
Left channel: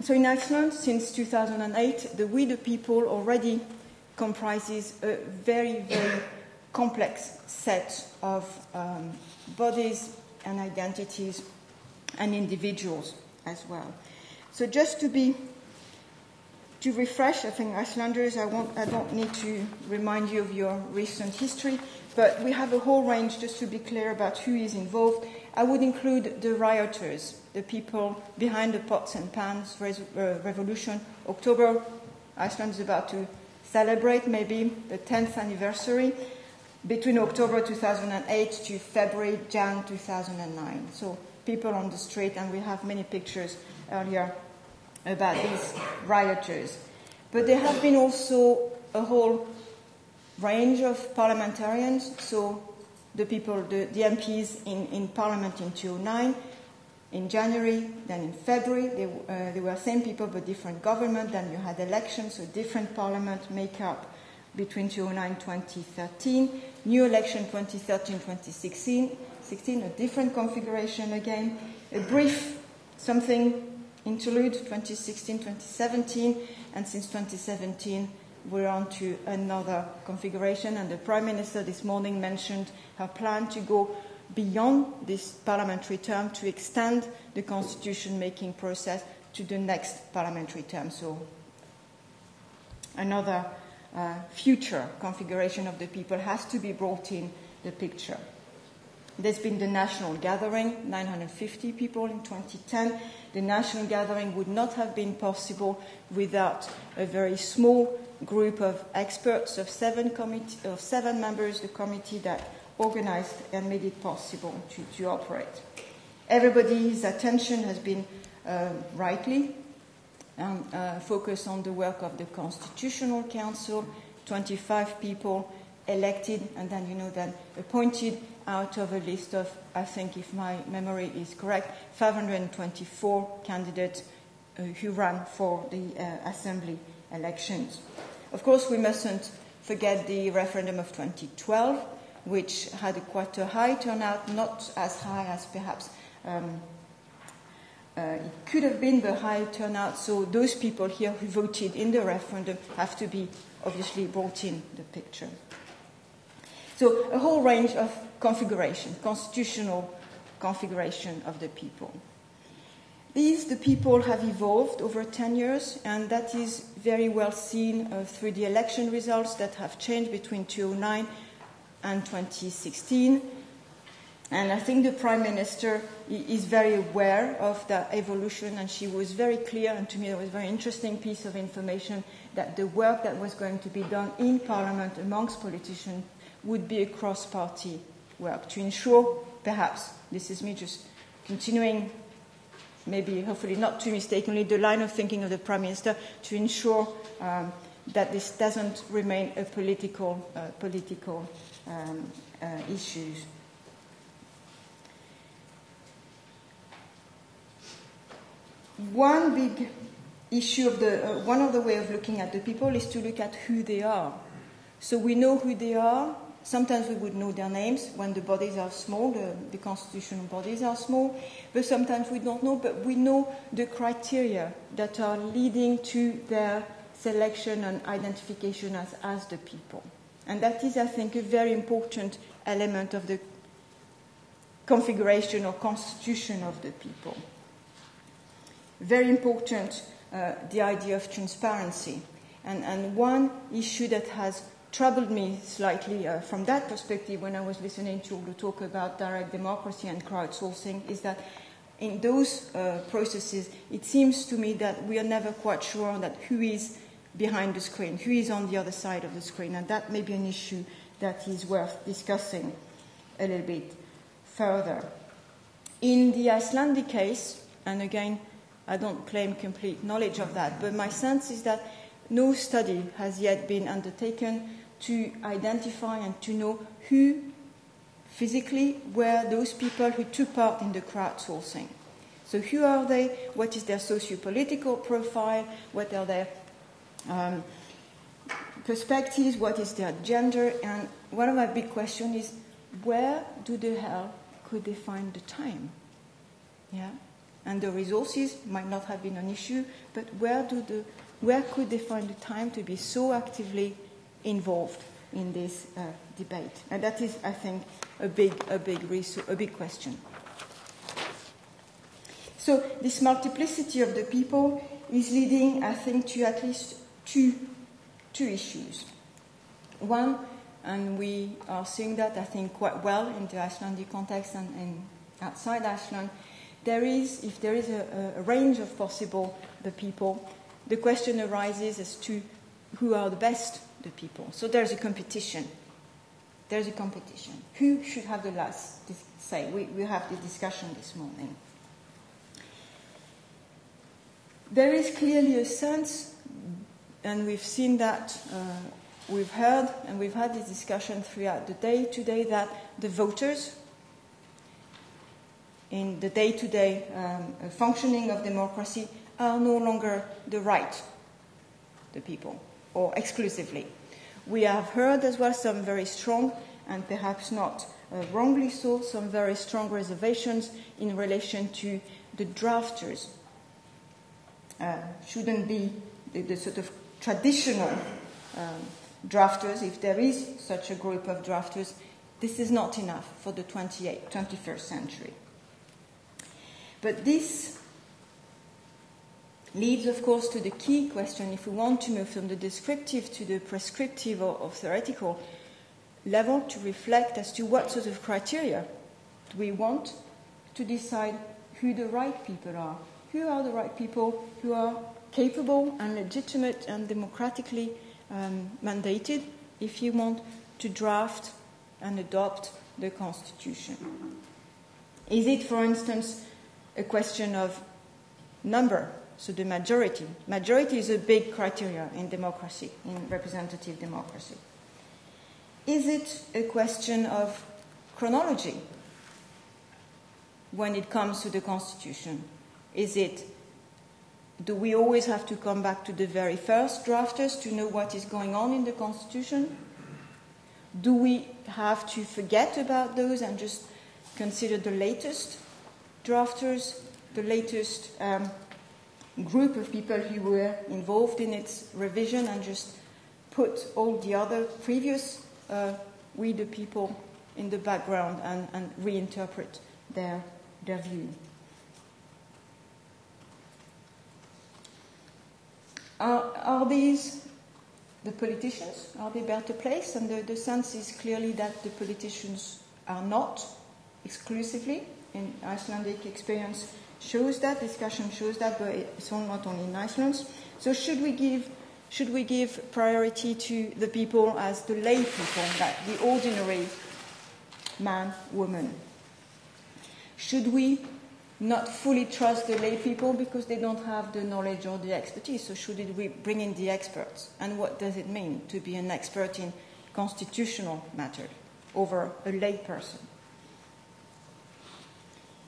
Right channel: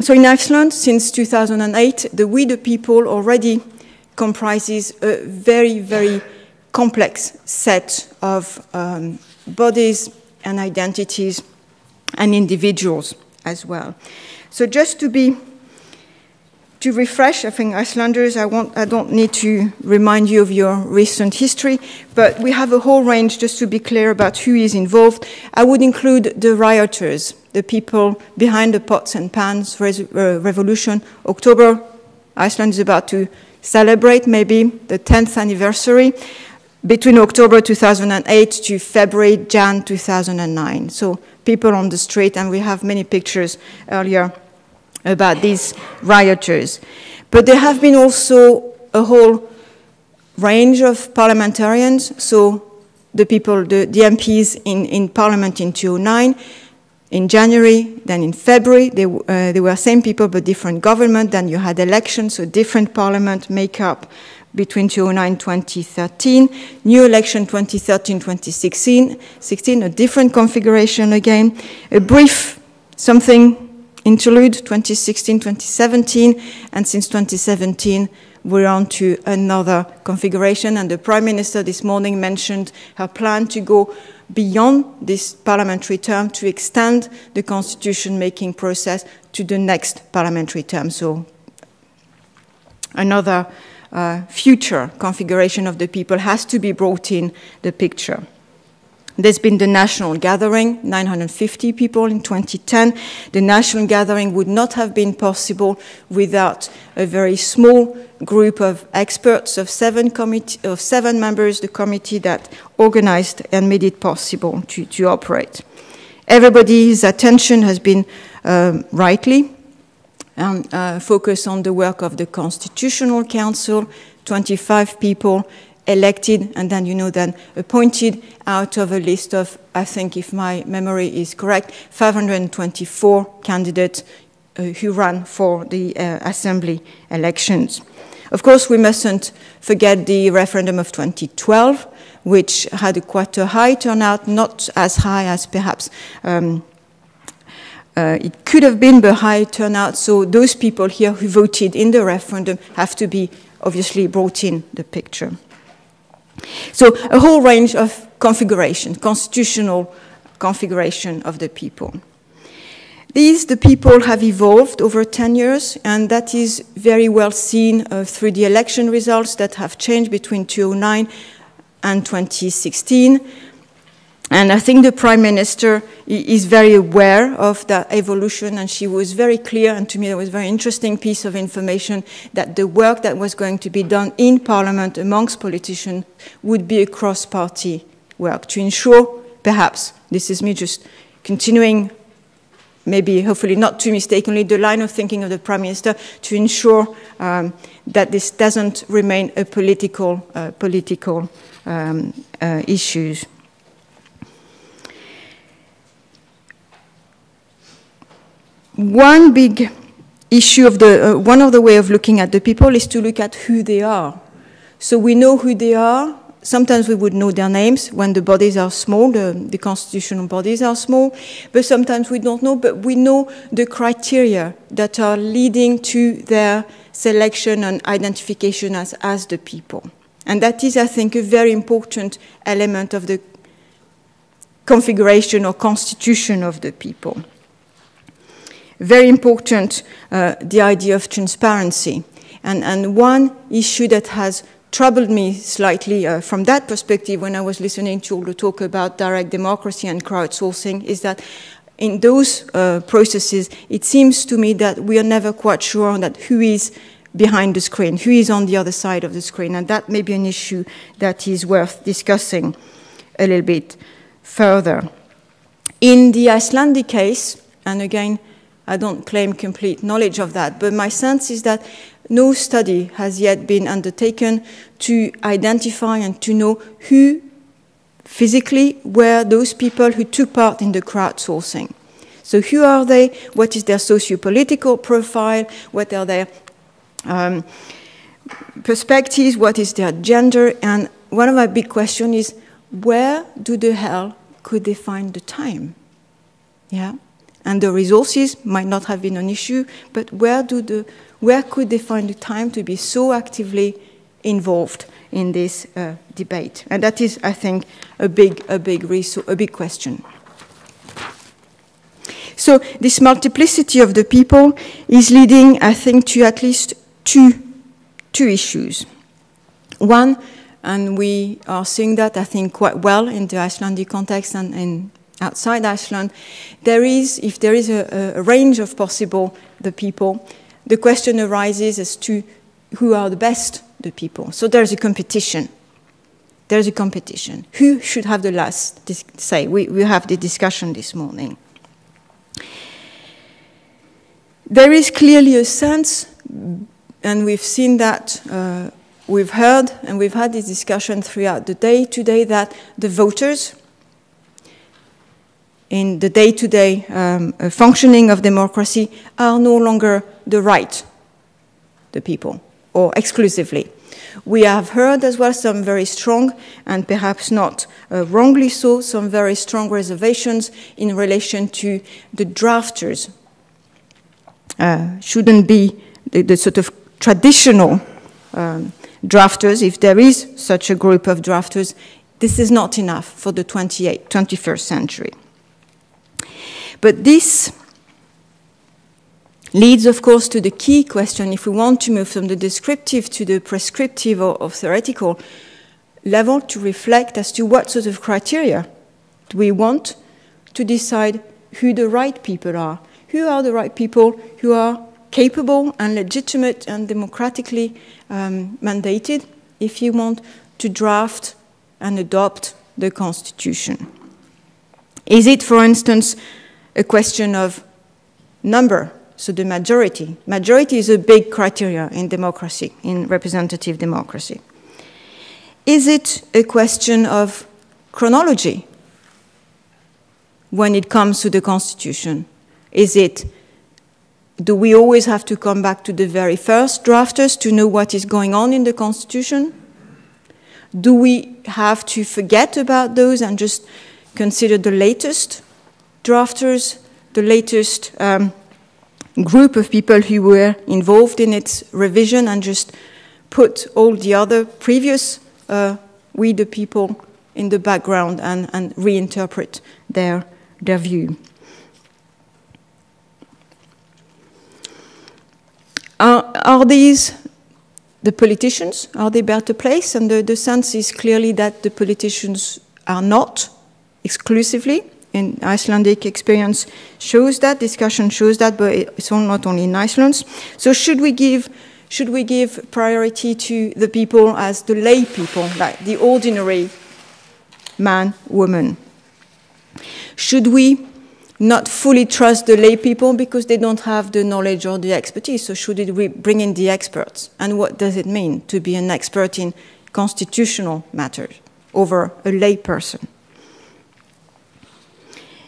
So in Iceland, since 2008, the We the People already comprises a very, very complex set of bodies and identities and individuals as well. So just to refresh, I think Icelanders, I don't need to remind you of your recent history, but we have a whole range, just to be clear about who is involved. I would include the rioters, the people behind the pots and pans revolution. October, Iceland is about to celebrate maybe the 10th anniversary, between October 2008 to February, Jan 2009. So people on the street, and we have many pictures earlier about these rioters. But there have been also a whole range of parliamentarians, so the people, the MPs in Parliament in 2009, in January, then in February, they were same people but different government, then you had elections, so different parliament makeup between 2009 and 2013, new election 2013-2016, a different configuration again, a brief something interlude 2016-2017, and since 2017 we're on to another configuration, and the Prime Minister this morning mentioned her plan to go beyond this parliamentary term to extend the constitution-making process to the next parliamentary term. So another future configuration of the people has to be brought in the picture. There's been the national gathering, 950 people in 2010. The national gathering would not have been possible without a very small group of experts, of seven members, the committee that organized and made it possible to operate. Everybody's attention has been rightly focused on the work of the Constitutional Council, 25 people elected and then, then appointed out of a list of, I think if my memory is correct, 524 candidates who ran for the assembly elections. Of course, we mustn't forget the referendum of 2012, which had quite a high turnout, not as high as perhaps it could have been, but high turnout. So those people here who voted in the referendum have to be obviously brought in the picture. So a whole range of configuration, constitutional configuration of the people. The people have evolved over 10 years, and that is very well seen through the election results that have changed between 2009 and 2016. And I think the Prime Minister is very aware of that evolution, and she was very clear, and to me that was a very interesting piece of information, that the work that was going to be done in Parliament amongst politicians would be a cross-party work to ensure, perhaps, this is me just continuing, maybe hopefully not too mistakenly, the line of thinking of the Prime Minister, to ensure that this doesn't remain a political issues. One big issue of one of the way of looking at the people is to look at who they are. So we know who they are. Sometimes we would know their names when the bodies are small, the constitutional bodies are small, but sometimes we don't know, but we know the criteria that are leading to their selection and identification as the people. And that is, I think, a very important element of the configuration or constitution of the people. Very important, the idea of transparency. And one issue that has troubled me slightly from that perspective when I was listening to all the talk about direct democracy and crowdsourcing is that in those processes, it seems to me that we are never quite sure that who is behind the screen, who is on the other side of the screen, and that may be an issue that is worth discussing a little bit further. In the Icelandic case, and again, I don't claim complete knowledge of that, but my sense is that no study has yet been undertaken to identify and to know who physically were those people who took part in the crowdsourcing. So who are they? What is their socio-political profile? What are their perspectives? What is their gender? And one of my big questions is, where do the hell could they find the time? Yeah, and the resources might not have been an issue, but where could they find the time to be so actively involved in this debate? And that is, I think, a big question. So this multiplicity of the people is leading, I think, to at least two issues. One, and we are seeing that, I think, quite well in the Icelandic context and outside Iceland, if there is a range of possible the people, the question arises as to who are the people. So there's a competition. There's a competition. Who should have the last say? We have the discussion this morning. There is clearly a sense, and we've seen that, we've heard, and we've had this discussion throughout the day today, that the voters, in the day-to-day functioning of democracy, are no longer the people, or exclusively. We have heard as well some very strong, and perhaps not wrongly so, some very strong reservations in relation to the drafters. Shouldn't be the sort of traditional drafters. If there is such a group of drafters, this is not enough for the 21st century. But this leads, of course, to the key question, if we want to move from the descriptive to the prescriptive or theoretical level, to reflect as to what sort of criteria do we want to decide who the right people are. Who are the right people who are capable and legitimate and democratically mandated, if you want, to draft and adopt the Constitution? Is it, for instance, a question of number, so the majority? Majority is a big criteria in democracy, in representative democracy. Is it a question of chronology when it comes to the Constitution? Do we always have to come back to the very first drafters to know what is going on in the Constitution? Do we have to forget about those and just consider the latest drafters, the latest group of people who were involved in its revision, and just put all the other previous we the people in the background and reinterpret their view? Are these the politicians? Are they better placed? And the sense is clearly that the politicians are not exclusively. In Icelandic experience shows that, discussion shows that, but it's not only in Iceland. So should we give priority to the people as the lay people, like the ordinary man, woman? Should we not fully trust the lay people because they don't have the knowledge or the expertise? So should we bring in the experts? And what does it mean to be an expert in constitutional matters over a lay person?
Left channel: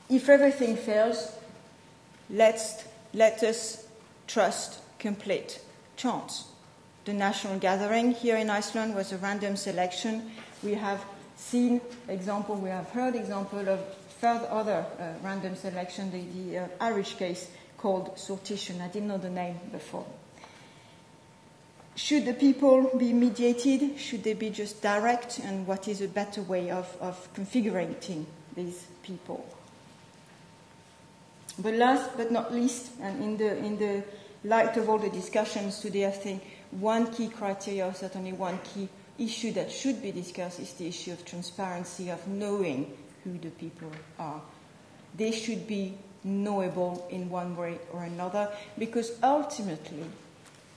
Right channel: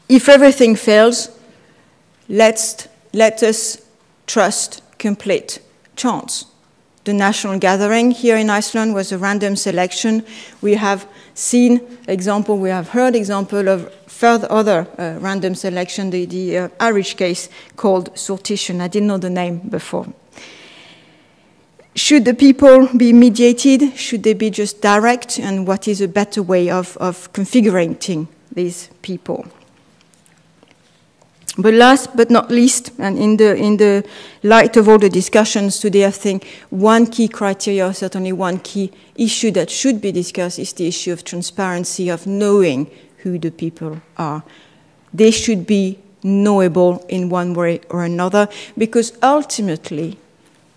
If everything fails, let us trust complete chance. The national gathering here in Iceland was a random selection. We have seen example, we have heard example of further other random selection, the Irish case called sortition. I didn't know the name before. Should the people be mediated? Should they be just direct? And what is a better way of configuring these people? But last but not least, and in the light of all the discussions today, I think one key criteria, certainly one key issue that should be discussed, is the issue of transparency, of knowing who the people are. They should be knowable in one way or another, because ultimately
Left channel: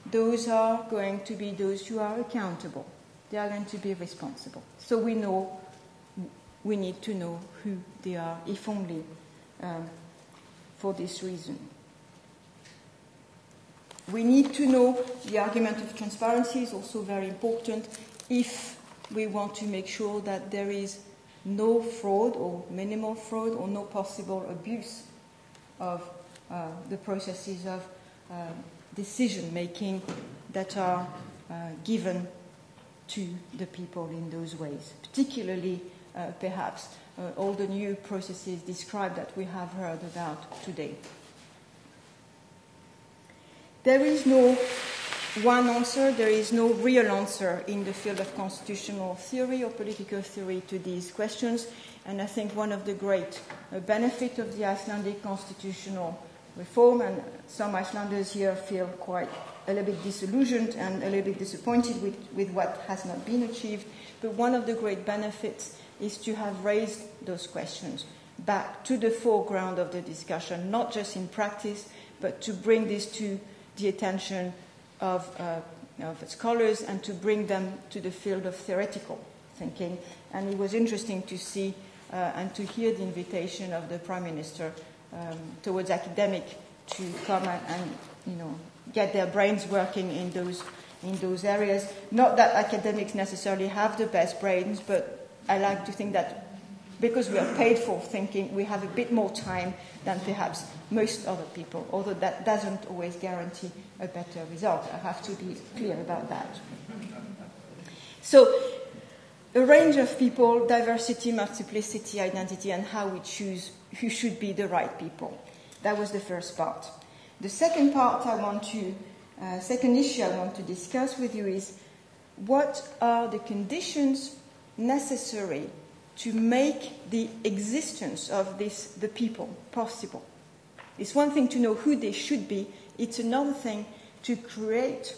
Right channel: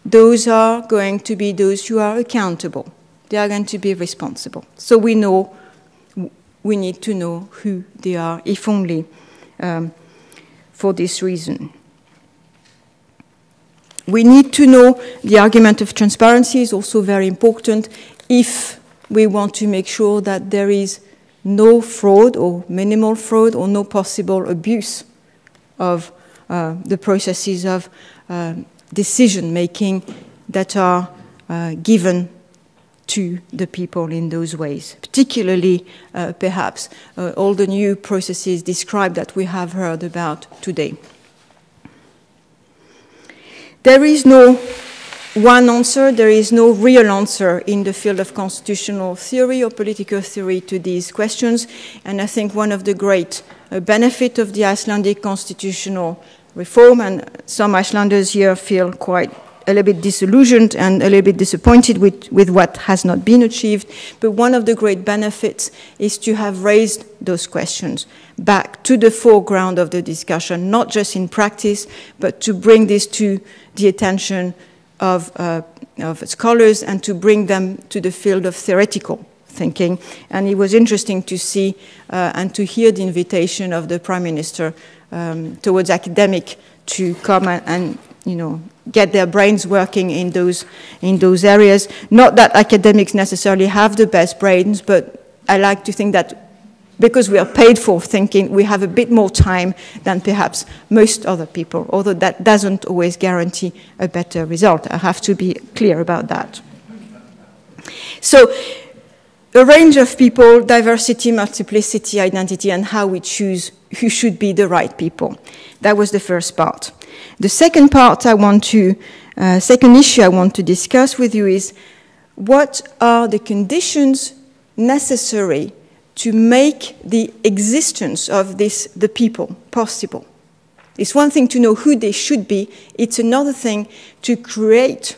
those are going to be those who are accountable. They are going to be responsible. So we need to know who they are, if only for this reason. We need to know the argument of transparency is also very important if we want to make sure that there is no fraud or minimal fraud or no possible abuse of the processes of decision-making that are given to the people in those ways, particularly perhaps all the new processes described that we have heard about today. There is no one answer, there is no real answer in the field of constitutional theory or political theory to these questions, and I think one of the great benefits of the Icelandic constitutional reform, and some Icelanders here feel quite a little bit disillusioned and a little bit disappointed with what has not been achieved, but one of the great benefits is to have raised those questions back to the foreground of the discussion, not just in practice, but to bring this to the attention of scholars and to bring them to the field of theoretical thinking. And it was interesting to see and to hear the invitation of the Prime Minister towards academic to come and get their brains working in those areas. Not that academics necessarily have the best brains, but I like to think that because we are paid for thinking, we have a bit more time than perhaps most other people, although that doesn't always guarantee a better result. I have to be clear about that. So, a range of people, diversity, multiplicity, identity, and how we choose who should be the right people. That was the first part. The second part second issue I want to discuss with you is what are the conditions necessary to make the existence of the people possible. It's one thing to know who they should be, it's another thing to create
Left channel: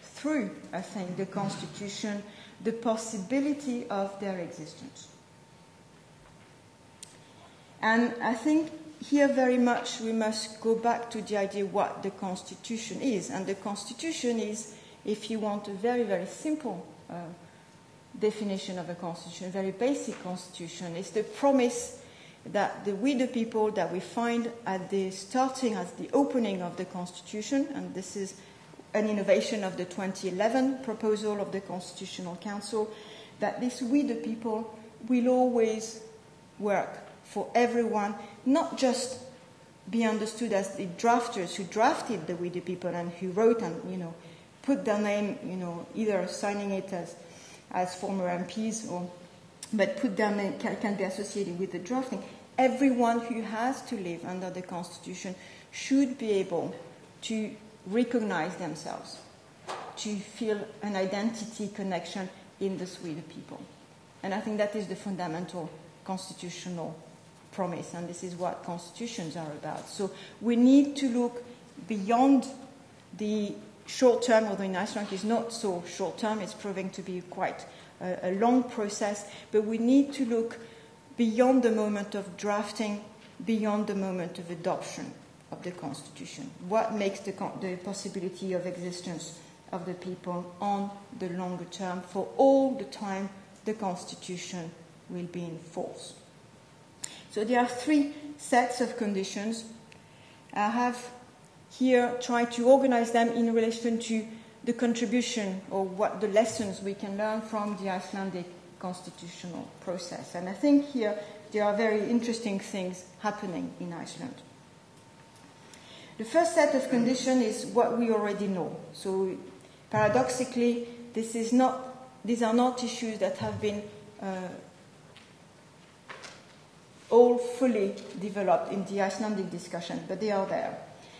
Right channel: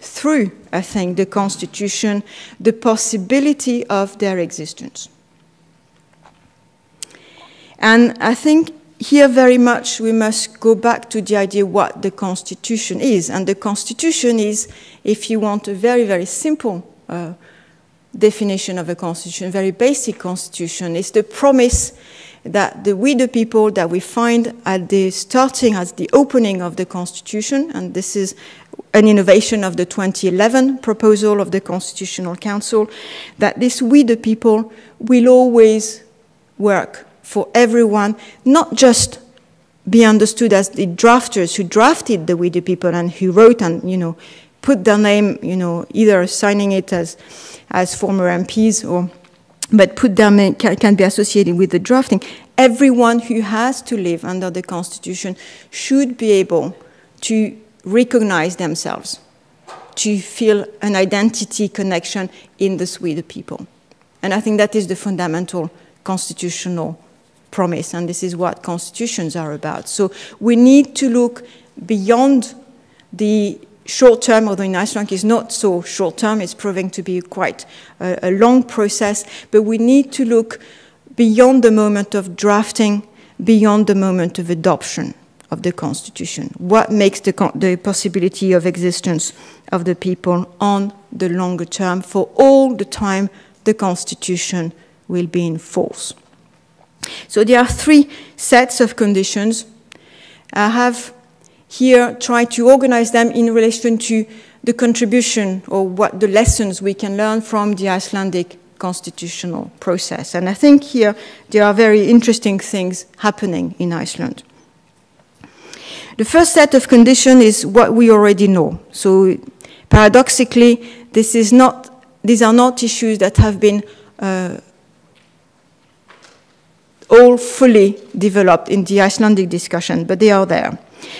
through, I think, the Constitution, the possibility of their existence. And I think here very much we must go back to the idea what the Constitution is. And the Constitution is, if you want a very, very simple definition of a constitution, a very basic constitution, is the promise that we the people that we find at the opening of the constitution, and this is an innovation of the 2011 proposal of the Constitutional Council, that this we the people will always work for everyone, not just be understood as the drafters who drafted the we the people and who wrote and put their name, either signing it as former MPs but put them can be associated with the drafting. Everyone who has to live under the Constitution should be able to recognize themselves, to feel an identity connection in the Swedish people. And I think that is the fundamental constitutional promise, and this is what constitutions are about. So we need to look beyond the short term, although in Iceland is not so short term, it's proving to be quite a long process, but we need to look beyond the moment of drafting, beyond the moment of adoption of the Constitution. What makes the possibility of existence of the people on the longer term for all the time the Constitution will be in force. So there are three sets of conditions. I have here tried to organize them in relation to the contribution or what the lessons we can learn from the Icelandic constitutional process. And I think here there are very interesting things happening in Iceland. The first set of conditions is what we already know. So paradoxically, these are not issues that have been all fully developed in the Icelandic discussion, but they are there.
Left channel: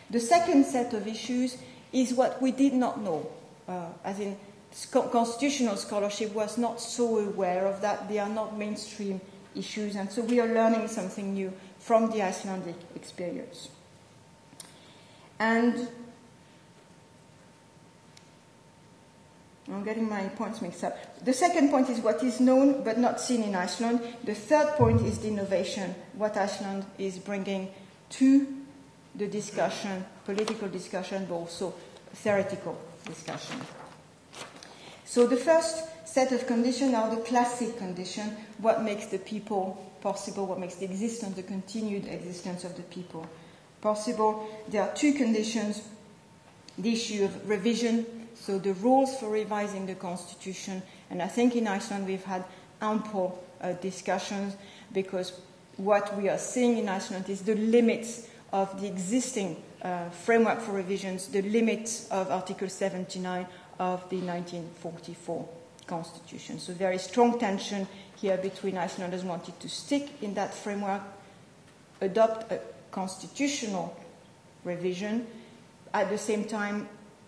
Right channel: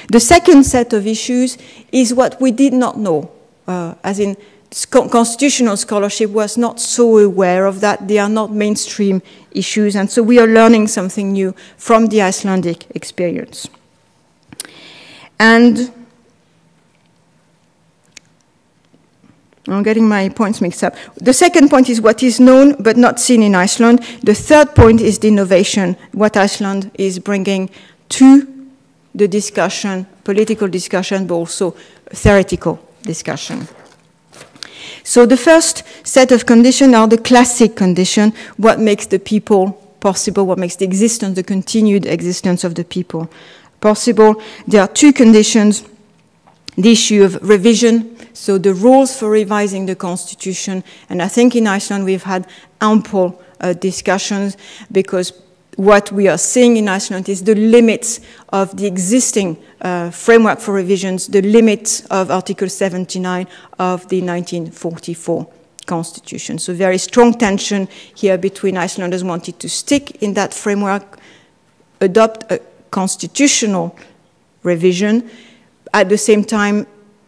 The second set of issues is what we did not know, as in constitutional scholarship was not so aware of that. They are not mainstream issues, and so we are learning something new from the Icelandic experience. And I'm getting my points mixed up. The second point is what is known but not seen in Iceland. The third point is the innovation, what Iceland is bringing to the discussion, political discussion, but also theoretical discussion. So the first set of conditions are the classic condition, what makes the people possible, what makes the existence, the continued existence of the people possible. There are two conditions, the issue of revision, so the rules for revising the constitution, and I think in Iceland we've had ample discussions, because what we are seeing in Iceland is the limits of the existing framework for revisions, the limits of Article 79 of the 1944 Constitution. So very strong tension here between Icelanders wanting to stick in that framework, adopt a constitutional revision, at the same time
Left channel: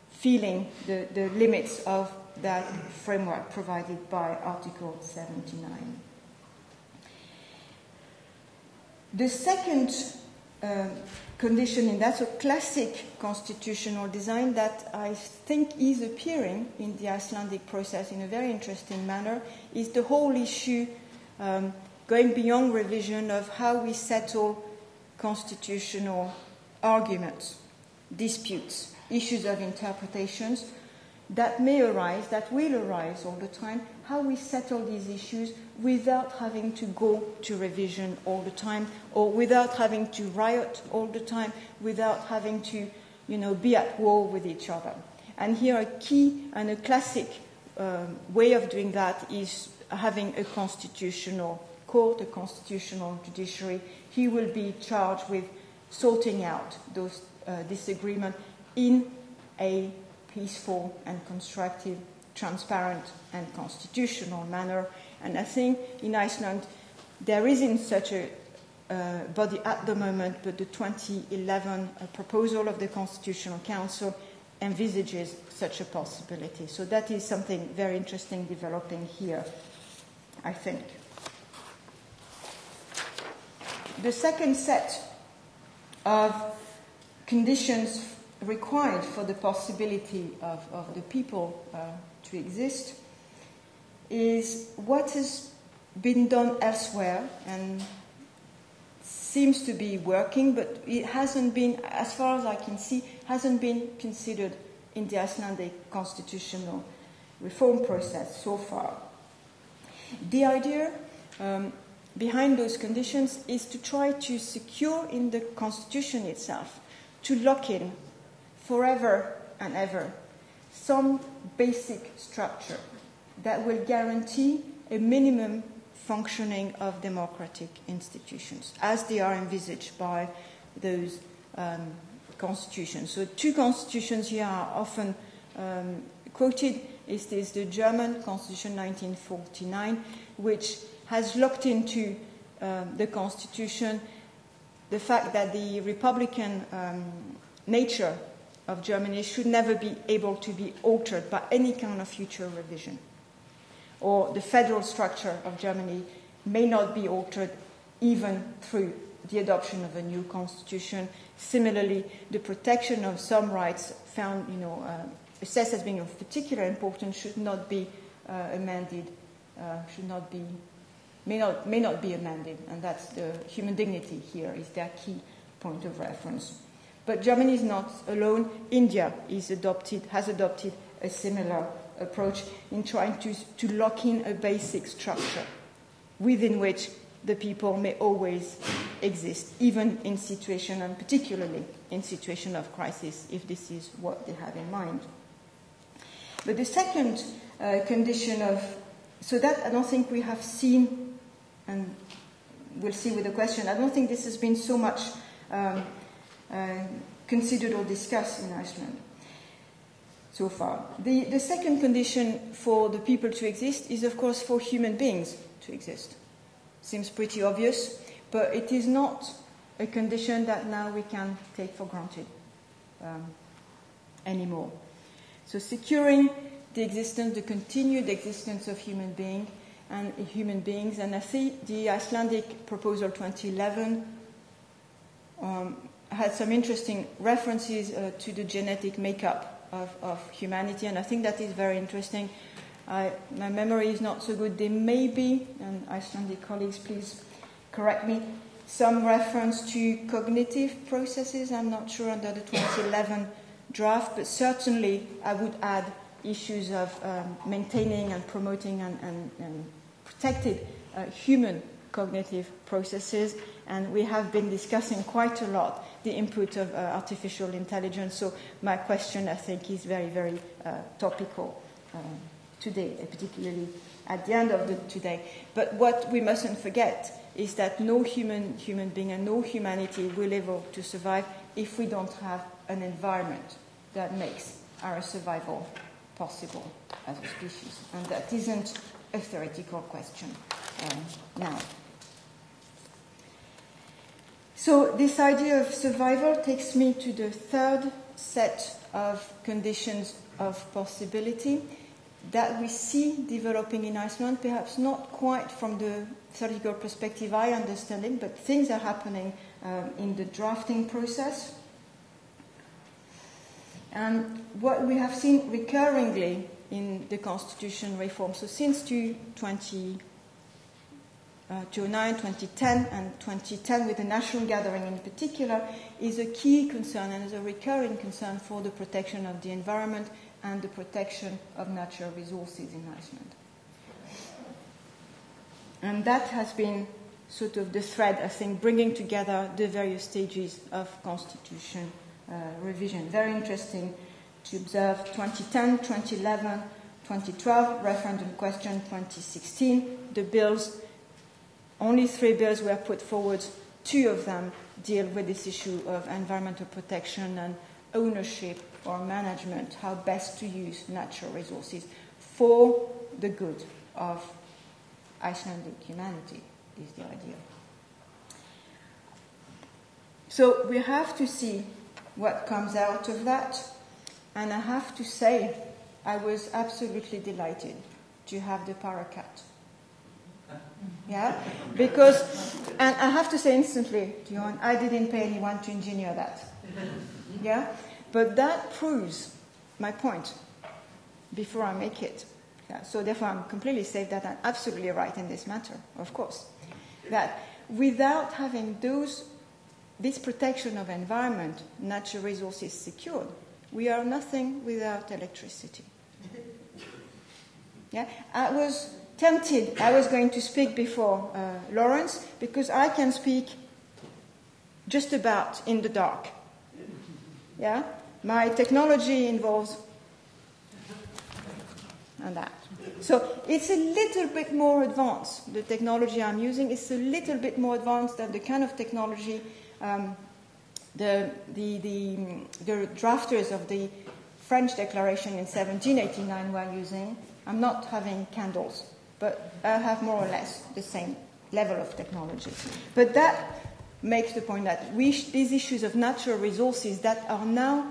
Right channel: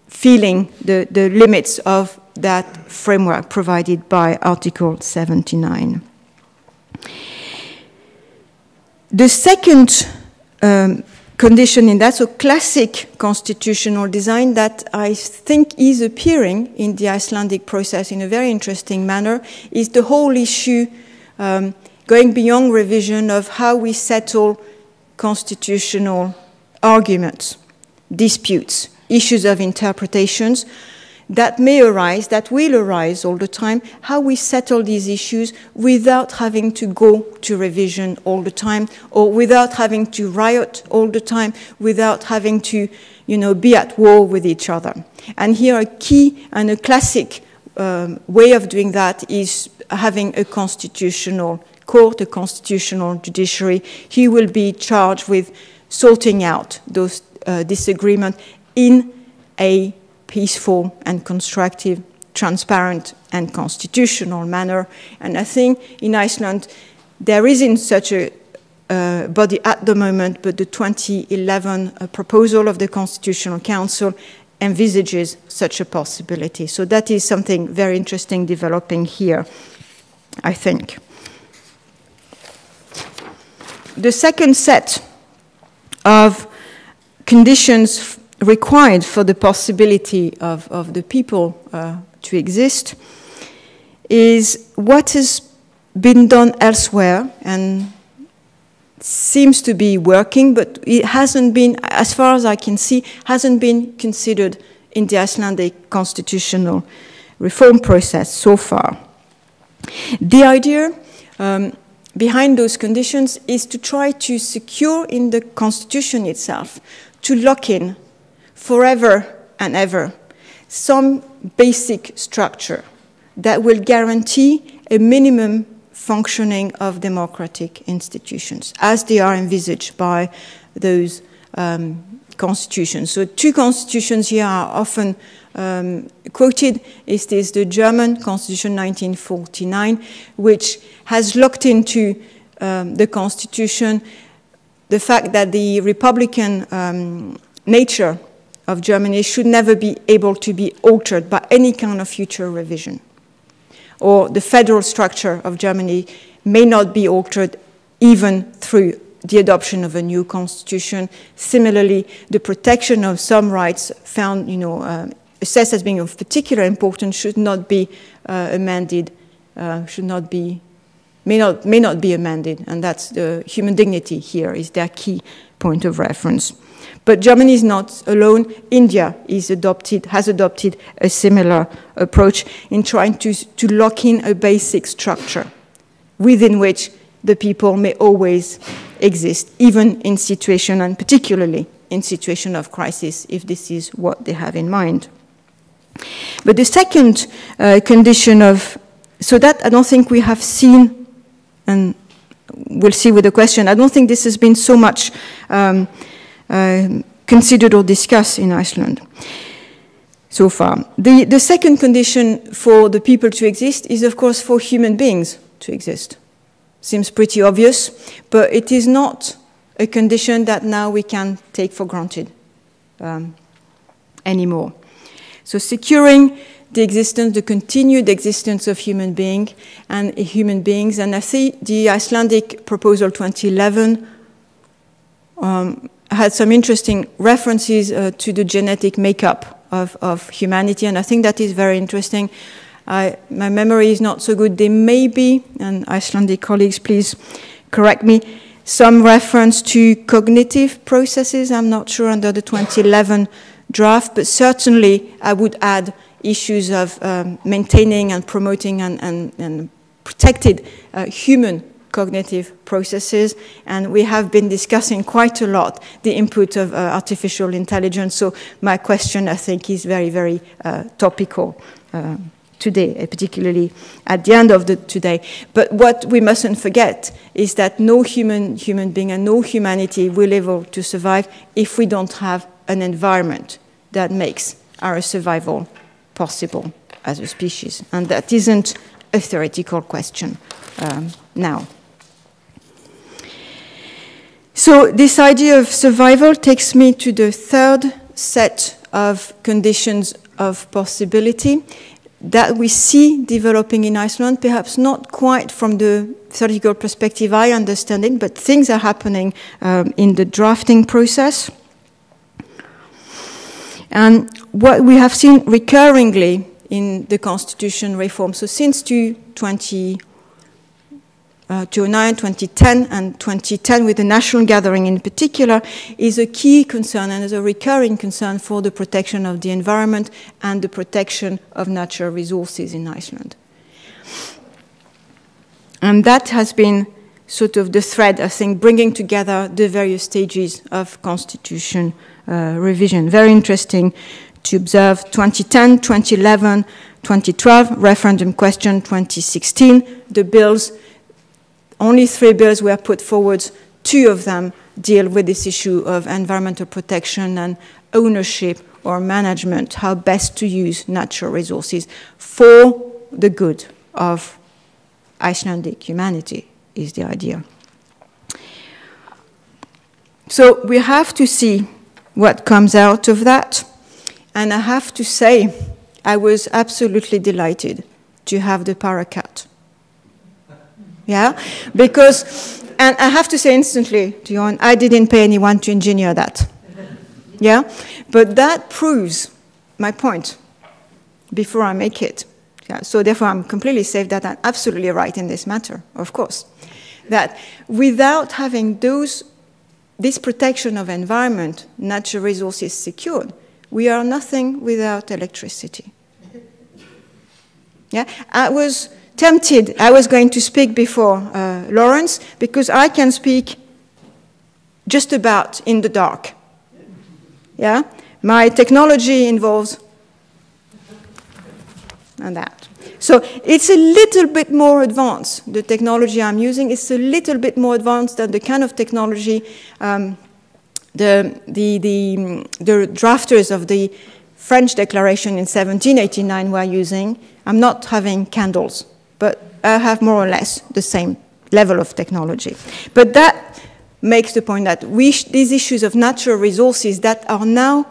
feeling the limits of that framework provided by Article 79. The second condition in that, so classic constitutional design that I think is appearing in the Icelandic process in a very interesting manner, is the whole issue going beyond revision of how we settle constitutional arguments, disputes, issues of interpretations that may arise, that will arise all the time, how we settle these issues without having to go to revision all the time, or without having to riot all the time, without having to, be at war with each other. And here a key and a classic way of doing that is having a constitutional court, a constitutional judiciary. He will be charged with sorting out those disagreements in a peaceful and constructive, transparent and constitutional manner. And I think in Iceland there isn't such a body at the moment, but the 2011 proposal of the Constitutional Council envisages such a possibility. So that is something very interesting developing here, I think. The second set of conditions required for the possibility of the people to exist is what has been done elsewhere and seems to be working, but it hasn't been, as far as I can see, hasn't been considered in the Icelandic constitutional reform process so far. The idea behind those conditions is to try to secure in the constitution itself, to lock in forever and ever some basic structure that will guarantee a minimum functioning of democratic institutions as they are envisaged by those constitutions. So two constitutions here are often quoted. Is this the German Constitution 1949, which has locked into the constitution the fact that the republican nature of Germany should never be able to be altered by any kind of future revision. Or the federal structure of Germany may not be altered even through the adoption of a new constitution. Similarly, the protection of some rights found, assessed as being of particular importance should not be amended, may not be amended, and that's the human dignity here is their key point of reference. But Germany is not alone. India has adopted a similar approach in trying to lock in a basic structure within which the people may always exist, even in situation, and particularly in situation of crisis, if this is what they have in mind. But the second condition so that I don't think we have seen, and we'll see with the question, I don't think this has been so much considered or discussed in Iceland so far. The second condition for the people to exist is, of course, for human beings to exist. Seems pretty obvious, but it is not a condition that now we can take for granted anymore. So securing the existence, the continued existence of human beings, and I think the Icelandic proposal 2011 had some interesting references to the genetic makeup of humanity, and I think that is very interesting. My memory is not so good. There may be, and Icelandic colleagues, please correct me, some reference to cognitive processes. I'm not sure under the 2011 draft, but certainly I would add issues of maintaining and promoting and protected human cognitive processes, and we have been discussing quite a lot the input of artificial intelligence, so my question, I think, is very, very topical today, particularly at the end of the today. But what we mustn't forget is that no human being and no humanity will be able to survive if we don't have an environment that makes our survival possible as a species. And that isn't a theoretical question now. So this idea of survival takes me to the third set of conditions of possibility that we see developing in Iceland, perhaps not quite from the theoretical perspective I understand it, but things are happening in the drafting process. And what we have seen recurringly in the constitution reform, so since 2009, 2010, and 2010 with the national gathering in particular, is a key concern and is a recurring concern for the protection of the environment and the protection of natural resources in Iceland. And that has been sort of the thread, I think, bringing together the various stages of constitution revision. Very interesting to observe 2010, 2011, 2012, referendum question 2016, the bills. Only 3 bills were put forward. 2 of them deal with this issue of environmental protection and ownership or management, how best to use natural resources for the good of Icelandic humanity is the idea. So we have to see what comes out of that. And I have to say, I was absolutely delighted to have the paracat. Yeah, because, and I have to say instantly to you, I didn't pay anyone to engineer that. Yeah, but that proves my point before I make it. Yeah, so therefore I'm completely safe that I'm absolutely right in this matter, of course. That without having this protection of environment, natural resources secured, we are nothing without electricity. Yeah, I was tempted, I was going to speak before Lawrence, because I can speak just about in the dark. Yeah, my technology involves and that. So it's a little bit more advanced. The technology I'm using is a little bit more advanced than the kind of technology the drafters of the French declaration in 1789 were using. I'm not having candles, but I have more or less the same level of technology. But that makes the point that these issues of natural resources that are now,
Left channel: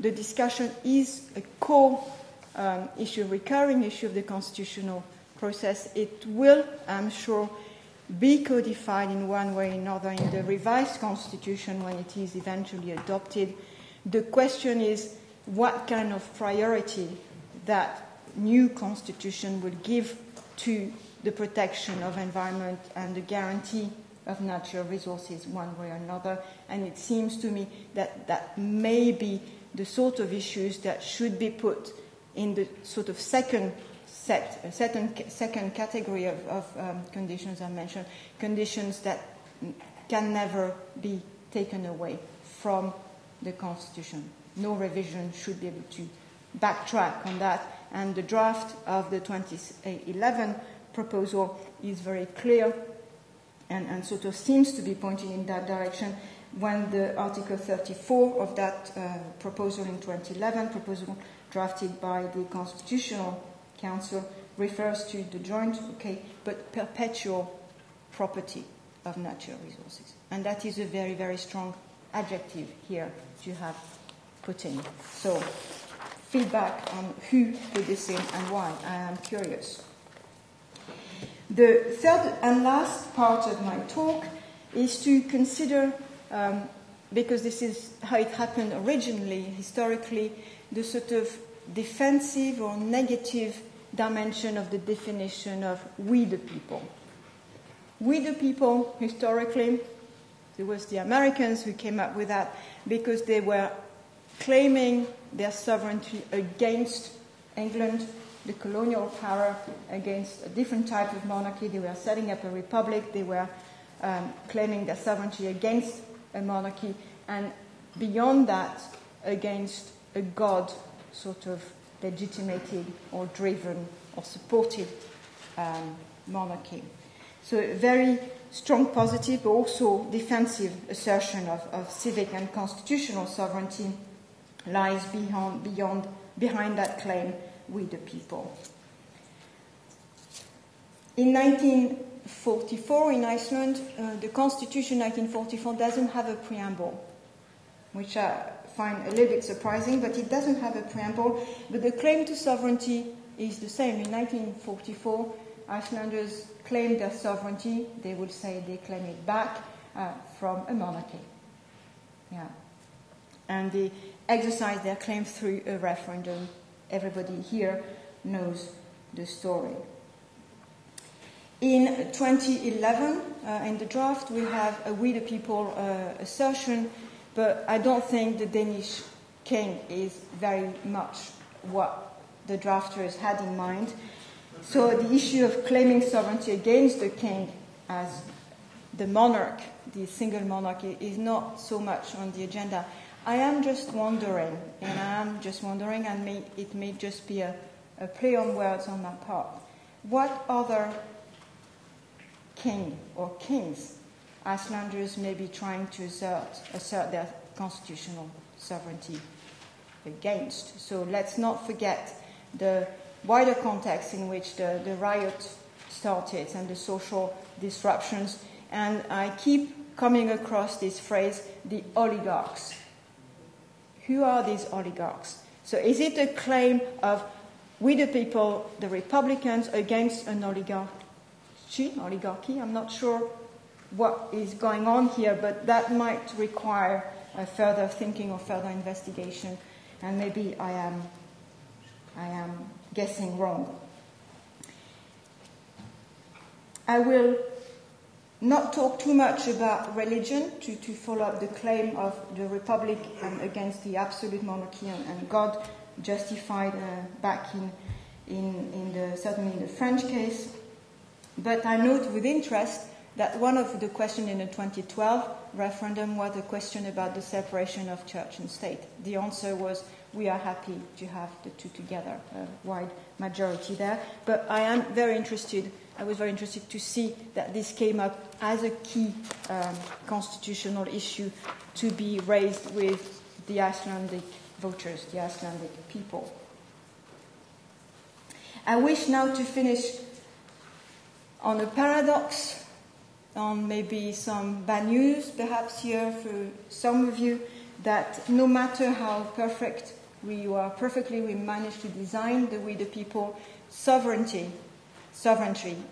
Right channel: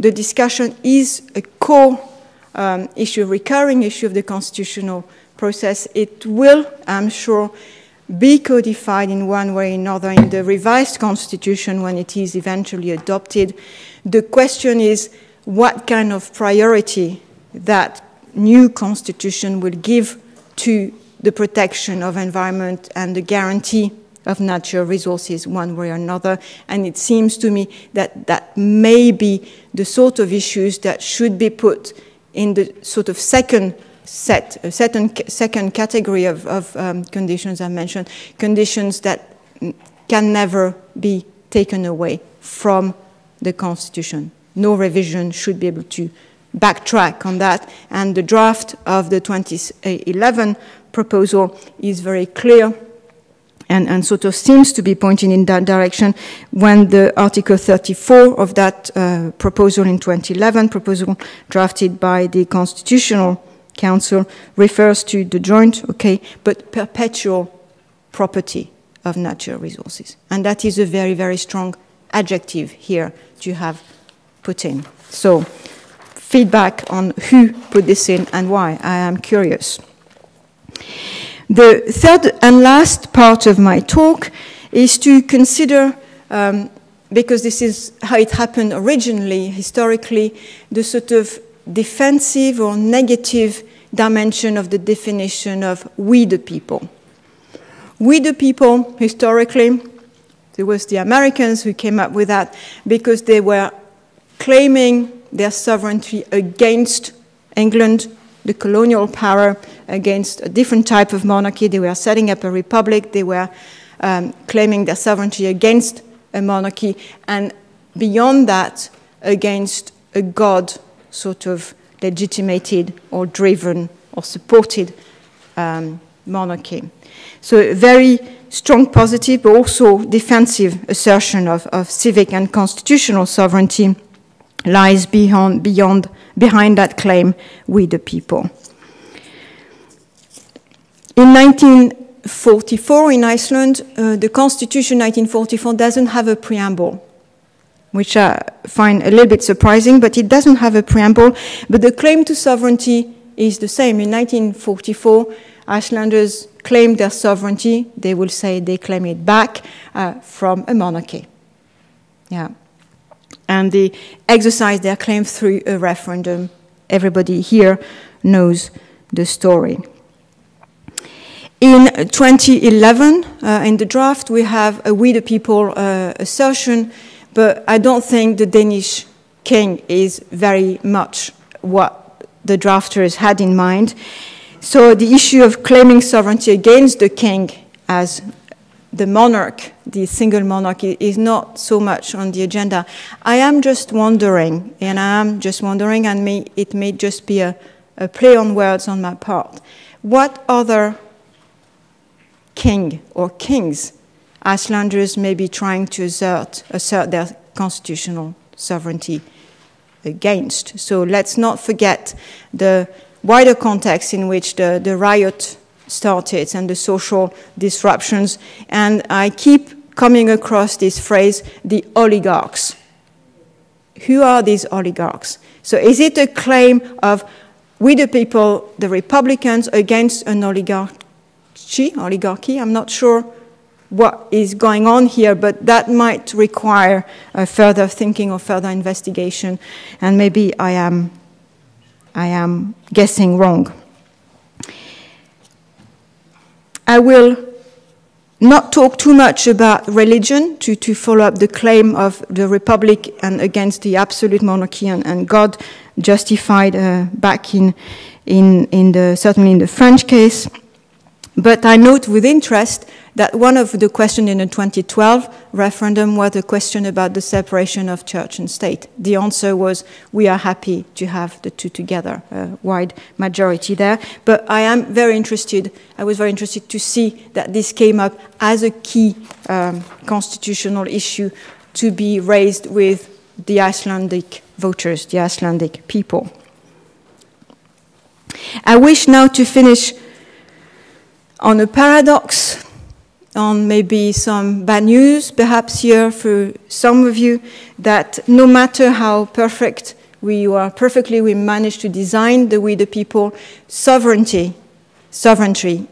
the discussion is a core issue, a recurring issue of the constitutional process. It will, I'm sure, be codified in one way or another in the revised constitution when it is eventually adopted. The question is what kind of priority that new constitution will give to the protection of environment and the guarantee of natural resources one way or another. And it seems to me that that may be the sort of issues that should be put in the sort of second category of conditions I mentioned, conditions that can never be taken away from the Constitution. No revision should be able to backtrack on that, and the draft of the 2011 proposal is very clear and sort of seems to be pointing in that direction when the Article 34 of that proposal in 2011, proposal drafted by the Constitutional Council, refers to the joint, but perpetual property of natural resources. And that is a very, very strong adjective here to have put in. So feedback on who put this in and why, I am curious. The third and last part of my talk is to consider, because this is how it happened originally, historically, the sort of defensive or negative dimension of the definition of we the people. We the people, historically, it was the Americans who came up with that because they were claiming their sovereignty against England, the colonial power, against a different type of monarchy. They were setting up a republic. They were claiming their sovereignty against a monarchy, and beyond that, against a god sort of legitimated or driven or supported monarchy. So a very strong positive, but also defensive assertion of civic and constitutional sovereignty lies behind that claim, we the people. In 1944 in Iceland, the Constitution 1944 doesn't have a preamble, which I find a little bit surprising, but it doesn't have a preamble. But the claim to sovereignty is the same. In 1944, Icelanders claim their sovereignty. They will say they claim it back from a monarchy. Yeah. And they exercise their claim through a referendum. Everybody here knows the story. In 2011, in the draft, we have a we the people assertion, but I don't think the Danish king is very much what the drafters had in mind. So the issue of claiming sovereignty against the king as the monarch, the single monarch, is not so much on the agenda. I am just wondering, and it may just be a play on words on my part, what other king or kings Icelanders may be trying to assert their constitutional sovereignty against. So let's not forget the wider context in which the riot started and the social disruptions. And I keep coming across this phrase, the oligarchs. Who are these oligarchs? So is it a claim of we the people, the Republicans, against an oligarchy? I'm not sure what is going on here, but that might require further thinking or further investigation, and maybe I am guessing wrong. I will not talk too much about religion to follow up the claim of the Republic and against the absolute monarchy and God justified back certainly in the French case. But I note with interest that one of the questions in the 2012 referendum was a question about the separation of church and state. The answer was, we are happy to have the two together, a wide majority there. But I was very interested to see that this came up as a key constitutional issue to be raised with the Icelandic voters, the Icelandic people. I wish now to finish on a paradox, on maybe some bad news, perhaps here for some of you, that no matter how perfect we manage to design the we the people, sovereignty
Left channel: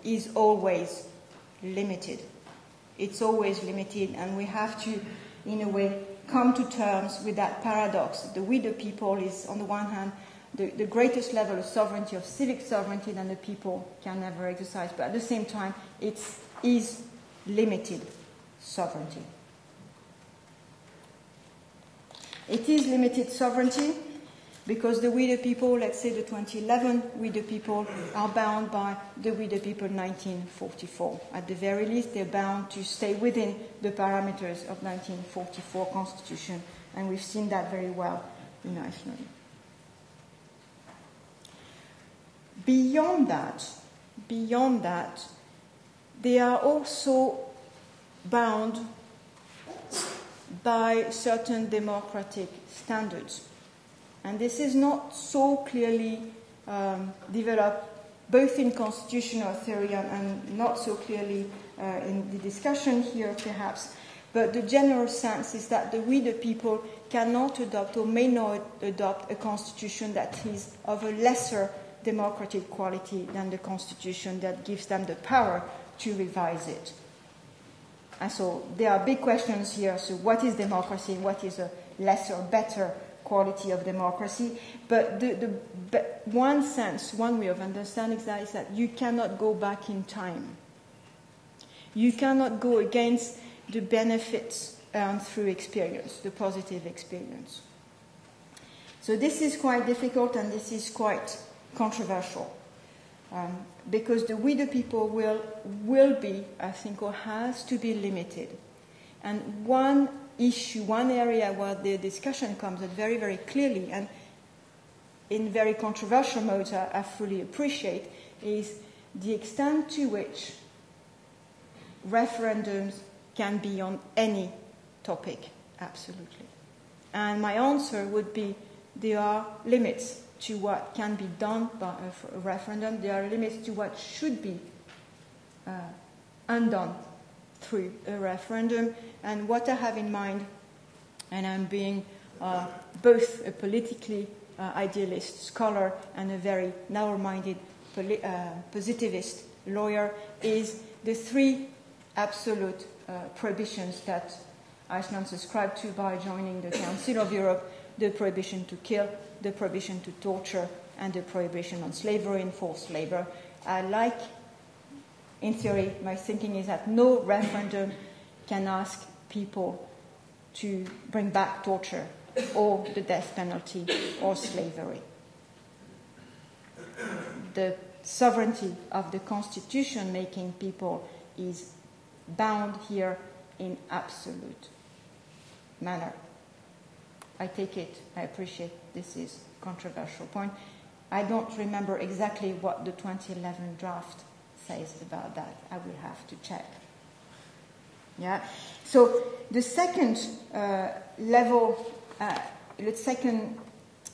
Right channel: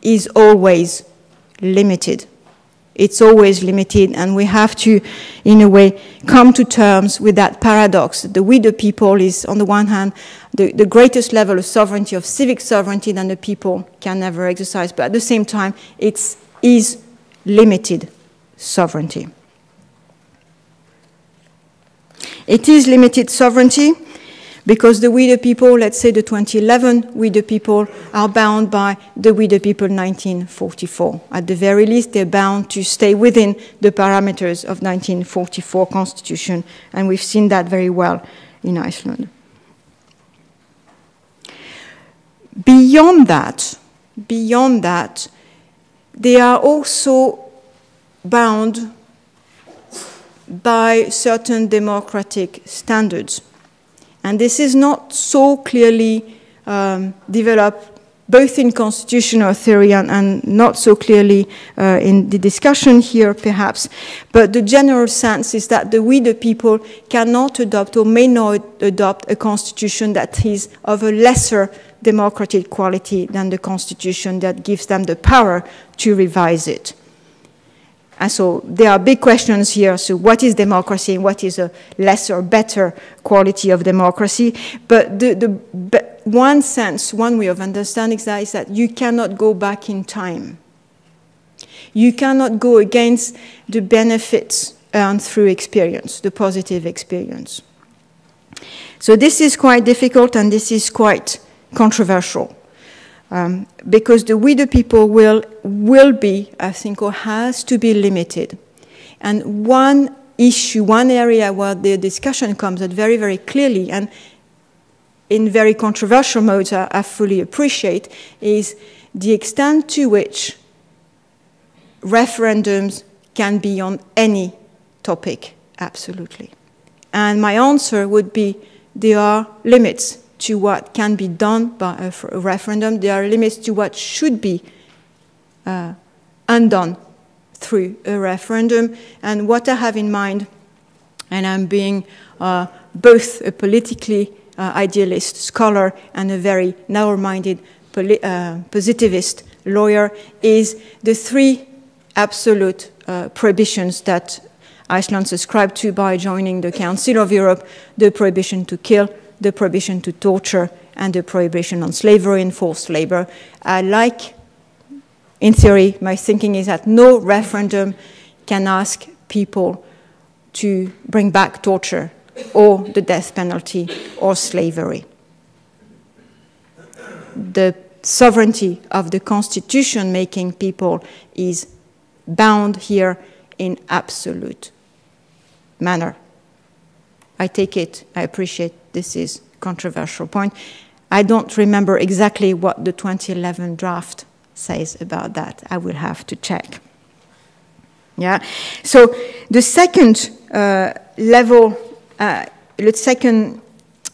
is always limited. It's always limited, and we have to, in a way, come to terms with that paradox. The we the people is, on the one hand, the greatest level of sovereignty, of civic sovereignty that the people can never exercise, but at the same time, it is limited sovereignty. It is limited sovereignty because the we the people, let's say the 2011 we the people, are bound by the we the people 1944. At the very least, they're bound to stay within the parameters of 1944 Constitution, and we've seen that very well in Iceland. Beyond that, they are also bound by certain democratic standards. And this is not so clearly developed both in constitutional theory and not so clearly in the discussion here, perhaps. But the general sense is that we, the people, cannot adopt or may not adopt a constitution that is of a lesser democratic quality than the constitution that gives them the power to revise it. And so there are big questions here. So what is democracy and what is a lesser, better quality of democracy? But one way of understanding that is that you cannot go back in time. You cannot go against the benefits earned through experience, the positive experience. So this is quite difficult and this is quite controversial. Because the we the people will be, I think, or has to be limited. And one issue, one area where the discussion comes out very, very clearly, and in very controversial modes, I fully appreciate, is the extent to which referendums can be on any topic, absolutely. And my answer would be there are limits to what can be done by a referendum. There are limits to what should be undone through a referendum. And what I have in mind, and I'm being both a politically idealist scholar and a very narrow-minded positivist lawyer, is the three absolute prohibitions that Iceland subscribed to by joining the Council of Europe: the prohibition to kill, the prohibition to torture, and the prohibition on slavery and forced labor. In theory, my thinking is that no referendum can ask people to bring back torture or the death penalty or slavery. The sovereignty of the constitution-making people is bound here in absolute manner. I take it, I appreciate this is a controversial point. I don't remember exactly what the 2011 draft says about that. I will have to check. Yeah. So the second level, the second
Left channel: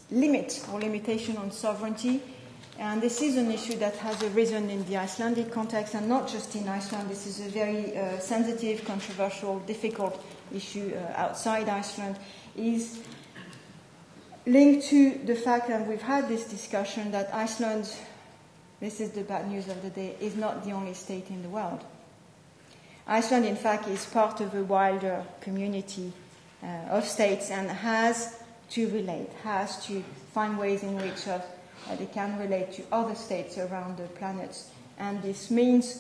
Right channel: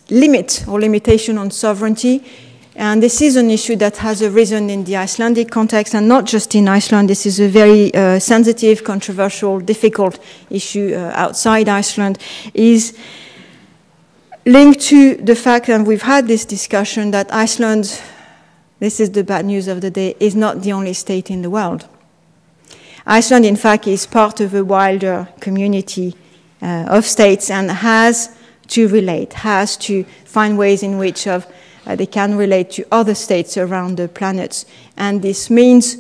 limit or limitation on sovereignty, and this is an issue that has arisen in the Icelandic context, and not just in Iceland. This is a very sensitive, controversial, difficult issue outside Iceland, is linked to the fact, and we've had this discussion, that Iceland, this is the bad news of the day, is not the only state in the world. Iceland, in fact, is part of a wider community of states and has to relate, has to find ways in which they can relate to other states around the planet. And this means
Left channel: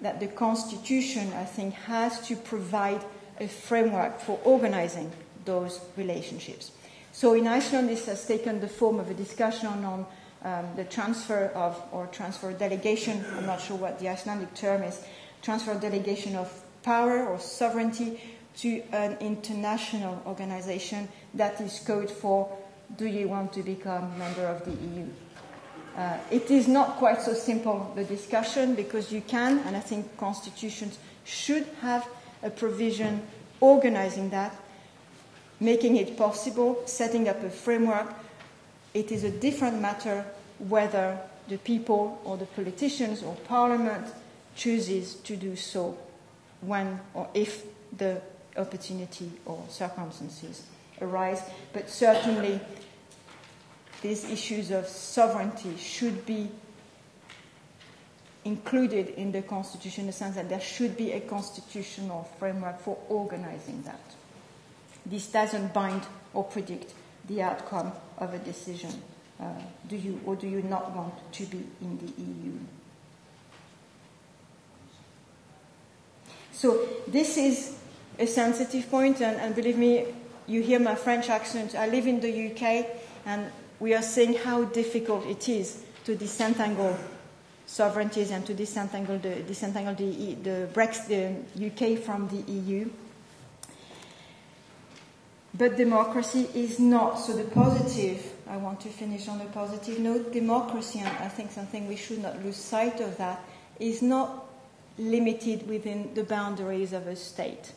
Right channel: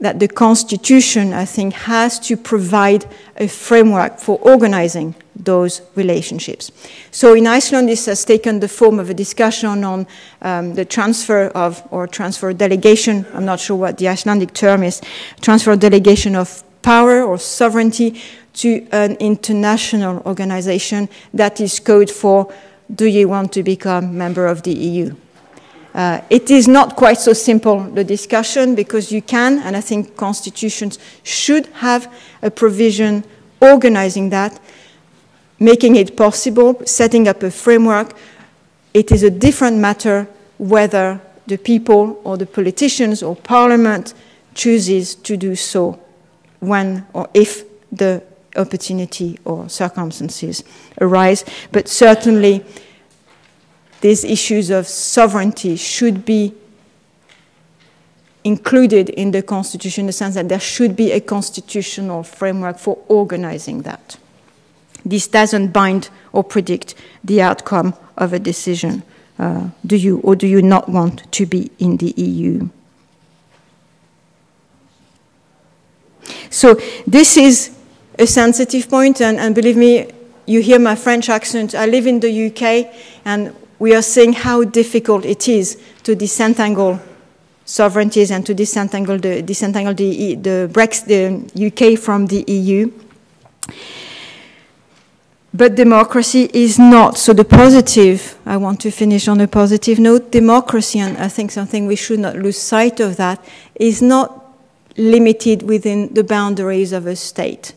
that the Constitution, I think, has to provide a framework for organizing those relationships. So in Iceland, this has taken the form of a discussion on the transfer of, or transfer delegation, I'm not sure what the Icelandic term is, transfer delegation of power or sovereignty to an international organization that is code for, do you want to become a member of the EU? It is not quite so simple, the discussion, because you can, and I think constitutions should have a provision organizing that, making it possible, setting up a framework. It is a different matter whether the people or the politicians or parliament chooses to do so when or if the opportunity or circumstances arise. But certainly these issues of sovereignty should be included in the Constitution in the sense that there should be a constitutional framework for organizing that. This doesn't bind or predict the outcome of a decision. Do you or do you not want to be in the EU? So this is a sensitive point, and believe me, you hear my French accent. I live in the UK, and we are seeing how difficult it is to disentangle sovereignties and to disentangle the UK from the EU. But democracy is not. So the positive, I want to finish on a positive note, democracy, and I think something we should not lose sight of that, is not limited within the boundaries of a state.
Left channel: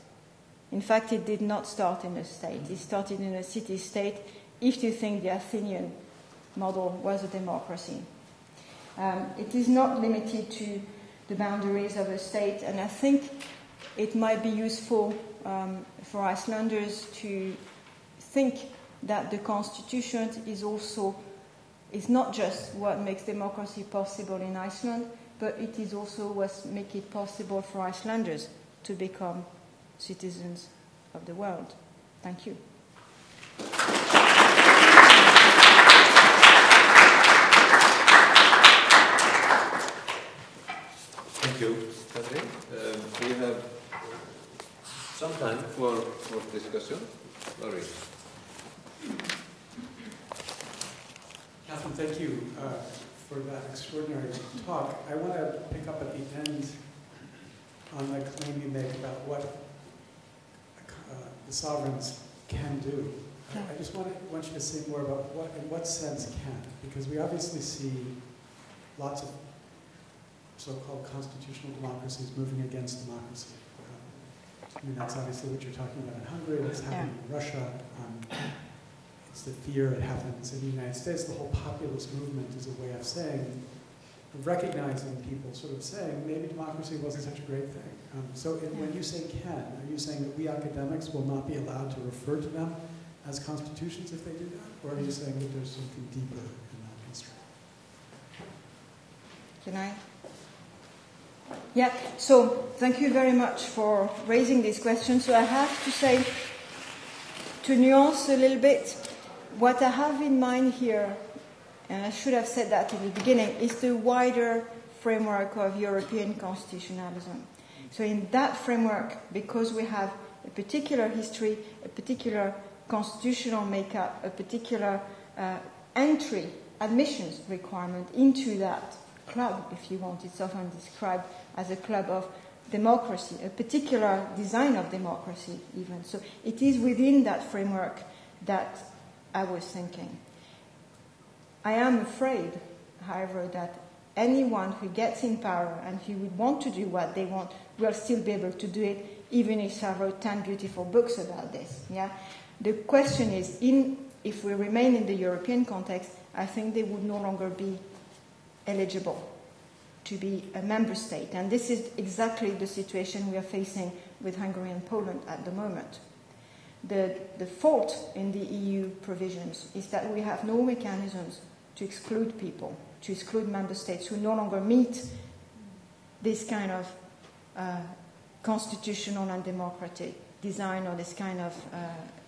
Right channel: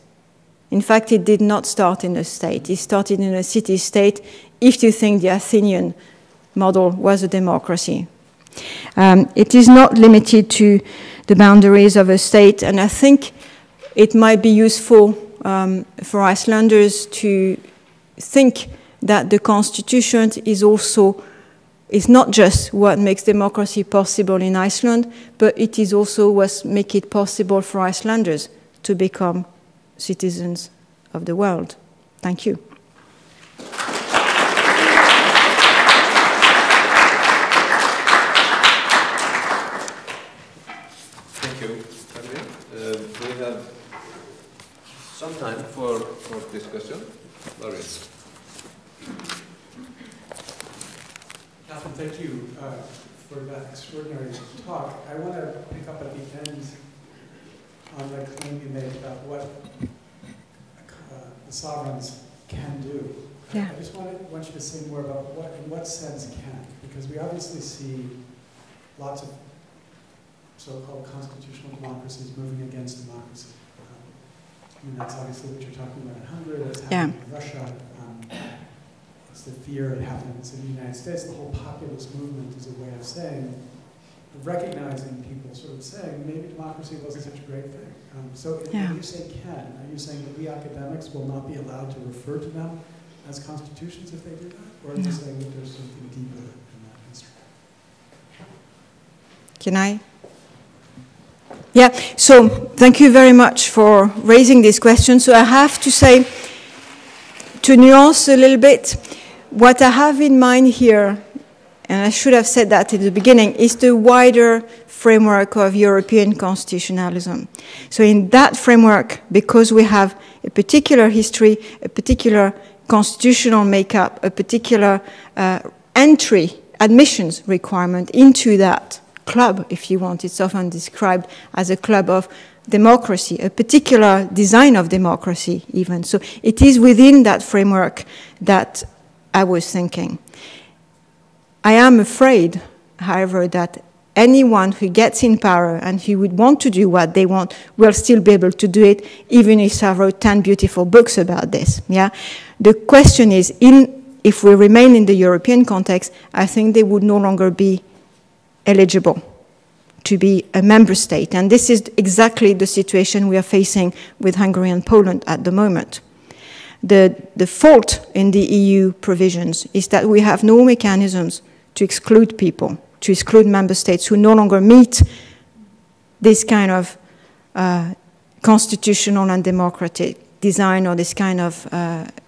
In fact, it did not start in a state. It started in a city-state, if you think the Athenian model was a democracy. It is not limited to the boundaries of a state, and I think it might be useful for Icelanders to think that the Constitution is not just what makes democracy possible in Iceland, but it is also what makes it possible for Icelanders to become citizens of the world. Thank you. Thank you. We have some time for discussion. Laurie. Thank you for that extraordinary talk. I want to pick up at the end on the claim you made about what the sovereigns can do. Yeah. I just wanted to say more about in what sense can, because we obviously see lots of so-called constitutional democracies moving against democracy. That's obviously what you're talking about in Hungary, it's happening in Russia, it's the fear that happens in the United States. The whole populist movement is a way of saying, of recognizing people sort of saying, maybe democracy wasn't such a great thing. So if you say can, are you saying that we academics will not be allowed to refer to them as constitutions if they do that? Or are you saying that there's something deeper? Can I? Yeah, so thank you very much for raising this question. So I have to say, to nuance a little bit, what I have in mind here, and I should have said that at the beginning, is the wider framework of European constitutionalism. So in that framework, because we have a particular history, a particular constitutional makeup, a particular entry, admissions requirement into that club, if you want, it's often described as a club of democracy, a particular design of democracy even. So it is within that framework that I was thinking. I am afraid, however, that anyone who gets in power and who would want to do what they want will still be able to do it, even if I wrote 10 beautiful books about this. Yeah? The question is, if we remain in the European context, I think they would no longer be eligible to be a member state. And this is exactly the situation we are facing with Hungary and Poland at the moment. The fault in the EU provisions is that we have no mechanisms to exclude people, to exclude member states who no longer meet this kind of constitutional and democratic design or this kind of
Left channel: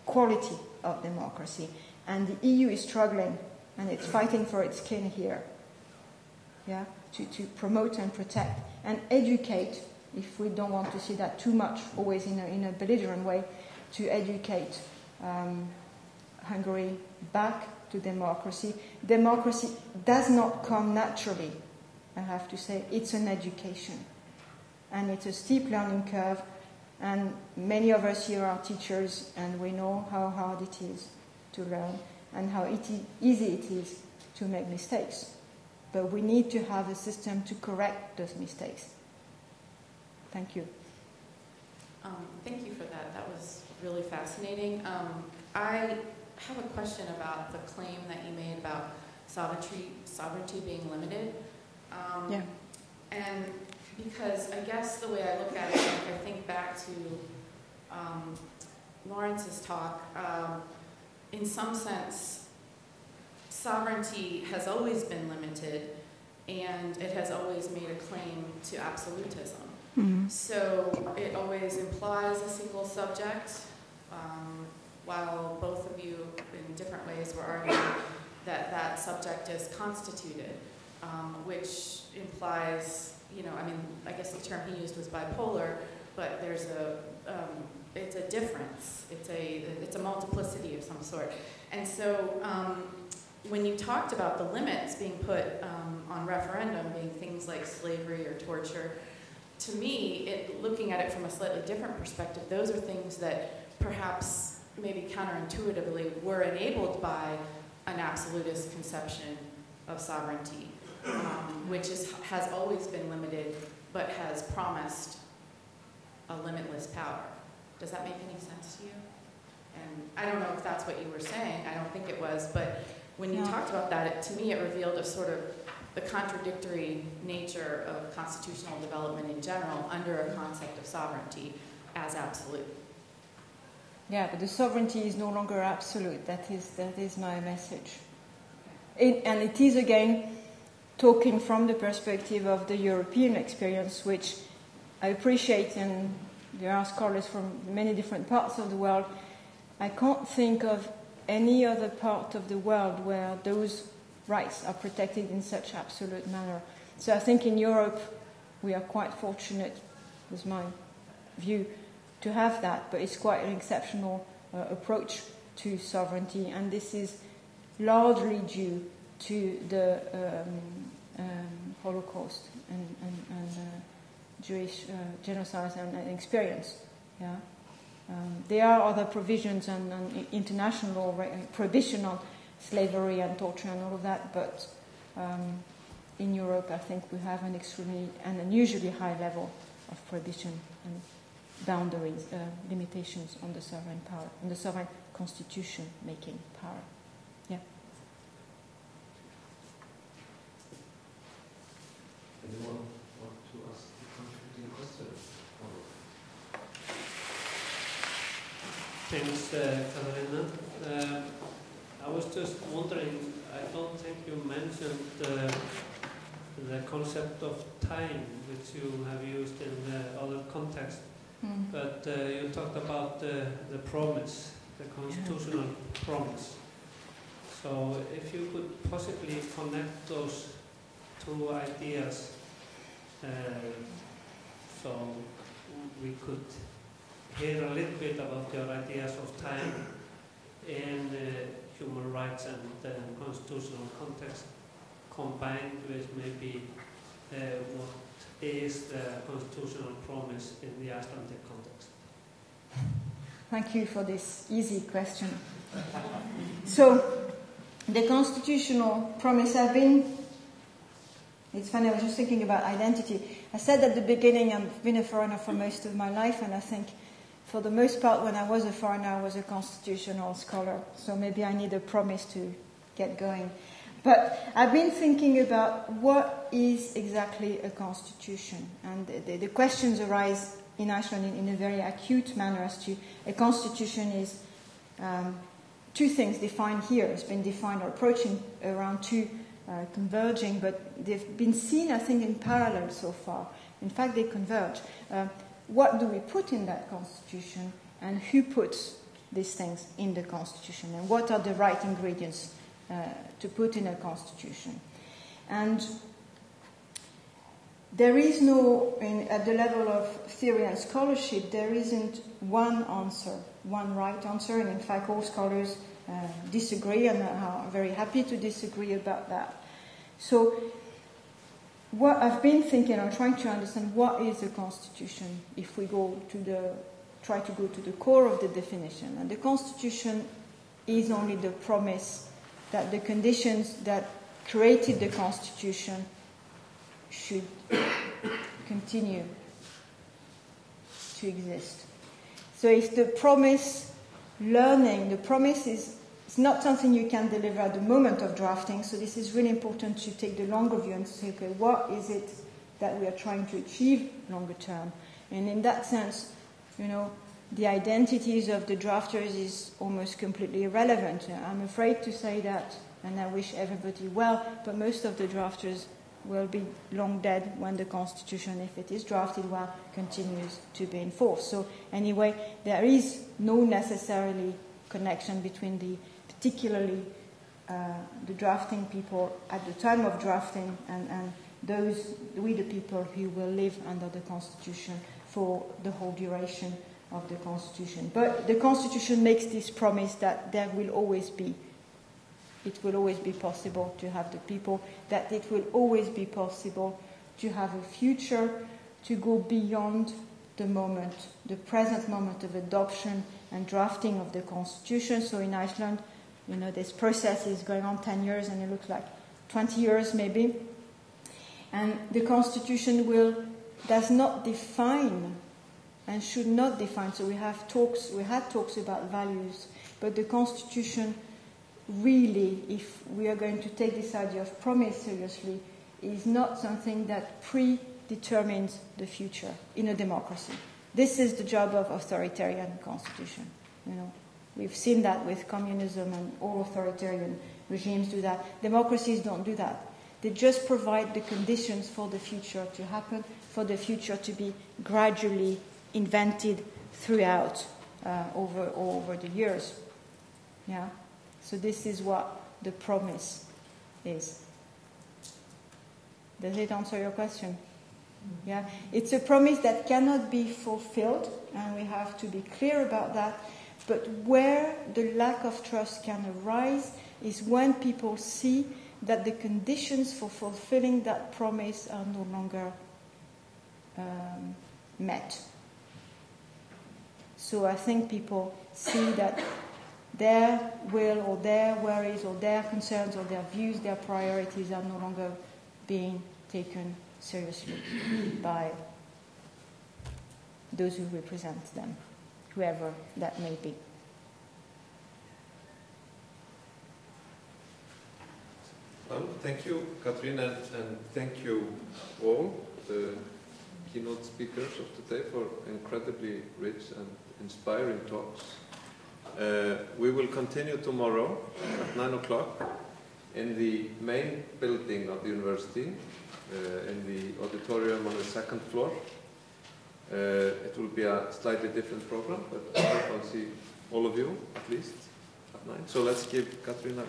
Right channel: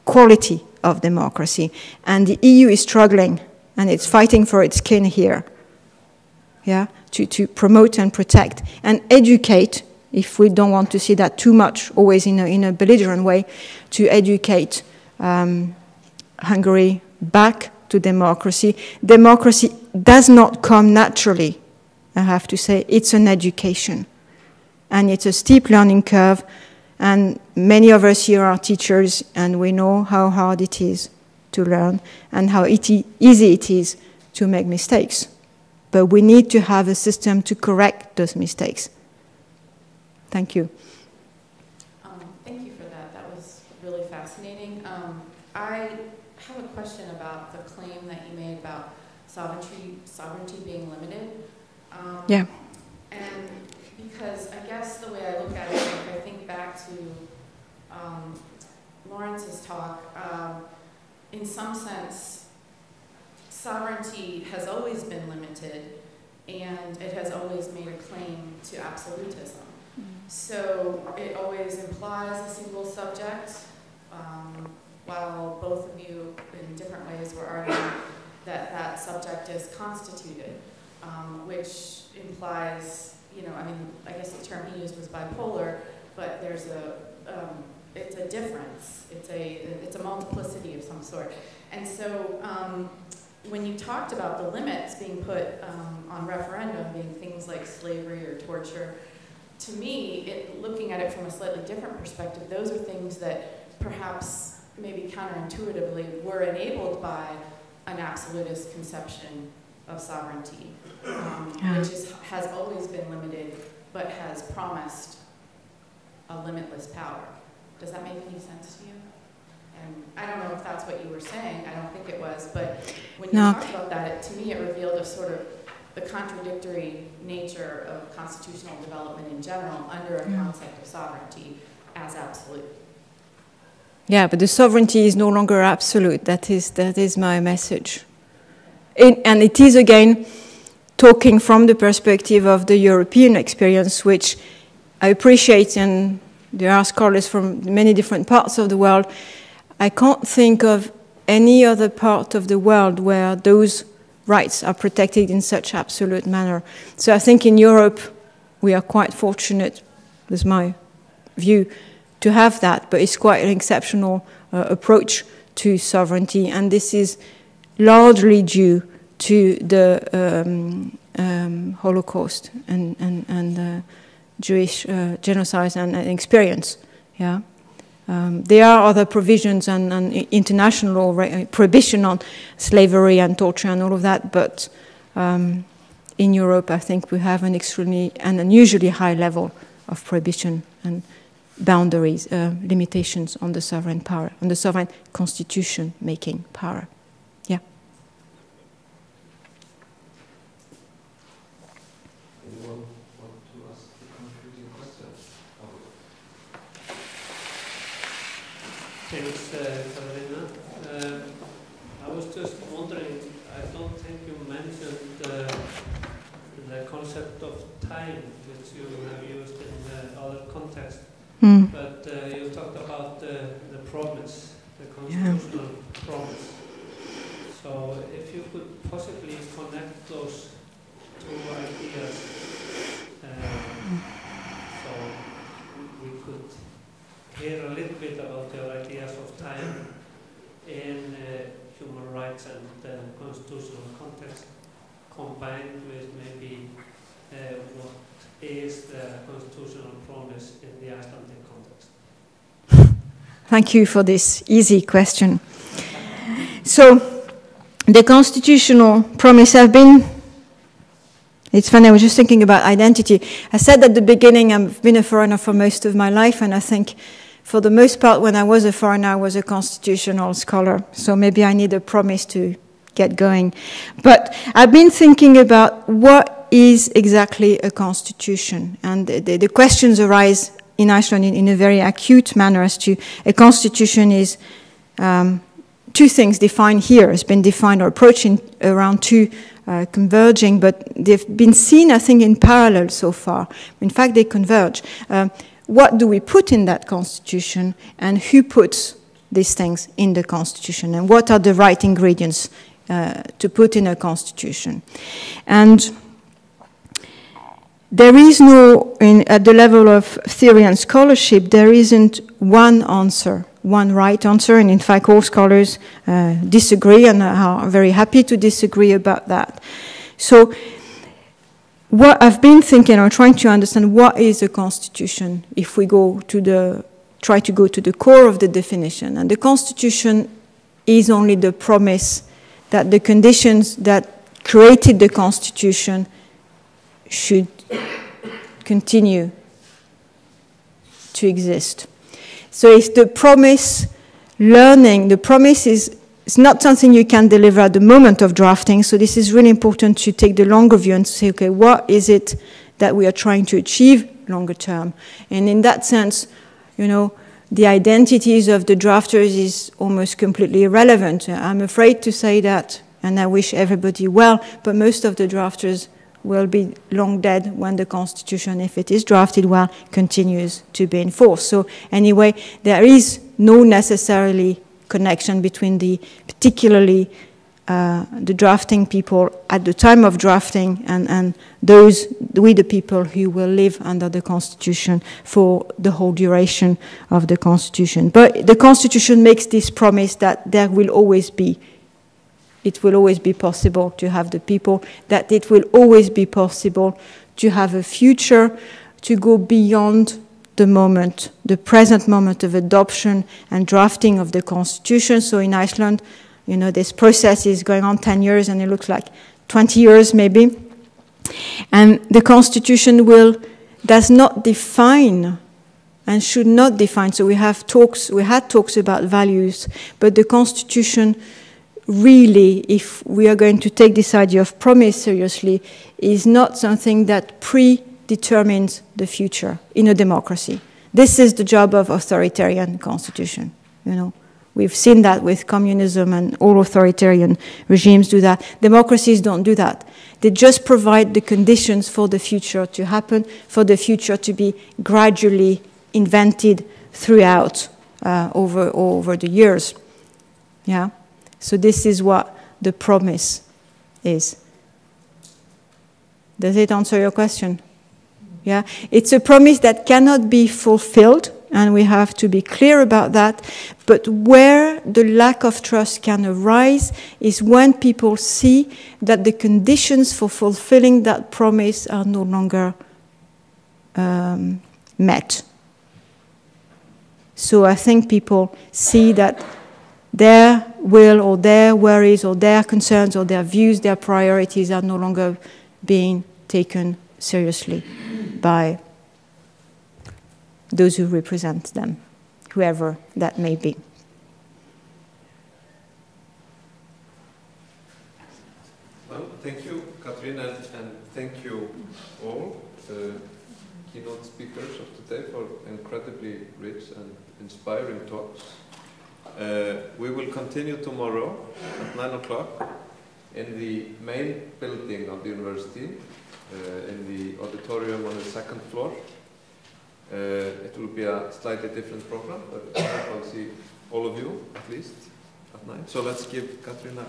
quality of democracy. And the EU is struggling, and it's fighting for its skin here. Yeah, to promote and protect and educate, if we don't want to see that too much, always in a belligerent way, to educate Hungary back to democracy. Democracy does not come naturally, I have to say. It's an education. And it's a steep learning curve. And many of us here are teachers, and we know how hard it is to learn and how easy it is to make mistakes. But we need to have a system to correct those mistakes. Thank you. Thank you for that. That was really fascinating. I have a question about the claim that you made about sovereignty being limited. Yeah. And because I guess the way I look at it, if I think back to Lawrence's talk, in some sense, sovereignty has always been limited, and it has always made a claim to absolutism. Mm-hmm. So it always implies a single subject, while both of you, in different ways, were arguing that that subject is constituted, which implies, I guess the term he used was bipolar, but there's it's a difference. It's a multiplicity of some sort. And so, when you talked about the limits being put on referendum, being things like slavery or torture, to me, looking at it from a slightly different perspective, those are things that perhaps, maybe counterintuitively, were enabled by an absolutist conception of sovereignty, which has always been limited, but has promised a limitless power. Does that make any sense to you? And I don't know if that's what you were saying. I don't think it was, but when you talked about that, to me it revealed a sort of the contradictory nature of constitutional development in general under a concept of sovereignty as absolute. Yeah, but the sovereignty is no longer absolute. That is my message. And it is, again, talking from the perspective of the European experience, which I appreciate, and there are scholars from many different parts of the world. I can't think of any other part of the world where those rights are protected in such absolute manner. So I think in Europe we are quite fortunate, with my view, to have that, but it's quite an exceptional approach to sovereignty, and this is largely due to the Holocaust and Jewish genocide and experience. Yeah. There are other provisions and international prohibition on slavery and torture and all of that, but in Europe, I think we have an extremely and unusually high level of prohibition and boundaries, limitations on the sovereign power, on the sovereign constitution-making power. Yeah. Anyone want to ask the concluding question? Thanks, Carolina. I was just wondering, I don't think you mentioned the concept of time, which you have used in other contexts. But you talked about the promise, the constitutional promise. So if you could possibly connect those two ideas, so we could hear a little bit about your ideas of time in human rights and constitutional context, combined with maybe what is the constitutional promise in the Icelandic context. Thank you for this easy question. So, the constitutional promise it's funny, I was just thinking about identity. I said at the beginning I've been a foreigner for most of my life, and I think for the most part when I was a foreigner I was a constitutional scholar, so maybe I need a promise to get going. But I've been thinking about what is exactly a constitution, and the questions arise in Iceland in a very acute manner as to a constitution is two things defined here. It's been defined or approaching around two converging, but they've been seen, I think, in parallel so far. In fact, they converge. What do we put in that constitution, and who puts these things in the constitution, and what are the right ingredients to put in a constitution? And there is no, at the level of theory and scholarship, there isn't one answer, one right answer, and in fact all scholars disagree and are very happy to disagree about that. So what I've been thinking or trying to understand, what is a constitution if we try to go to the core of the definition. And the constitution is only the promise that the conditions that created the constitution should continue to exist. So if the promise, the promise is not something you can deliver at the moment of drafting, so this is really important to take the longer view and to say, okay, what is it that we are trying to achieve longer term? And in that sense, you know, the identities of the drafters is almost completely irrelevant. I'm afraid to say that, and I wish everybody well, but most of the drafters will be long dead when the Constitution, if it is drafted well, continues to be enforced. So anyway, there is no necessarily connection between particularly the drafting people at the time of drafting and the people who will live under the Constitution for the whole duration of the Constitution. But the Constitution makes this promise that there will always be, it will always be possible to have the people, that it will always be possible to have a future, to go beyond the moment, the present moment of adoption and drafting of the Constitution. So in Iceland, you know, this process is going on 10 years and it looks like 20 years maybe. And the Constitution does not define and should not define. So we had talks about values, but the Constitution really, if we are going to take this idea of promise seriously, is not something that predetermines the future in a democracy. This is the job of authoritarian constitution. You know, we've seen that with communism, and all authoritarian regimes do that. Democracies don't do that. They just provide the conditions for the future to happen, for the future to be gradually invented throughout over the years. Yeah. So this is what the promise is. Does it answer your question? Yeah, it's a promise that cannot be fulfilled, and we have to be clear about that. But where the lack of trust can arise is when people see that the conditions for fulfilling that promise are no longer met. So I think people see that their will or their worries or their concerns or their views, their priorities are no longer being taken seriously by those who represent them, whoever that may be. Well, thank you, Catherine, and thank you all, keynote speakers of today, for incredibly rich and inspiring talks. We will continue tomorrow at 9 o'clock in the main building of the university, in the auditorium on the second floor. It will be a slightly different program, but I hope I'll see all of you, at least, at 9. So let's give Catherine a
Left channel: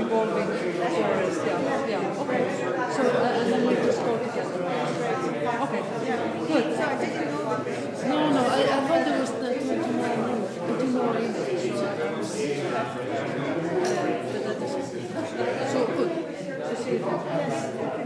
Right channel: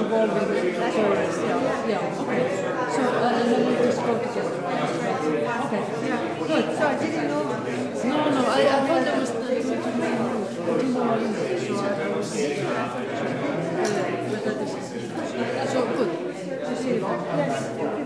evolving towards, yeah, okay. So, and then we just go together. Okay, good. So I didn't know. No, I thought there was two more notes, or two more emails, so I wasn't but that is, so good to see you there.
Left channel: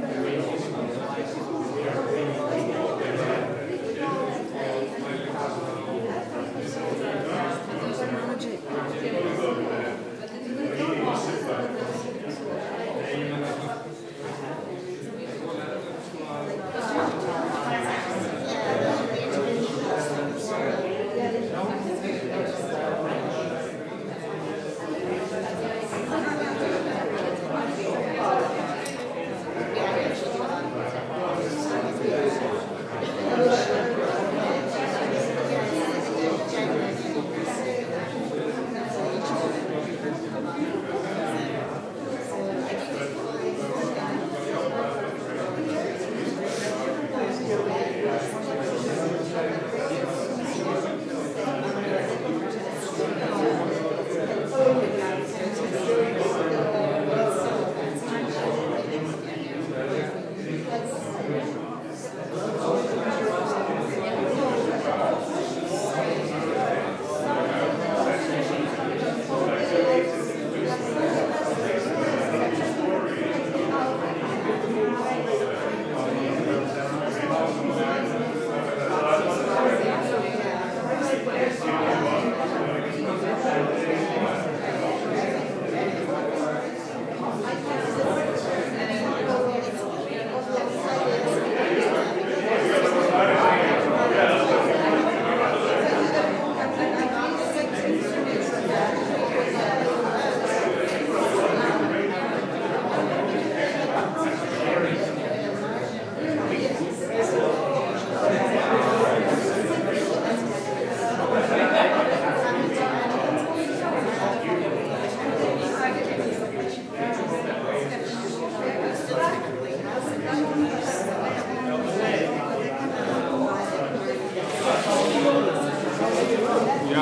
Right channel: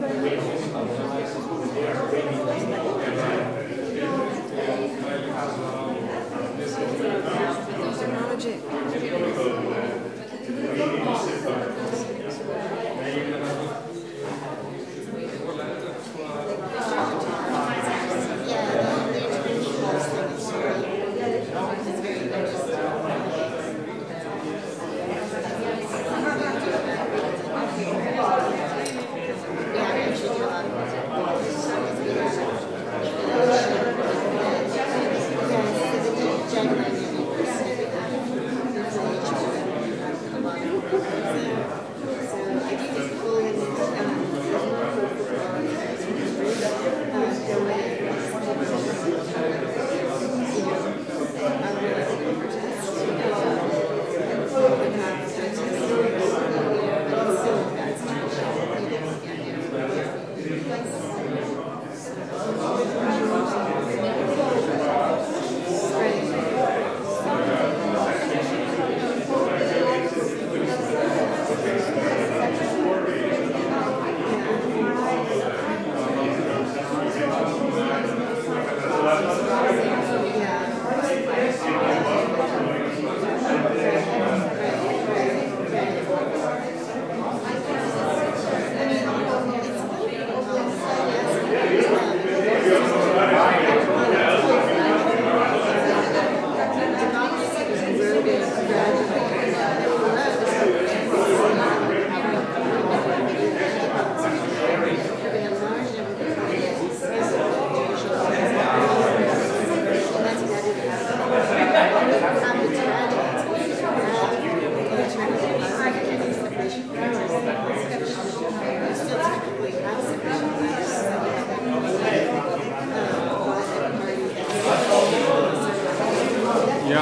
Ég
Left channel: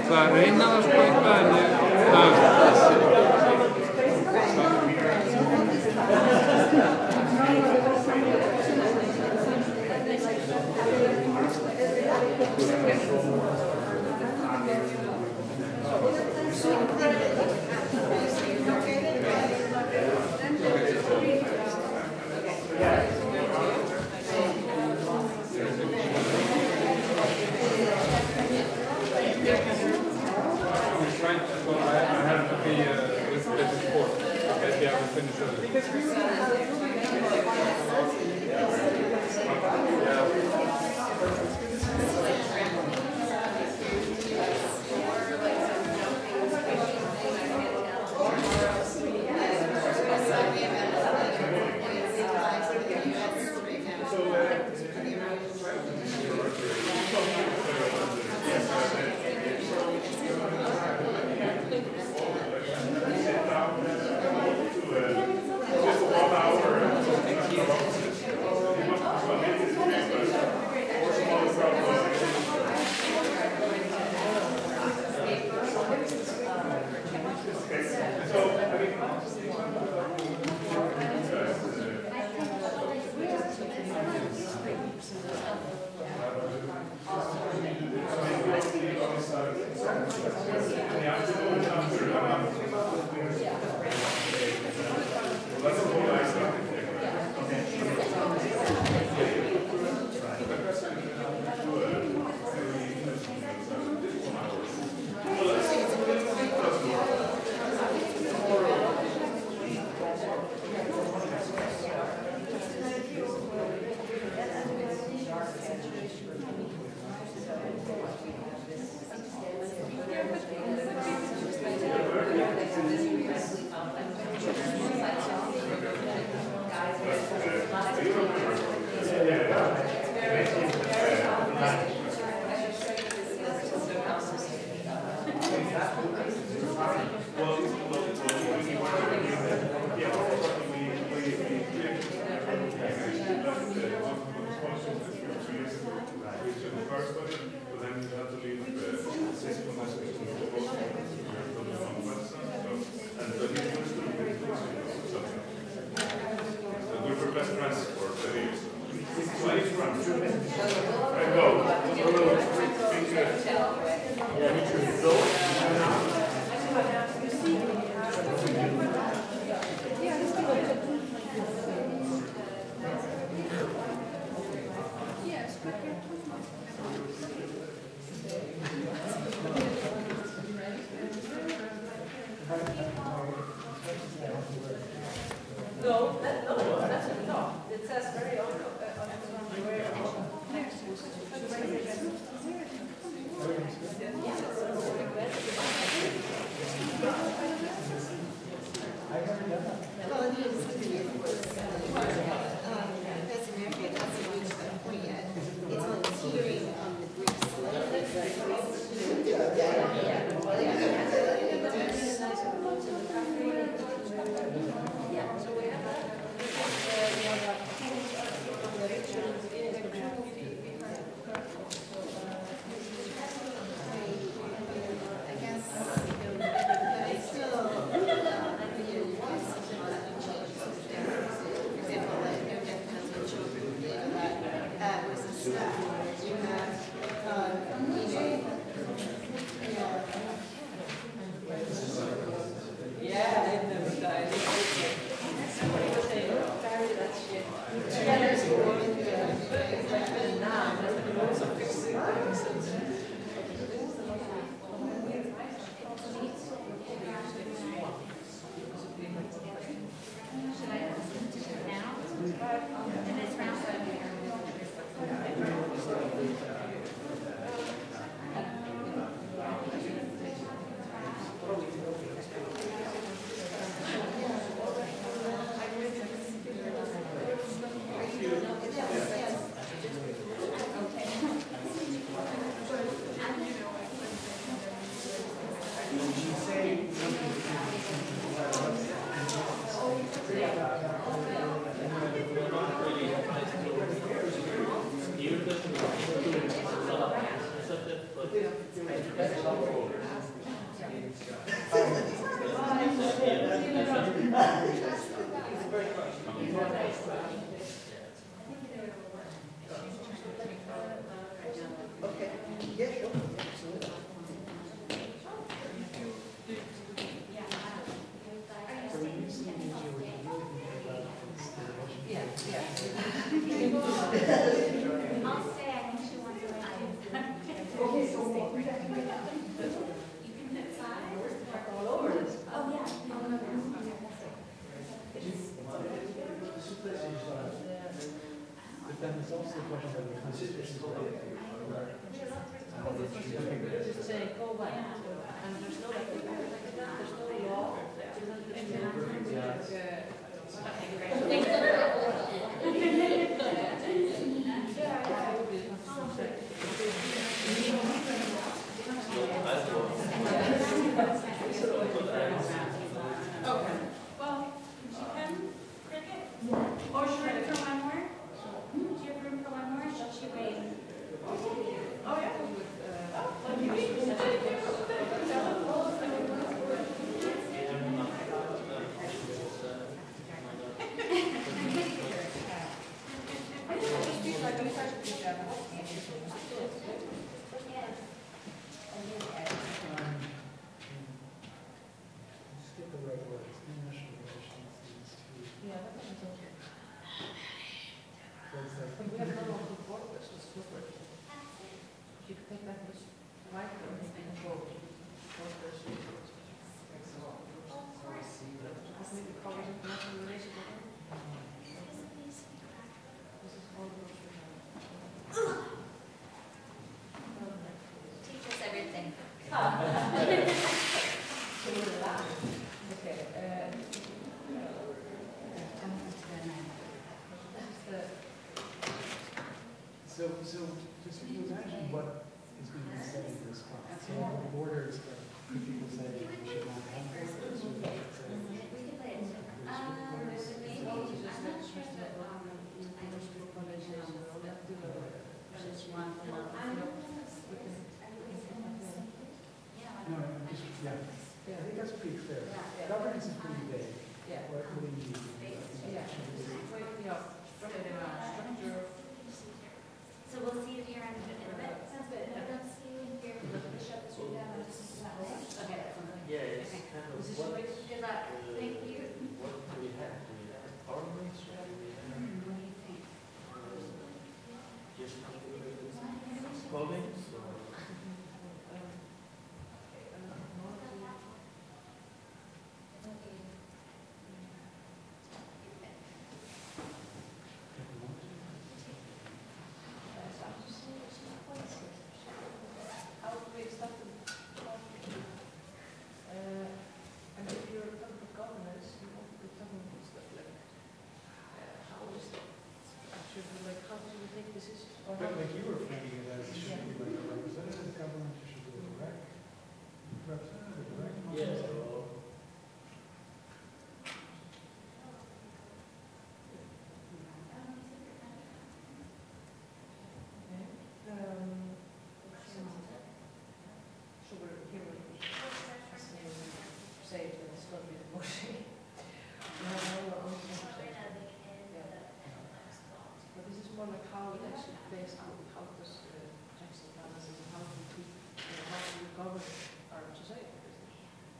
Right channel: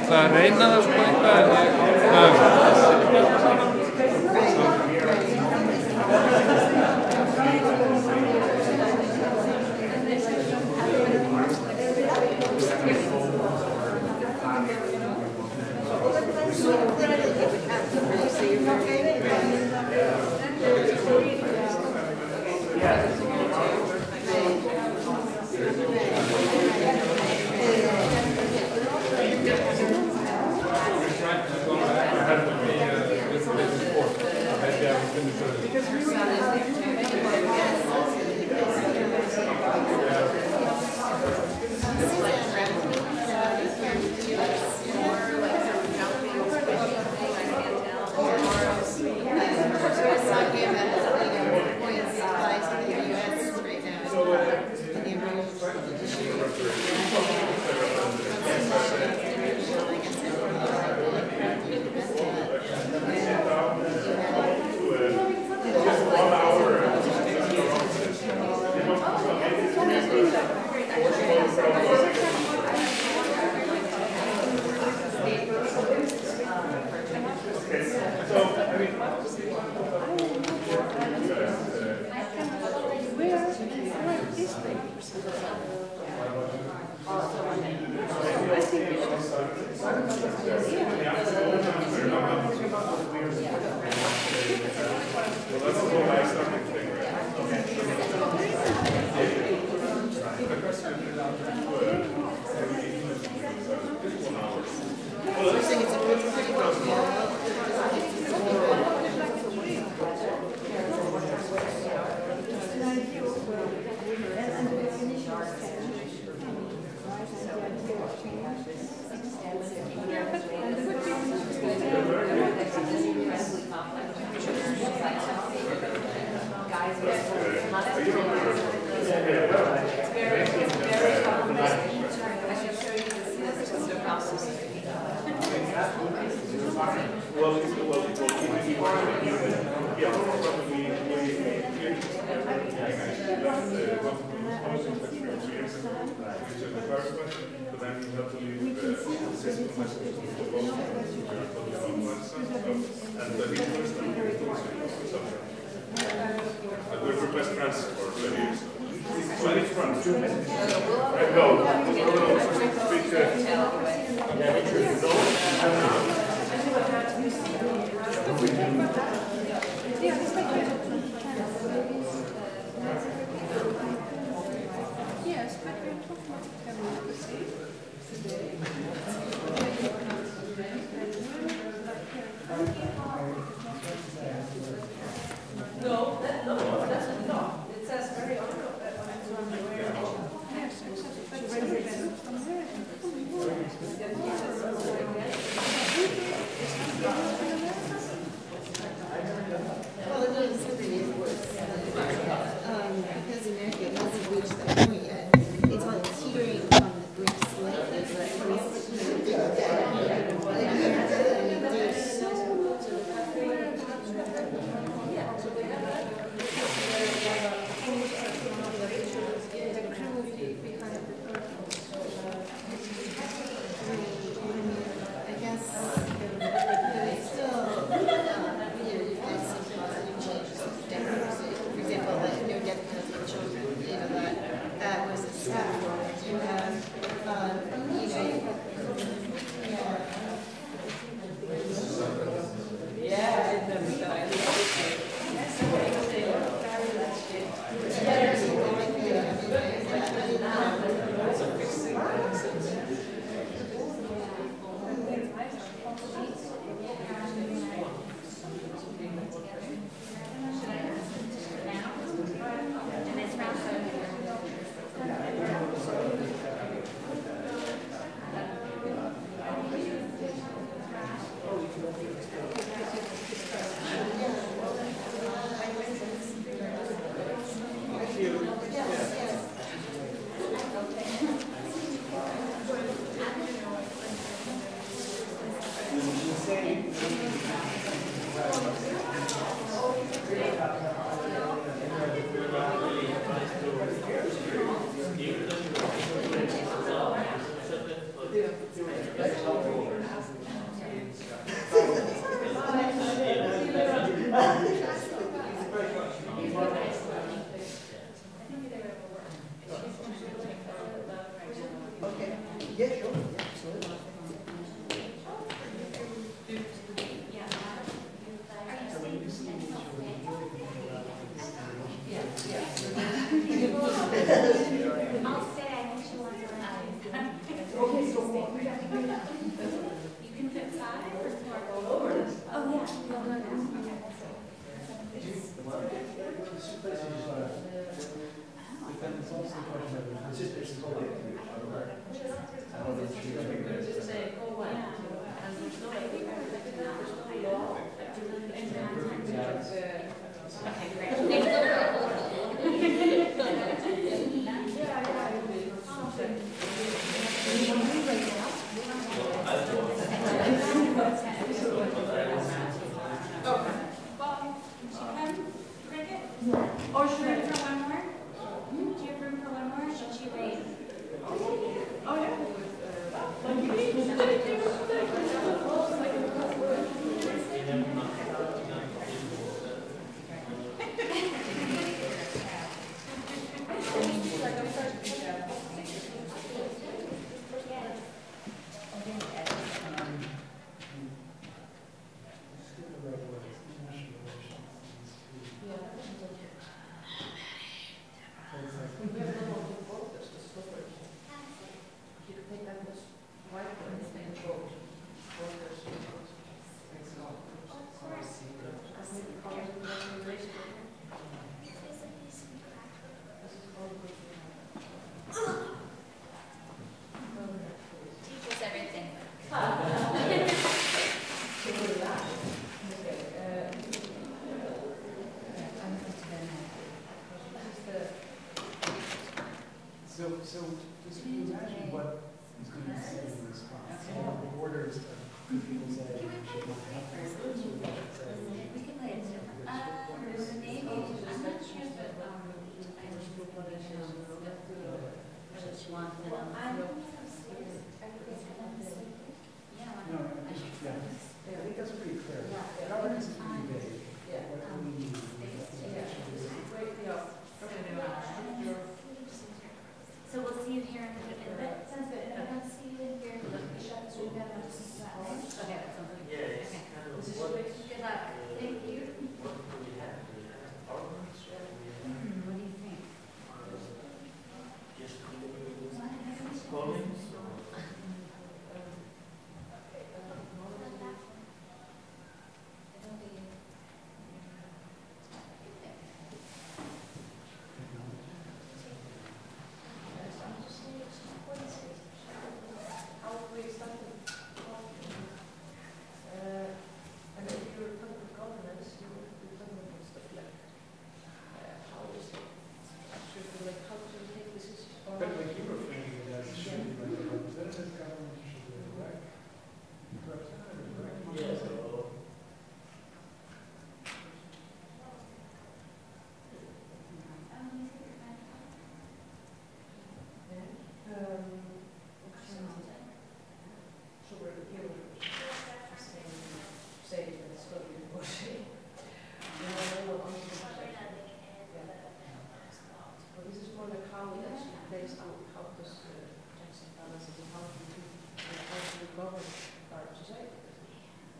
ætla að reyna það sko eitthvað en project for 2 years ago, which I clarified, but then you have to leave the system message to the boss for the website stuff, and the new person will close it or something. And we request transfer for the so I need to run 2 minutes. I go. Speak Yes, but we're talking about the same. No, it says very on. Well, it is something because America hasn't reached that point yet. It's on hearing from the Greeks lately, So just imagine what is going to be said in response. So the borders of could people say we should not have this, or they should say we should play it. to take decisions. But like you were framing it as should be like a representative government, should be a direct representative, direct. So we're here say that it's going to be the motion. But this is more like how it actually plays out, how does checks and balances and how do we govern our society?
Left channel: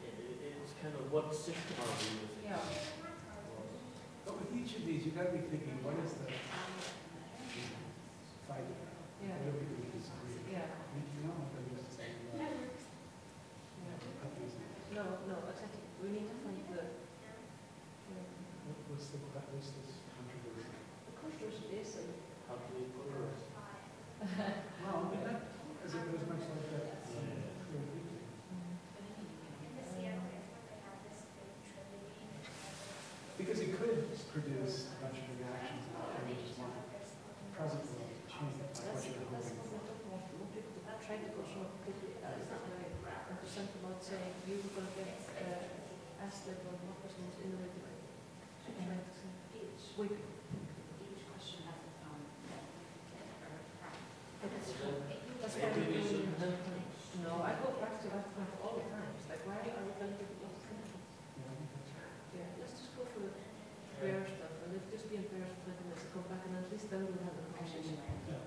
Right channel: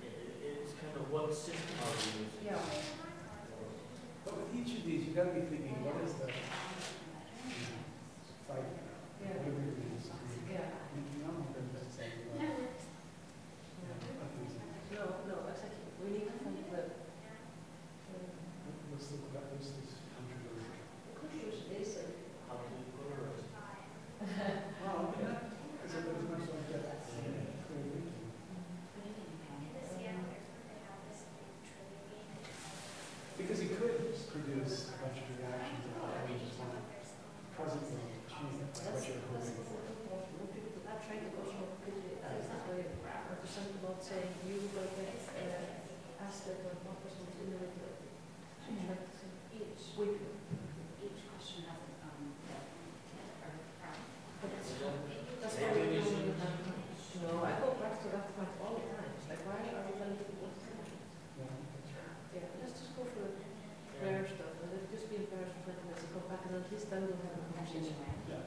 It's kind of what system are we using? Yeah. But with each of these, you've got to be thinking, what is the fight? Yeah. What do we disagree? Yeah. You don't have to just say, No, exactly. We need to think that. What's this controversy? The controversy is how do we color it? Well, is it very much like that? Because he could produce a bunch of reactions and we just want presently to change the That's what we're talking about. When people try to go completely understand about saying you will get asked later on what person is in the regulator. So you like to think weekly. Each question has its own That's why we I go back to that point all the time. Like, why are we going to get both countries? Yeah, let's just go for fair stuff and let's just be embarrassed for 20 minutes and come back and at least then we'll have a conversation. Yeah.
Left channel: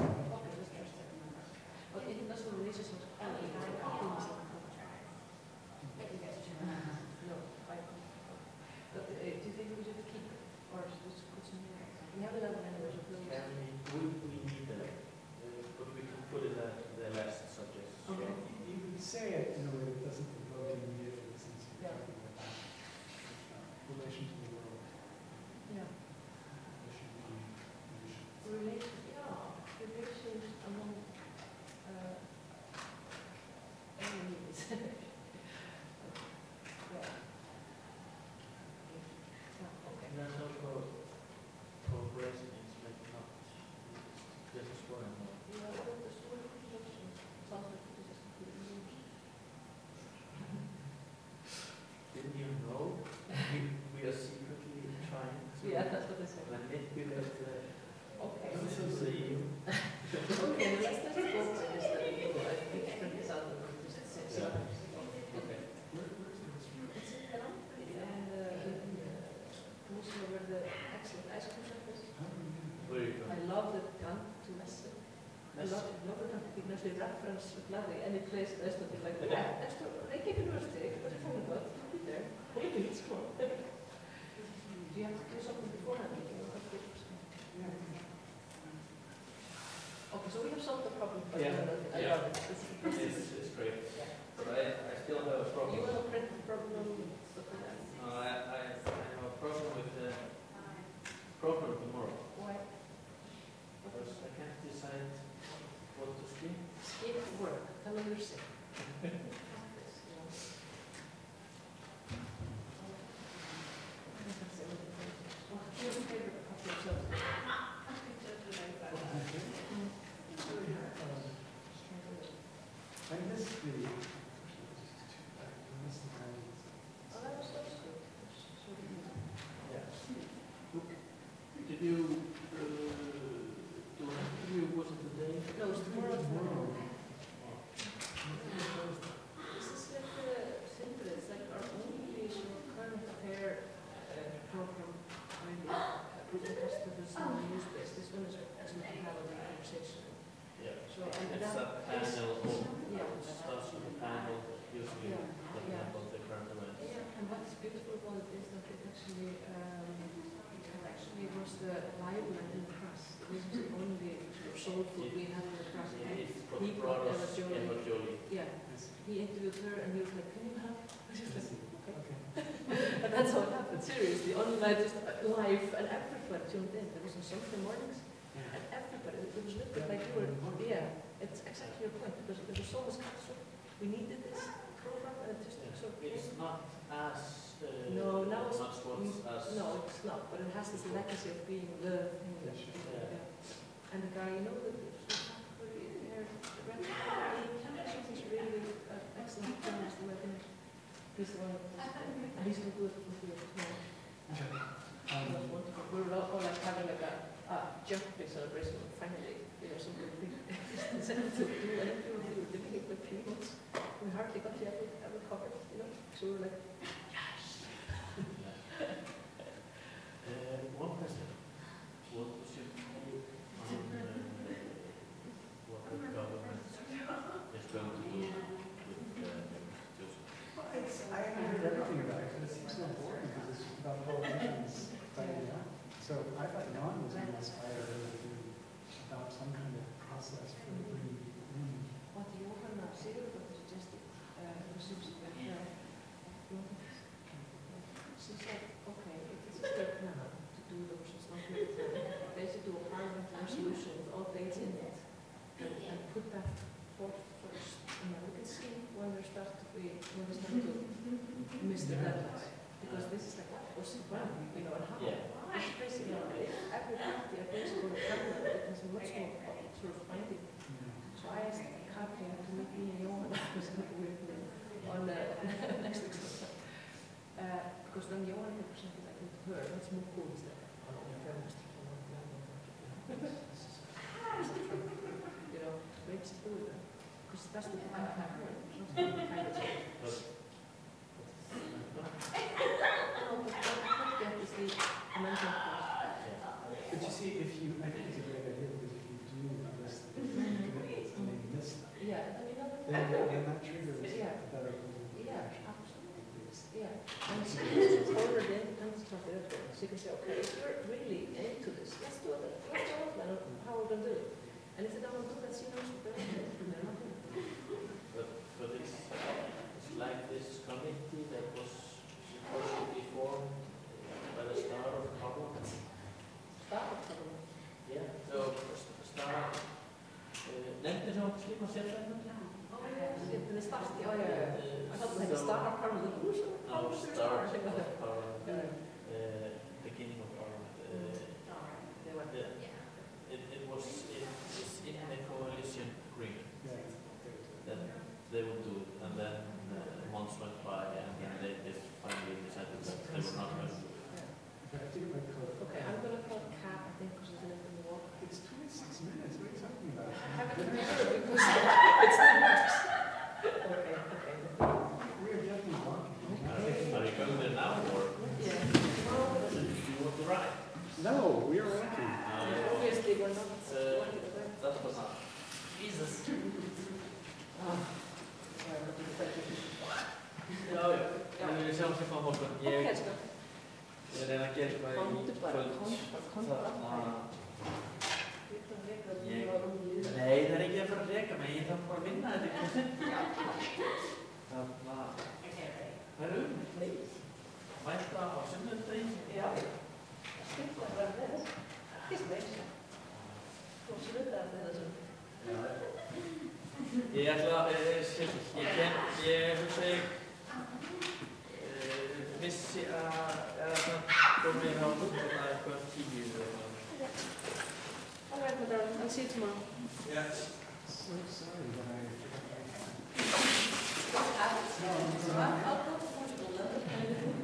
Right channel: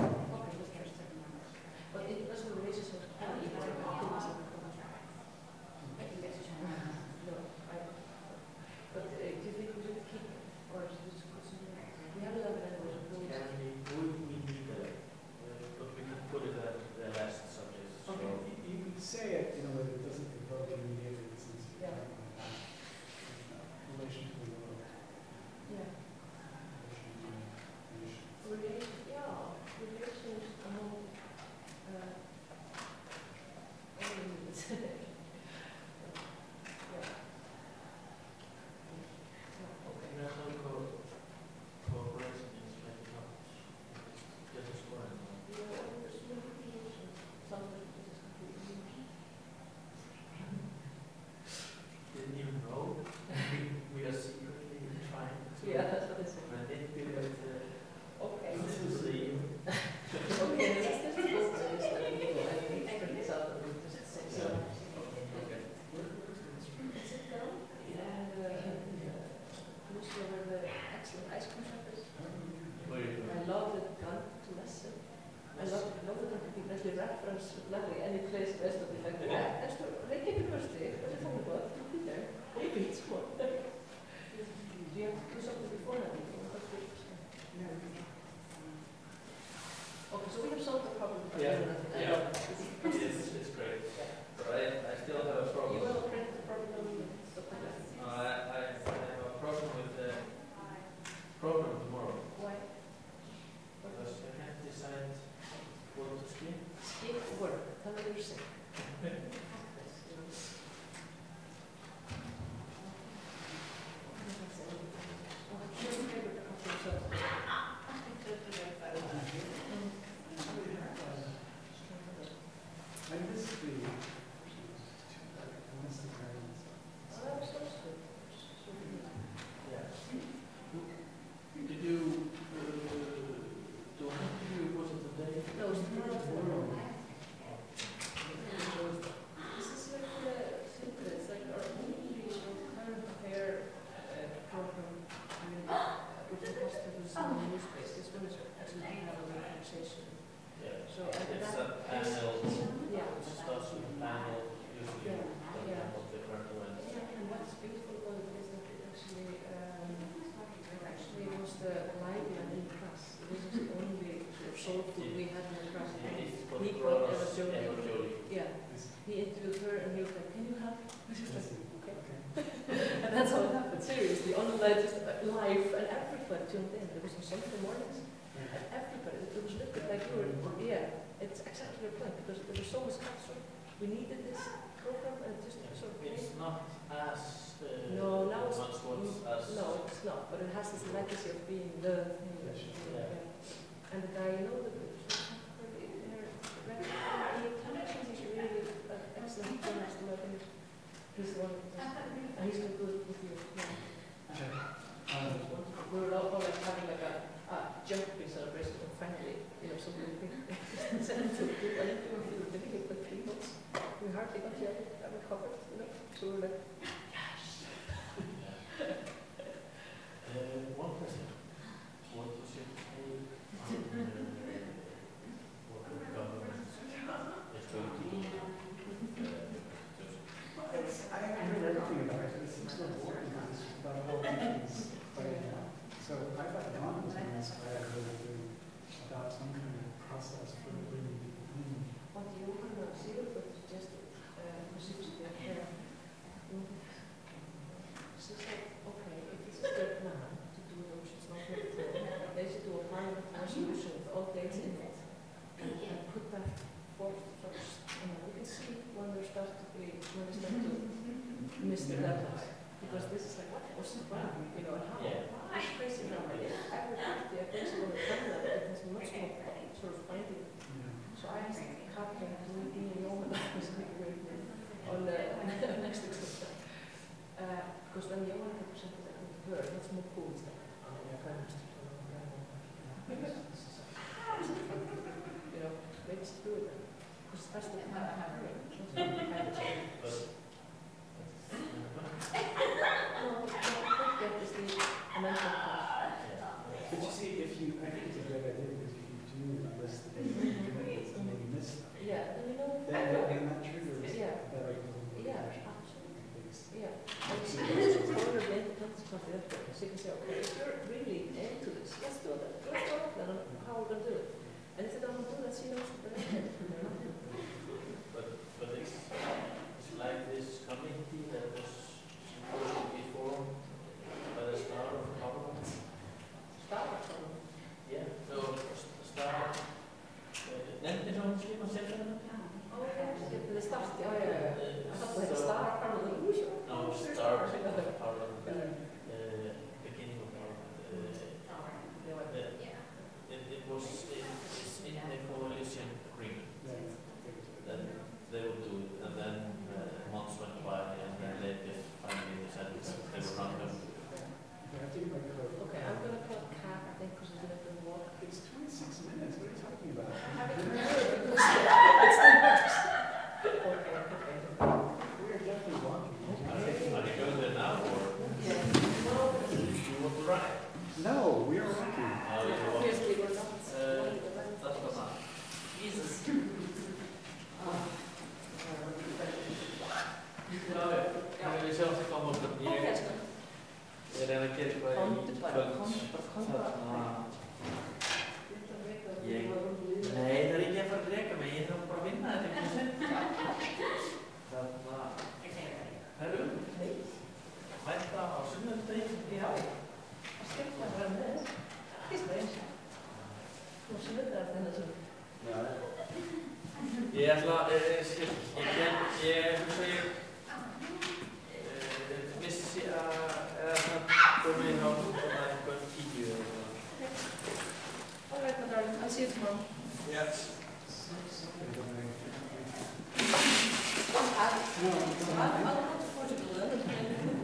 Okay, let's trust that. But international relations with quality is like happiness in the culture. No, I don't. But do you think we should keep it? Or should we just put some more? We have 11 anyway, so close. We need but we can put it at the last subject. Okay. You can say it in a way that doesn't provoke immediate since you're talking about relation to the world. Yeah. Relations among enemies. International cooperation is like not just a scoring more. Yeah, there's no connection. Sometimes this is completely new. Didn't you know we are secretly trying to manipulate Okay. this is the Okay, let's just go for this. I need to print this out and just say something. Okay. Sit down and Commissioner with the excellent ice cream shop is. Where you I love the gun to lesson. I love it when people actually reference Larry any place the rest of the like, yeah, next to Reykjavik University, that's a phone call, be there. Or maybe it's one. Do you have to do something beforehand? Do you want to do Okay, so we have solved the problem. It's great. But I still have a problem. You have a print problem, stuff like that? No, I have a problem with the program tomorrow. Why? Because I can't decide what to skip. Skip work. Tell me you're sick. What's your favorite of your subject? Did you do an interview? Was it today? No, it's tomorrow. This is like simple. It's like our only current affair program, really, with the customers in the news space. This one is actually have a conversation. Yeah. So, and it's that a panel. Yeah. It starts with a panel, usually of different events. Yeah, and what's beautiful about it is that it actually was the library in the press. It wasn't the only sort of soul food we had in the press. He brought Eva Jolie. Yeah. He interviewed her and he was like, can you help? I was just like, okay. And that's how it happened, seriously. Online, just live, and everybody tuned in. There was on Sunday mornings. And everybody, it was a little bit like you were, it's exactly your point, because there was so much culture. We needed this program, and it just sort of It's not as no, now it's much as no, it's not. But it has this legacy of being the. And the guy, you know, the inner he's really excellent journalist, he's the one, and he's going to do it with you tomorrow. We were all like having like a jumping celebration, and finally, you know, something we decided to do. I don't know if we were doing it for 3 months. We hardly got to ever cover it, you know. So we were like, yes. One question. What was your take on what the government is going to do with I haven't heard everything about it, but it seems so boring because it's just about politicians fighting out. So I thought Ron was going to inspire her to adopt some kind of process for bringing people in. What Johanna Sigurðardóttir suggested, because she was there, she said, okay, if it's a state plan to do the oceans not they should do a parliament resolution with all dates in it and put that forth first. And then we can see when they start to miss the deadlines. Because this is like, what's the plan? You know, and how? It's crazy now. Every 50 ideas for a parliament, it has much more sort of finding. So I asked Katrin to meet me in Norman who's going to work with me on the next exercise. Because when Johan can present it, I think to her, what's more cool is that Prime Minister. You know, maybe she do it then. Because especially if I'm her, But you see, if you, I think it's a great idea because if you do list the commitments and they miss them, then that triggers better and she can corner the independence of the effort. She can say, okay, if you're really into this, let's do it. Let's go and how we're going to do it. And if they don't do that, she knows the benefit. But it's like this committee that was supposed to be formed by the Star of Government. Star of Government? Yeah, so the Star, nefnir sem hann skipa sérfræðingar? The Star, I thought like the Star of Parliament. No, Star of Parliament, beginning of Parliament. It's in the coalition agreement that they would do it, and then months went by, and then they just finally decided that they were not going to do it. Okay, I'm going to call Kat, I think, because we're going to in the walk. It's 26 minutes. What are you talking about? I haven't heard it because it still works. Okay. We are definitely walking. Are you going there now, or do you want to ride? No, we are walking. Obviously, we're not. That's banana. Jesus. Ég vil sjá sig á morgun. Ég reyna að gera eitthvað í kvöld. Nei, það er ekki að fara að reka mig. Ég þarf bara að vinna þetta. Það er mæta á sunnudegi. Já, það skemmt að vera með þess. Það er eins. Þú sunnudegi að þennan sunnudegi. Ég ætla að, ég hugsa vissi að komið hjá eitthvað 10 eða eitthvað. All right, my darling. I'll see you tomorrow. Yes. What happened? I'll go to Portugal then.